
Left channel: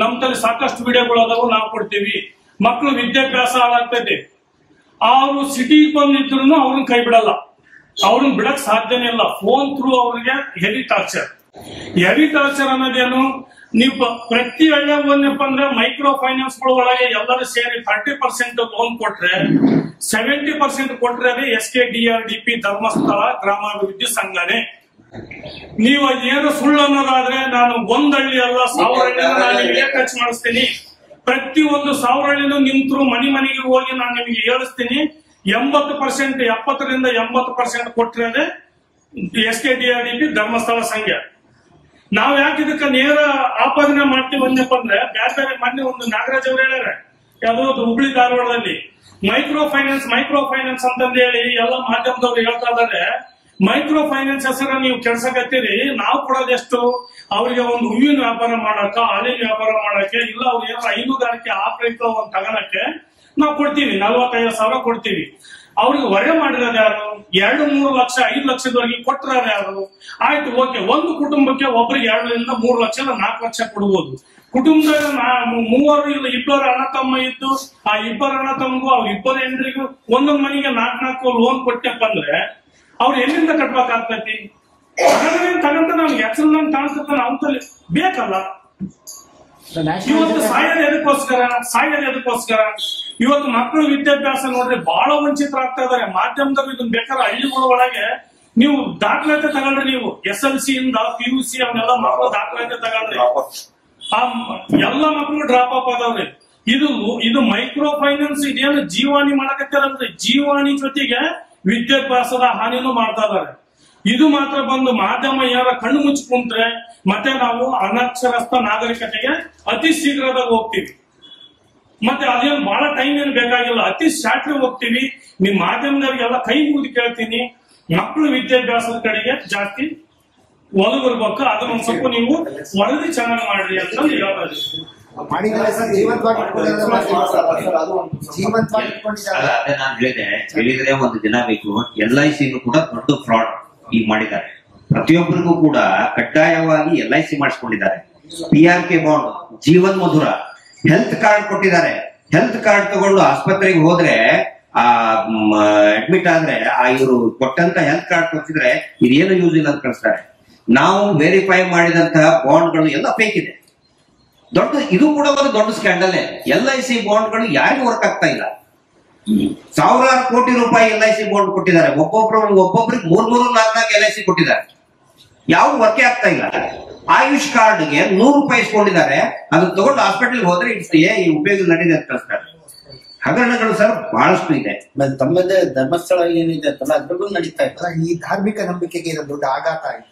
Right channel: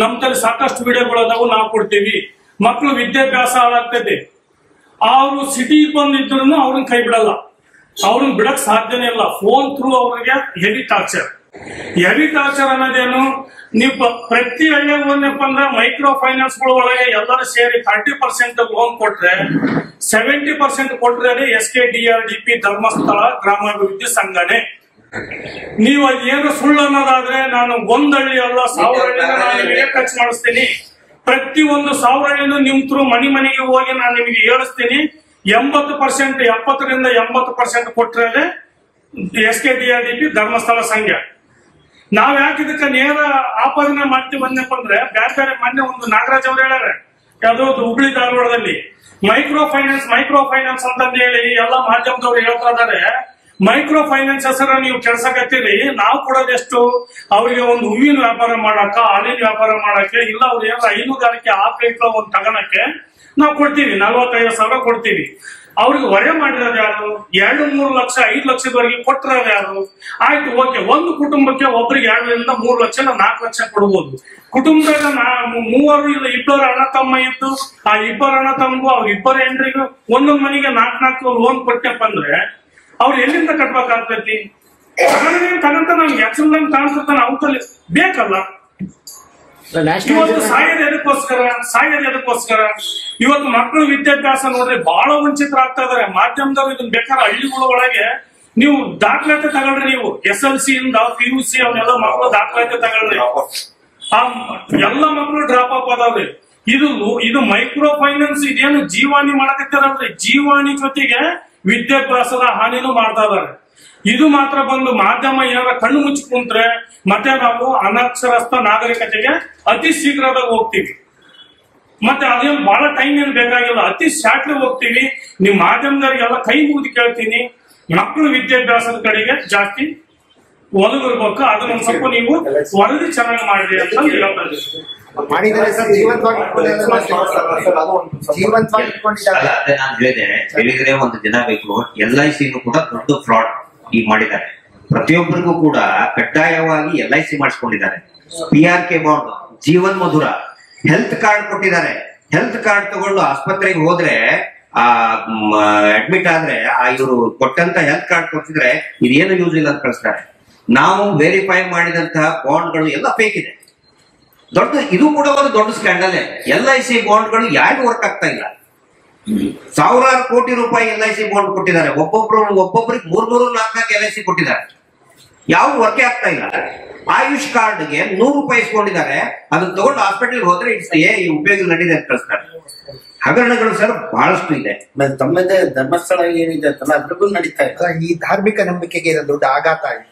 ನಮ್ ತಲೆ ಸಾಕಷ್ಟು ವಿಡಿಯೋಗಳು ಅದಾವು, ನಾವು ಕೊಡ್ತೀವಿ. ಮಕ್ಕಳು ವಿದ್ಯಾಭ್ಯಾಸ ಹಾಳಾಗ್ತೈತಿ. ಅವರು ಸಿಟಿಗೆ ಬಂದಿದ್ರು ಅವ್ರನ್ನ ಕೈ ಬಿಡಲ್ಲ, ಅವ್ರನ್ನ ಬಿಡಕ್ ಸಾಧ್ಯನೇ ಇಲ್ಲ. ಫೋನ್ ಥ್ರೂ ಅವ್ರಿಗೆ ಹೆವಿ ಟಾರ್ಚರ್ ಅನ್ನೋದೇನು, ನೀವು ಪ್ರತಿ ಹಳ್ಳಿಯಾಗ ಏನಪ್ಪ ಅಂದ್ರೆ ಮೈಕ್ರೋ ಫೈನಾನ್ಸ್ ಗಳ ಒಳಗೆ ಎಲ್ಲರೂ ಸೇರಿ 30% ಲೋನ್ ಕೊಟ್ರೆ 70% ಕೊಟ್ರೆ ಅದೇ SKDRDP ಧರ್ಮಸ್ಥಳ ಗ್ರಾಮಾಭಿವೃದ್ಧಿ ಸಂಘನೇ. ನೀವು ಅದೇನು ಸುಳ್ಳು ಅನ್ನೋದಾದ್ರೆ ನಾನು ಒಂದಳ್ಳಿ ಅಲ್ಲ 1000 ಹಳ್ಳಿನ ನಾನು ನಿಮಗೆ ಟಚ್ ಮಾಡಿಸ್ತೀನಿ. ಪ್ರತಿ ಒಂದು 1000 ಹಳ್ಳಿನೂ ನಿಮ್ ಥ್ರೂ ಮನೆಗೆ ಹೋಗಿ ನಾನು ನಿಮಗೆ ಹೇಳಿಸ್ತೀನಿ. 70% 70ರಿಂದ 80% ಕೊಟ್ಟರೆ SKDRDP ಧರ್ಮಸ್ಥಳ ಸಂಘ. ನಾವ್ ಯಾಕೆ ಇದಕ್ಕೆ ನೇರ ಆಪಾದನೆ ಮಾಡ್ತೀವಿ ಅಂದಪ್ಪ ಅಂದ್ರೆ, ಬೇರೆ ಮೊನ್ನೆ ಒಂದು ನಾಗರಾಜ್ ಅವ್ರು ಹೇಳ್ಯಾರ, ಯಾವ್ದೋ ಹುಬ್ಳಿ ಧಾರವಾಡದಲ್ಲಿ ಮೈಕ್ರೋ ಫೈನಾನ್ಸ್ ಅಂತಂದು ಹೇಳಿ ಎಲ್ಲ ಮಾಧ್ಯಮದವ್ರು ಹೇಳ್ತಾ ಇದಾರೆ. ಮೈಕ್ರೋ ಫೈನಾನ್ಸ್ ಹೆಸರ ನೀವು ಕೆಲ್ಸಕತ್ತೀರಿ. ನಾವು ಕೊಡೋದೆಷ್ಟು? ಅವ್ರಿಗೆ ಒಂದು ಹೂವಿನ ವ್ಯಾಪಾರ ಮಾಡಕ, ಹಾಲಿನ ವ್ಯಾಪಾರ ಮಾಡಕ್ಕೆ, ಇಲ್ಲ ಅವ್ರು ಏನಾರ ಹೈನುಗಾರಿಕೆ ಆಕಳಿಗಳ ಒಂದು ತಗೋಣಕ್ಕೆ ನಾವು ಕೊಡ್ತೀವಿ. 45,000 ಕೊಡ್ತೀವಿ. ಅವ್ರಿಗೆ ಹೊರೆ ಮಾಡಿರೋದು ಯಾರು? 2-3 ಲಕ್ಷ 5 ಲಕ್ಷದವರೆಗೆ ಕೊಟ್ಟಿರೋದು ಯಾರು? ಆಯ್ತು, ಓಕೆ. ಒಂದು ಕುಟುಂಬಕ್ಕೆ ಒಬ್ಬರಿಗೆ 2ರಿಂದ 3 ಲಕ್ಷ 4 ಲಕ್ಷ ಕೊಡ್ಬೋದು. ಕುಟುಂಬದಾಗ 3 ಇಲ್ಲ 2 ಅಣ್ಣ ತಮ್ಮ ಇದ್ದು, ಆ 2 ಅಣ್ಣ ತಮ್ಮಗೂ ಅವ್ರ 2 ಹೆಂಡ್ರಿಗೂ ಒಂದೊಂದ್ ಮನೆಗೆ 4 ಲೋನ್ ಕೊಟ್ಟಪ್ಪ ಅಂದ್ರೆ ಅವ್ರು ಎಲ್ಲಿಂದ ಕಟ್ಬೇಕಾಗ್ತೈತಿ? ತಗಂತ ನಮ್ಗೆ ಎಕ್ಸಲ್ದಂಗ್ ಕಾಣಿಸ್ತಾನೆ ಅವತ್ತಲ್ಲಿ ಬೇಕಲ್ಲ. ಇವತ್ತು ಸಾಯೋದು ಎದಕ್ಕೋಸ್ಕರ? ಇವತ್ತು ಮಕ್ಕಳು ವಿದ್ಯಾಭ್ಯಾಸ ನೋಡ್ರಿ ಬಹಳ ವಂಚಿತರಾಗ್ತಾ ಇದಾರೆ. ಮಾಧ್ಯಮದವ್ರು ಇದನ್ನ ಬೇಕಾದ್ರೆ ಹಳ್ಳಿಗಳ ಒಳಗೆ ನೀವು ದಾಖಲಾತಿ ತಗೊಳ್ರಿ. ನೀವು SLC ಇಂದ PUC ಅವನ್ನೆಲ್ಲ ಮಕ್ಕಳು ದಾಖಲಾತಿ ತಗೊಳ್ರಿ. ಆ ಎಲ್ಲ ಮಕ್ಕಳು ಡ್ರಾಪ್ ಅಪ್ ಆದವ್ರಿ. ಇದು ಮೈಕ್ರೋ ಫೈನಾನ್ಸ್ ಇದೇನು ಜೀವಾಣಿ ಮಾಡಕತ್ತಾರಲ್ರಿ, ಜೀವಾಣಿ ಜೊತೆಗೆ ವಿದ್ಯಾಭ್ಯಾಸದ ಹಾನಿನೂ ಮಾಡ್ತಾ ಇದಾರೆ. ಇದು ಮಾತ್ರ ಬಂದು ಮಾಧ್ಯಮ ಏನಾರ ಕಣ್ಣು ಮುಚ್ಚಿ ಕುಂತ್ರೆ ಮತ್ತೆ ನಾವು ಅನಕ್ಷರಸ್ಥ ನಾಗರಿಕತೆಗೆ ಅತಿ ಶೀಘ್ರದಾಗ ಹೋಗ್ತೀವಿ. ಮತ್ತೆ ಅದೇನು ಬಹಳ ಟೈಮ್ ಏನು ಬೇಕಾಗಿಲ್ಲ, ಅತಿ ಶಾರ್ಟ್ಲಿ ಹೋಗ್ತೀವಿ. ನಿಮ್ ಮಾಧ್ಯಮದವರಿಗೆಲ್ಲ ಕೈ ಮುಗಿದು ಕೇಳ್ತೀನಿ, ಮಕ್ಕಳು ವಿದ್ಯಾಭ್ಯಾಸದ ಕಡೆಗೆ ಜಾಸ್ತಿ ಒಲವಿರ್ಬೇಕು. ಅದನ್ನ ಸ್ವಲ್ಪ ನೀವು ವರದಿ ಚೆನ್ನಾಗಿ ಮಾಡ್ರಿ ಅಂತ ಹೇಳ್ತಾ ಇದ್ದೀವಿ. ಮಾಡಿದ್ದಾರೆ ಸರ್, ಜೀವಂತವಾಗಿ ಇಟ್ಕೊಂಡಿದ್ದಾರೆ. ಅಲ್ಲ, ಅದೇ ನಾನು ಹೇಳಿದ್ರೆ ಒಂದು ದಿನ ಬೇಕು. LIC ಕೂಡ ದೊಡ್ಡ ಫ್ರಾಡ್ ಈ ಮಾಡಿದ್ದಾರೆ. ಪ್ರತಿಯೊಬ್ಬರಿಗೂ ಕೂಡ ಕಡ್ಡಾಯವಾಗಿ LIC ಮಾಡಿಸ್ಕೊಂಡಿದ್ದಾರೆ. PRK ಬಾಂಡ್, ಜೀವನ್ ಮಧುರ, ಹೆಲ್ತ್ ಕಾರ್ಡ್ ಕೊಟ್ಟಿದ್ದಾರೆ. ಹೆಲ್ತ್ ಕಾರ್ಡ್ ತಗೊಂಡು ಆಸ್ಪತ್ರೆಗೆ ಹೋದ್ರೆ ಅಡ್ಮಿಟ್ ಆದ್ರೆ ಇವರು ಕೊಟ್ಟಂತ ಹೆಲ್ತ್ ಕಾರ್ಡ್ ಕೊಟ್ಟಿದ್ರೆ ಇದೇನು ಯೂಸ್ ಇಲ್ಲ ಅಂತ ಕಳಿಸ್ತಾರೆ. ನಾವು ವೆರಿಫೈ ಮಾಡಿದಂತಹ ಬಾಂಡ್ಗಳು ಎಲ್ಲ ಫೇಕ್ ಇದೆ. ಇದು ಕೂಡ ಒಂದು ದೊಡ್ಡ ಸ್ಕ್ಯಾಂಡಲ್. LIC ಬಾಂಡ್ಗಳು ಯಾರಿಗೂ ವರ್ಕ್ ಆಗ್ತಾ ಇಲ್ಲ. ಸಾವಿರಾರು ಕೋಟಿ ರೂಪಾಯಿ LIC ಬಾಂಡ್ ಕೊಟ್ಟಿದ್ದಾರೆ. ಒಬ್ಬೊಬ್ಬರಿಗೆ 3-4 LIC ಕೊಟ್ಟಿದ್ದಾರೆ. ಯಾವ್ದು ವರ್ಕೇ ಆಗ್ತಾ ಇಲ್ಲ. ಆಯುಷ್ ಕಾರ್ಡ್ಗೆ 100 ರೂಪಾಯಿ ಇಸ್ಕೊಂಡಿದ್ದಾರೆ. ಅದನ್ನ ತಗೊಂಡು ಹಾಸ್ಪಿಟಲ್ ಹೋದ್ರೆ ಈ ಉಪಯೋಗ ನಡೀದೆ ಅಂತ ಕಳಿಸ್ತಾರೆ. ಹಗರಣಗಳು ಸರ್ ಬಹಳಷ್ಟು ಇದೆ. ತಮ್ಮದೇ ಧರ್ಮಸ್ಥಳ ಏನಿದೆ ಅಂತಲ್ಲ ಅದ್ರಿಗೂ ನಡೀತಾ ಇದೆ. ಈ ಧಾರ್ಮಿಕ ನಂಬಿಕೆಗೆ ಇದು ದೊಡ್ಡ ಆಘಾತ ಆಗಿದೆ.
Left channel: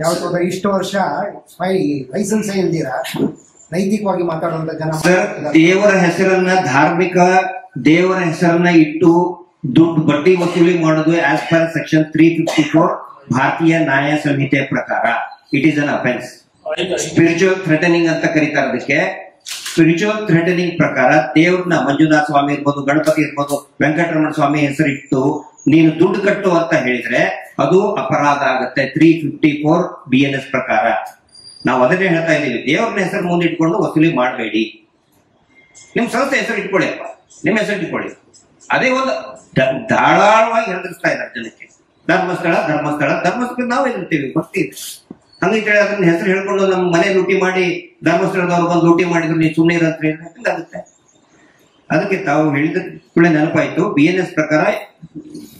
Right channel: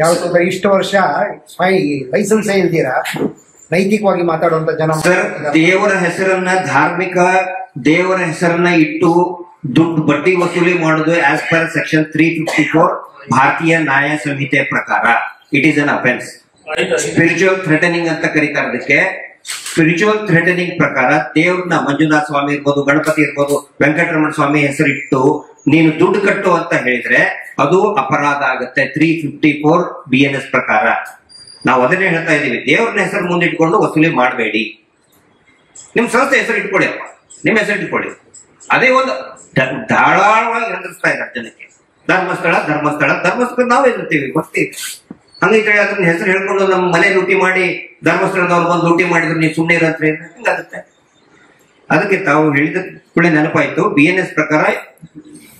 ಯಾವತ್ತಂದ್ರೆ ಇಷ್ಟು ವರ್ಷ ಲೈಸೆನ್ಸ್ ಇಲ್ದಿರಾ ನೈತಿಕವಾಗಿ ಮಾತಾಡುವಂತ ಜನ ದೇವರ ಹೆಸರನ್ನ ದೇವರ ಹೆಸರನ್ನ ಇಟ್ಟು ದುಡ್ಡು ಬಡ್ಡಿ ವಸೂಲಿ ಮಾಡುದು ಆಸ್ ಪರ್ ಸೆಕ್ಷನ್ 354 ಭಾರತೀಯ ನ್ಯಾಯ ಸಂಹಿತೆ ಪ್ರಕಾರ it is an offence. Spiritual threatening ಅಂತ ಕರೀತಾರೆ ಅದಕ್ಕೆ. ಸ್ಪಿರಿಚುವಲ್ ಥ್ರೆಟನಿಂಗ್ ಪ್ರಕಾರ ದೇವ್ರನ್ನ ಮಂಜುನಾಥ ಸ್ವಾಮಿ ಇರ್ಬೋದು, ಗಣಪತಿ ಇರ್ಬೋದು, ವೆಂಕಟರಮಣ ಸ್ವಾಮಿ ಹೆಸರಿಟ್ಟು ನೀನು ದುಡ್ಡು ಕಟ್ಟು ಅಂತ ಹೇಳಿದ್ರೆ ಅದು ಅಪರಾಧ ಆಗತ್ತೆ 354 BNS ಪ್ರಕಾರ. ನಾವು ಅದನ್ನೇ ಹೇಳ್ತಾ ಇದೀವಿ. ದೇವ್ರನ್ನ ಹೆಸರು ಮುಂದಿಟ್ಕೊಂಡು ವಸೂಲಿ ಮಾಡಬೇಡಿ. ನಿಮ್ ಸಂಸ್ಥೆ ಹೆಸರು ಇಟ್ಕೊಳ್ಳಿ ಅಪ್ಪ, ನಿಮ್ ಹೆಸರು ಇಟ್ಕೊಳ್ಳಿ. ಅದೇ ಒಂದು ಧಾರಾಳವಾಗಿ ಹೆದರ್ಸ್ತಾ ಇದ್ದಾರೆ ಜನಕ್ಕೆ. ಧರ್ಮಸ್ಥಳ ನಾವು ಎದುರ್ತೀವಿ, ಗೊತ್ತೀವಿ. ಹಂಗೆ ಅದನ್ನ ಹೆಸರು ಹೇಳ್ಕೊಂಡು ನಮ್ಮ ಮನೆ ಲೂಟಿ ಮಾಡಿ ಧರ್ಮಸ್ಥಳದವ್ರು ಬಂದು ಲೂಟಿ ಮಾಡಿದ್ರು ನೀವು ಸುಮ್ಮನೆ ಇರತ್ತೆ ಹಿಂಗಾಗುತ್ತೆ. ಅದಕ್ಕೆ ತಾವು ಹೇಳಿದ ಕೂಡ ನೆನಪಾಯ್ತು. BNS ಪ್ರಕಾರ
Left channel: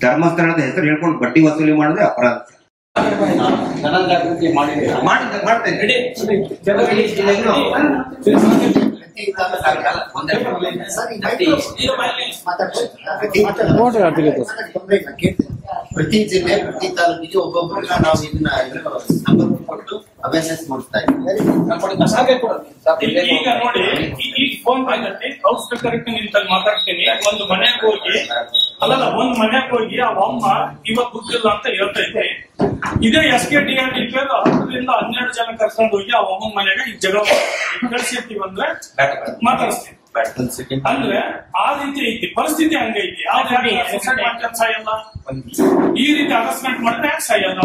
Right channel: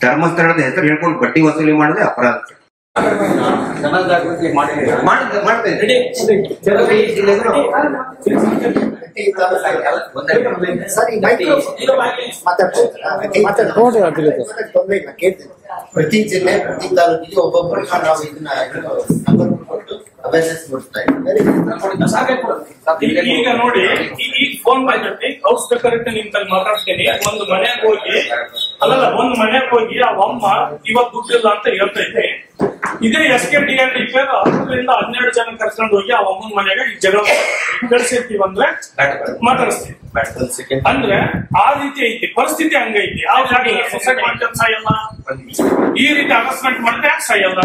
ಧರ್ಮಸ್ಥಳದ ಹೆಸರು ಹೇಳ್ಕೊಂಡು ಬಡ್ಡಿ ವಸೂಲಿ ಮಾಡಿದ್ರೆ ಅಪರಾಧ. ಜನಜಾಗೃತಿ ಮಾಡ್ತೇವೆ. ಪ್ರತಿ ಜಿಲ್ಲೆ ಪ್ರತಿ ತಾಲೂಕಿಗೆ ಒಬ್ಬೊಬ್ಬರಿಗೆ ನಾವು ಇದನ್ನ ನಂಬರ್ ಕೊಟ್ಟು ಅವೇರ್ನೆಸ್ ಮೂಡಿಸ್ತಾ ಇದ್ದೀವಿ. ಈಗ ನೋಡಿ, ಈ ಫೋನ್ ಬಂದೈತಿ, ಹೌಸ್ ಡೆಕೋರೇಟ್ ನಿಂತಲ್ಲಿ ಮಾತಾಡ್ತೀನಿ. ಒಂದು ಮನೆಗೆ ಹೋಗಿ ಆ ಅಮ್ಮ ಇವತ್ತು ದುಡ್ಡಿಲ್ಲ ಅಂತ ಹೇಳ್ತೈತೆ. ಇದೇ SKDRD 10ರಿಂದ 12 ಜನ ಕರ್ಕೊಂಡು ಹೋಗಿ ಆ ಅಮ್ಮನ ಮನೆಗೆ ಈ ಜಗಳ ಕಳ್ಸಿರ್ತೀವಿ ಅಂದ್ರೆ ಮಾತಾಡಿಸ್ತೀವಿ. ಅಂದ್ರೆ ಆ ರೀತಿ ಐತಿ ಪರಿಸ್ಥಿತಿ, ಹಂಗೈತಿ. ಆ ಸೊಸೈಟಿ ಮಾಡ್ಕೊಂಡು ಸಾಯಲ್ಲ, ಈ ರೀತಿ ಅನೌನ್ಸ್ಮೆಂಟ್ ಮಾಡಿದ್ರೆ ಯಾಕೆ ಸಾಯಲ್ಲ?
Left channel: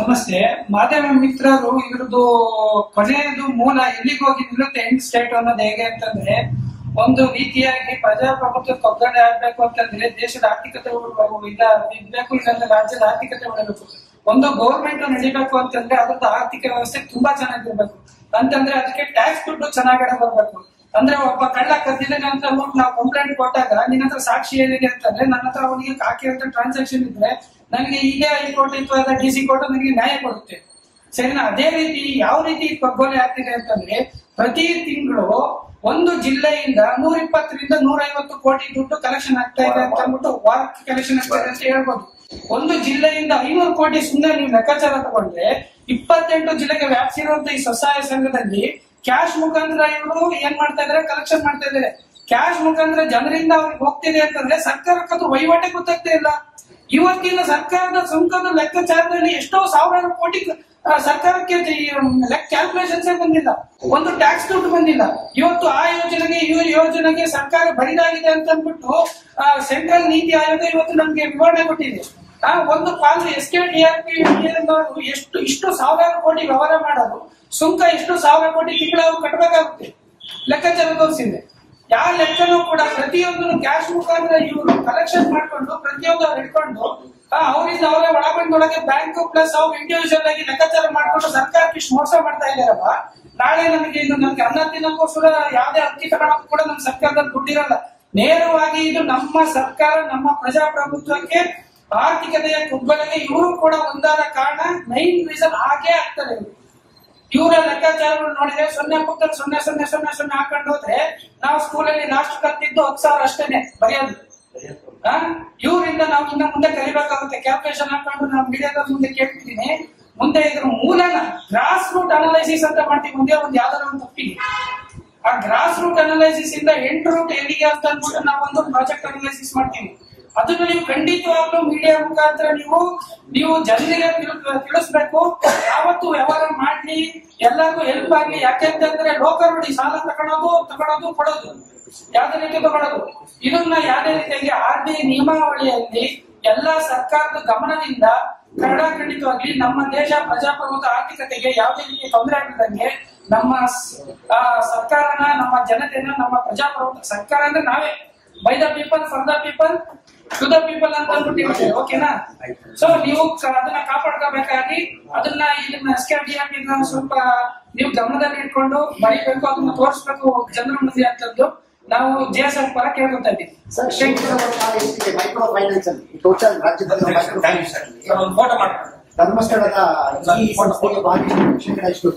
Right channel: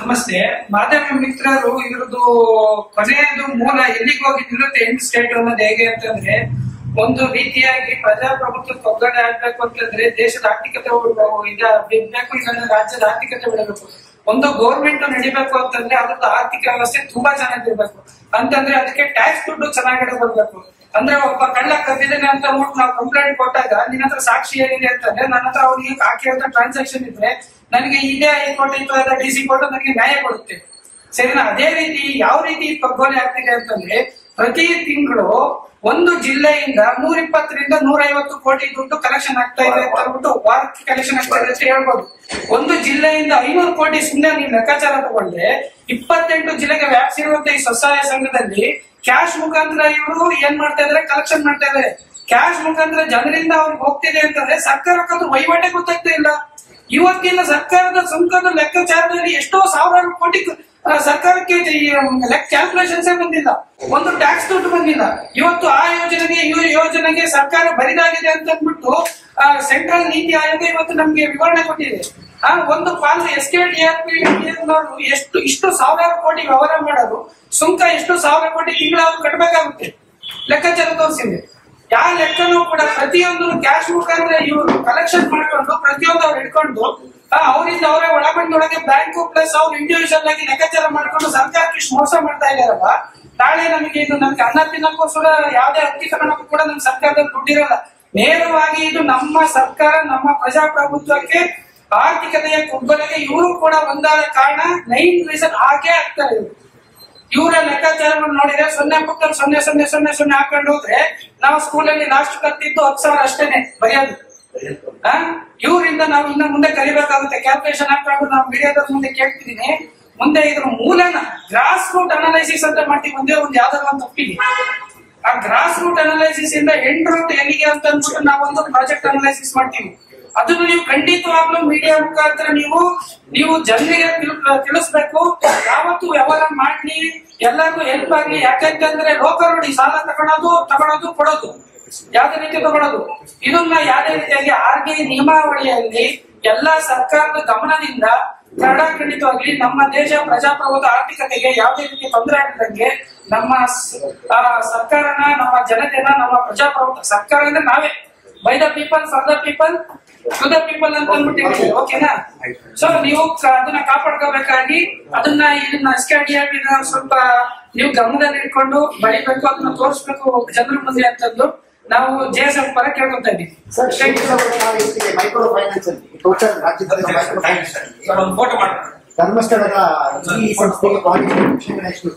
ನಮಸ್ತೆ. ಮಾಧ್ಯಮ ಮಿತ್ರರು ಇದ್ರದ್ದು ಕೊನೆಯದು ಮೂಲ ಎಲ್ಲಿಗೆ ಹೋಗಿ ನಿಲ್ಲುತ್ತೆ ಎಂಡ್ ಸ್ಟೇಟ್ ಅನ್ನೋದು ಹೇಗೆ ಅಂತಂದ್ರೆ, ಒಂದು ರೀತಿಯಾಗಿ ಪ್ರಜಾಪ್ರಭುತ್ವ ಒಗ್ಗಡೆ ಆಗ್ಬೇಕು ಅಂತಂದ್ರೆ ದೇಶದ ಆರ್ಥಿಕತೆ ಇರ್ಬೇಕು, ಇಲ್ಲಾಂದ್ರೆ ರಾಜ್ಯದ ಆರ್ಥಿಕತೆ ಉಳಿಬೇಕು. ಒಂದು ಗೌರ್ಮೆಂಟ್ ನಡಿಬೇಕು ಅಂತಂದ್ರೆ ಅದ್ರದ್ದು ಆರ್ಥಿಕ ವ್ಯವಸ್ಥೆ ತುಂಬಾ ಚೆನ್ನಾಗಿರ್ಬೇಕು. ಅಂತಂದ್ರೆ ಅದಕ್ಕೆ ಟ್ಯಾಕ್ಸ್ ದುಡ್ಡು ಚೆನ್ನಾಗಿ ಬರ್ಬೇಕು. ಅಂದ್ರೆ ಒಬ್ಬ ಕಳ್ಳ ಕದ್ದಿದ್ದೇನೆ ಅಂತ ಅಂದ್ಬಿಟ್ಟು ನಾವು ಕಂಪ್ಲೇಂಟ್ ಕೊಟ್ಟಾಗ ನಿನ್ನ ಹತ್ರ ಸಾಕ್ಷಿ ಏನಿದೆ ಅಂತಂದ್ರೆ ನನ್ನ ಹತ್ರ ಅವನಿಗೆ ಹಾಕಿರೋ ಟ್ರಾನ್ಸಾಕ್ಷನ್ ಇದ್ರೆ ನನಗೆ ಇದೇ ಹೈಕೋರ್ಟ್ ಅಥವಾ DC ಕೋರ್ಟ್ ನನಗೆ ನ್ಯಾಯ ಕೊಡುತ್ತೆ. ಸರಿನಾ? ಅದೇ ರೀತಿ ಯಾವ ರೀತಿ ಕಗ್ಗೊಲೆ ಆಗ್ತಿದೆ ಅಂತಂದ್ರೆ ಪ್ರತಿ ತಿಂಗಳು ಒಂದು ಜಿಲ್ಲೆಯಿಂದ 120ರಿಂದ 150 ಕೋಟಿ ದುಡ್ಡು ಕಲೆಕ್ಷನ್ ಆಗ್ತಾ ಇದೆ ಅಂತ ಅಂದ್ಬಿಟ್ಟು ವಾರಕ್ಕೆ ಕಲೆಕ್ಷನ್ ಆಗ್ತಾ ಇದೆ ಅಂತ ಹೇಳ್ಬೋದು. ಒಂದು ಜಿಲ್ಲೆಯಿಂದ 500 ಕೋಟಿ ಸುಮ್ಮನೆ ನೀವು ಲೆಕ್ಕಾಚಾರ ತಗೊಂಡ್ರೆ 28 ಜಿಲ್ಲೆಗೆ ವ್ಯಾಪ್ಸಿರುವಂತ ಈ ಸ್ವಸಹಾಯ ಸಂಘದಲ್ಲಿ ಕ್ಯಾಶ್ ಮುಖಾಂತರ ಇವರು ಏನ್ ಮಾಡ್ತಾ ಇದಾರೆ, ಕಲೆಕ್ಷನ್ ಮಾಡ್ತಾ ಇದಾರೆ. ಕ್ಯಾಶ್ ಮುಖಾಂತರ ಜನರಿಂದ ಅವ್ರಿಗೆ ಹೋಗ್ತಿದೆ ಅಂತಂದ್ರೆ ಸರ್ಕಾರಕ್ಕಂತೂ ವಹಿವಾಟೆ ಗೊತ್ತಾಗ್ತಾ ಇಲ್ಲ. ಇವತ್ತಿನ ಸರ್ಕಾರದ ಸುಂಕದ ಲೆಕ್ಕಾಚಾರದಲ್ಲಿ ಎಷ್ಟೋ ಸಾವಿರಾರು ಕೋಟಿ ಸರ್ಕಾರಕ್ಕೆ ಕ್ಯಾಲ್ಕುಲೇಷನ್ಸ್ ಬಂದಿಲ್ಲ, ಒಂದು ಟ್ಯಾಕ್ಸ್ ದುಡ್ಡು ಬಂದಿಲ್ಲ. ಇವತ್ತು ಆ ಯೋಜನೆಗೆ ಈ ಯೋಜನೆಗೆ ಸರ್ಕಾರ ಬರಿದಾಗಿದೆ ಅಂತ ಅಂದ್ಬಿಟ್ಟು ಸೆಂಟ್ರಲ್ ನೀತಿ ಆಯೋಗ ಇವತ್ತು ನಮ್ಗೆ ವಿವರಣೆ ಕೊಟ್ಟಿದೆ. ಒಂದು ಪಾಲು SKDRP ಇಷ್ಟು ಸಾವಿರಾರು ಕೋಟಿ ವ್ಯವಹಾರ ಮಾಡೋದು, ಸುಂಕ ಎಷ್ಟು 1000 ಕೋಟಿ ತಿಂಗಳು ಅವ್ರು ಕಟ್ಟಬೇಕಾಗುತ್ತೆ. ಲೆಕ್ಕಾಚಾರ ತೋರಿಸಿದೆ. ಯಾವ ಲೆಕ್ಕನೂ ಕೂಡ ಪ್ರತಿಯೊಂದು ಕ್ಯಾಶ್ ಮುಖಾಂತರ ಇವರು ಕಲೆಕ್ಷನ್ ಮಾಡ್ಕೊಂಡು ಪ್ರತಿಯೊಂದು ಅವ್ರು ಇಟ್ಕೊಂಡು ಅವರಿಂದ ಅವರೇ ಒಳಗೊಂಡೊಳಗೆ ಬ್ಯಾಂಕ್ ಪ್ಲಸ್ ಅವ್ರು ಇಂಡಿವಿಜುವಲ್ ಆಗಿ ಲೆಕ್ಕಾಚಾರ ಮಾಡ್ಕೊಂಡು ಸರ್ಕಾರಕ್ಕೆ ಇಷ್ಟು ಮೋಸ ಮಾಡ್ತಾ ಇದಾರಲ್ಲ. ನಾಳೆ ನಮಗೆ ಅನ್ನ ತಿನ್ನಕ್ಕೋಸ್ಕರ ಯಾವ್ದೇ ಅಕ್ಕಿ ತಗೊಳಕ್ಕೂ ಕೂಡ ನಮ್ ಸರ್ಕಾರದಲ್ಲಿ ದುಡ್ಡಿರಲ್ಲ. ನೇರವಾಗಿ ಇದು ನಮ್ಮ ಸರ್ಕಾರ, ನಮ್ಮ ಪ್ರಜಾಪ್ರಭುತ್ವಕ್ಕೆ, ಆರ್ಥಿಕತೆಯ ಕುಗ್ಗಲಿಗೆ ಇವರು ಕೂಡ ಒಂದಾದ ಕಾರಣ 9 ರೀಸನ್ ಆಗೇ ಆಗ್ತಾರೆ. ಇವರ ಲೆಕ್ಕಾಚಾರಗಳು ನೋಡಿದ್ರೆ 0.000000 ಹಾಕೊಂಡು ಹೋದ್ರೆ ನಾವು ಸ್ಕೂಲಲ್ಲಿ ಲಾಸ್ಟ್ ಕತ್ತಿದ್ದು 10,000 ಅಷ್ಟೇನೆ ಬರೆಯೋದು. ಇವರಿಂದ ನಾವು ಇನ್ನ ಮುಂದೆ ಕಲಿಬೇಕಾಗುತ್ತೆ. ಕ್ಯಾಲ್ಕುಲೇಷನ್ ಹಾಕೊಂಡು ನಾವು ಮೀಡಿಯಾದ ಮುಂದೆ ಕೇಳ್ತಿದ್ದೀನಿ. ಮುಂದೆ ಇದ್ರ ಮೂಲನ ಗ್ರಾಸ್ ರೂಟ್ ಅನಾಲೈಸಿಸ್ ಅಂತ ಮಾಡ್ತೀವಿ. ಒಂದೇ ಒಂದು ಯಾವ್ದಾದ್ರು ಒಂದು ತಪ್ಪಿಗೆ ಆ ಗ್ರಾಸ್ ರೂಟ್ ಅನಾಲೈಸಿಸ್ ಇಂದ ಎಂಡ್ ರೂಟ್ ಎಲ್ಲಿಗೆ ಅಂತ ಅಂದ್ಬಿಟ್ಟು ನಾವೊಂದು ಪ್ರಾಜೆಕ್ಟ್ ಅನಾಲೈಸಿಸ್ ಮಾಡ್ತೀವಿ. ಅದನ್ನು ನೀವು ಖಂಡಿತವಾಗ್ಲೂ ಮೀಡಿಯಾ ಮುಖಾಂತರ ನೀವು ಜನರಿಗೆ ತಿಳಿಸ್ಬೇಕು. ಯಾವತ್ತು ವ್ಯವಹಾರ ಮಾಡ್ಲಿ ಎಲ್ಲರಿಗೂ ಹೆಲ್ಪ್ ಆಗ್ಲಿ. ಯಾಕೆಂತಂದ್ರೆ ಲೋಕರುಡಿ ಸಾಲ ತಗೊಳೋದು ಕೊಡೋದು ಯಾವ್ದೇ ರೀತಿ ತಗೊಳ್ಳೋದು, ಇದನ್ನ ಯಾವ್ದೇ ರೀತಿಯಾಗಿ RBI ನಿಯಮಾವಳಿಯಲ್ಲಿ ಎಲ್ಲಾ ಸರ್ಕಾರದ ಗಮನದಿಂದ ಖಂಡಿತವಾಗ್ಲಿ ನಮ್ಮ ದೇಶ ಪ್ರಜಾಪ್ರಭುತ್ವ ಆರ್ಥಿಕತೆಗೆ ಯಾವುದೇ ರೀತಿ ತೊಂದರೆ ಆಗದಂಗೆ ನಮ್ಮ ಸರ್ಕಾರನ, ನಮ್ಮ ಜನತೆನ, ನಮ್ಮ ಪ್ರಜಾಪ್ರಭುತ್ವ ಸರ್ಕಾರ ಅಂದ್ರೆ ನಾವೇ by the people for the people to the people ಅಂತ ಅಂದ್ಬಿಟ್ಟು ಓಕೆನಾ. ಸೊ ನೀವು ಅದನ್ನ ಕಾಪಾಡ್ಕೋಬೇಕಾಗಿ ಇದನ್ನ SKDRP ಸ್ವಲ್ಪ ನೀವು ಗಮನದಲ್ಲಿ ಇಟ್ಕೊಂಡು ಬರೀಬೇಕು, ಅದನ್ನ ತೋರಿಸ್ಬೇಕು ಜನರ ಮುಂದೆ ಅಂತಂದು ನಾವು JSF ಪರ ಕೇಳ್ಕೊತಾ ಇದ್ದೀವಿ. ಮೈಕ್ರೋ ಫೈನಾನ್ಸ್ ಅಲ್ಲಿ ಟೋಟಲ್ ರಾಜ್ಯದಲ್ಲಿ ಫೋಟೋ ಮಾಡಿ ಧರ್ಮಸ್ಥಳದ ಈ ಸಂಸ್ಥೆಗೆ ಭಾಗಿಸಿದ ಎಷ್ಟು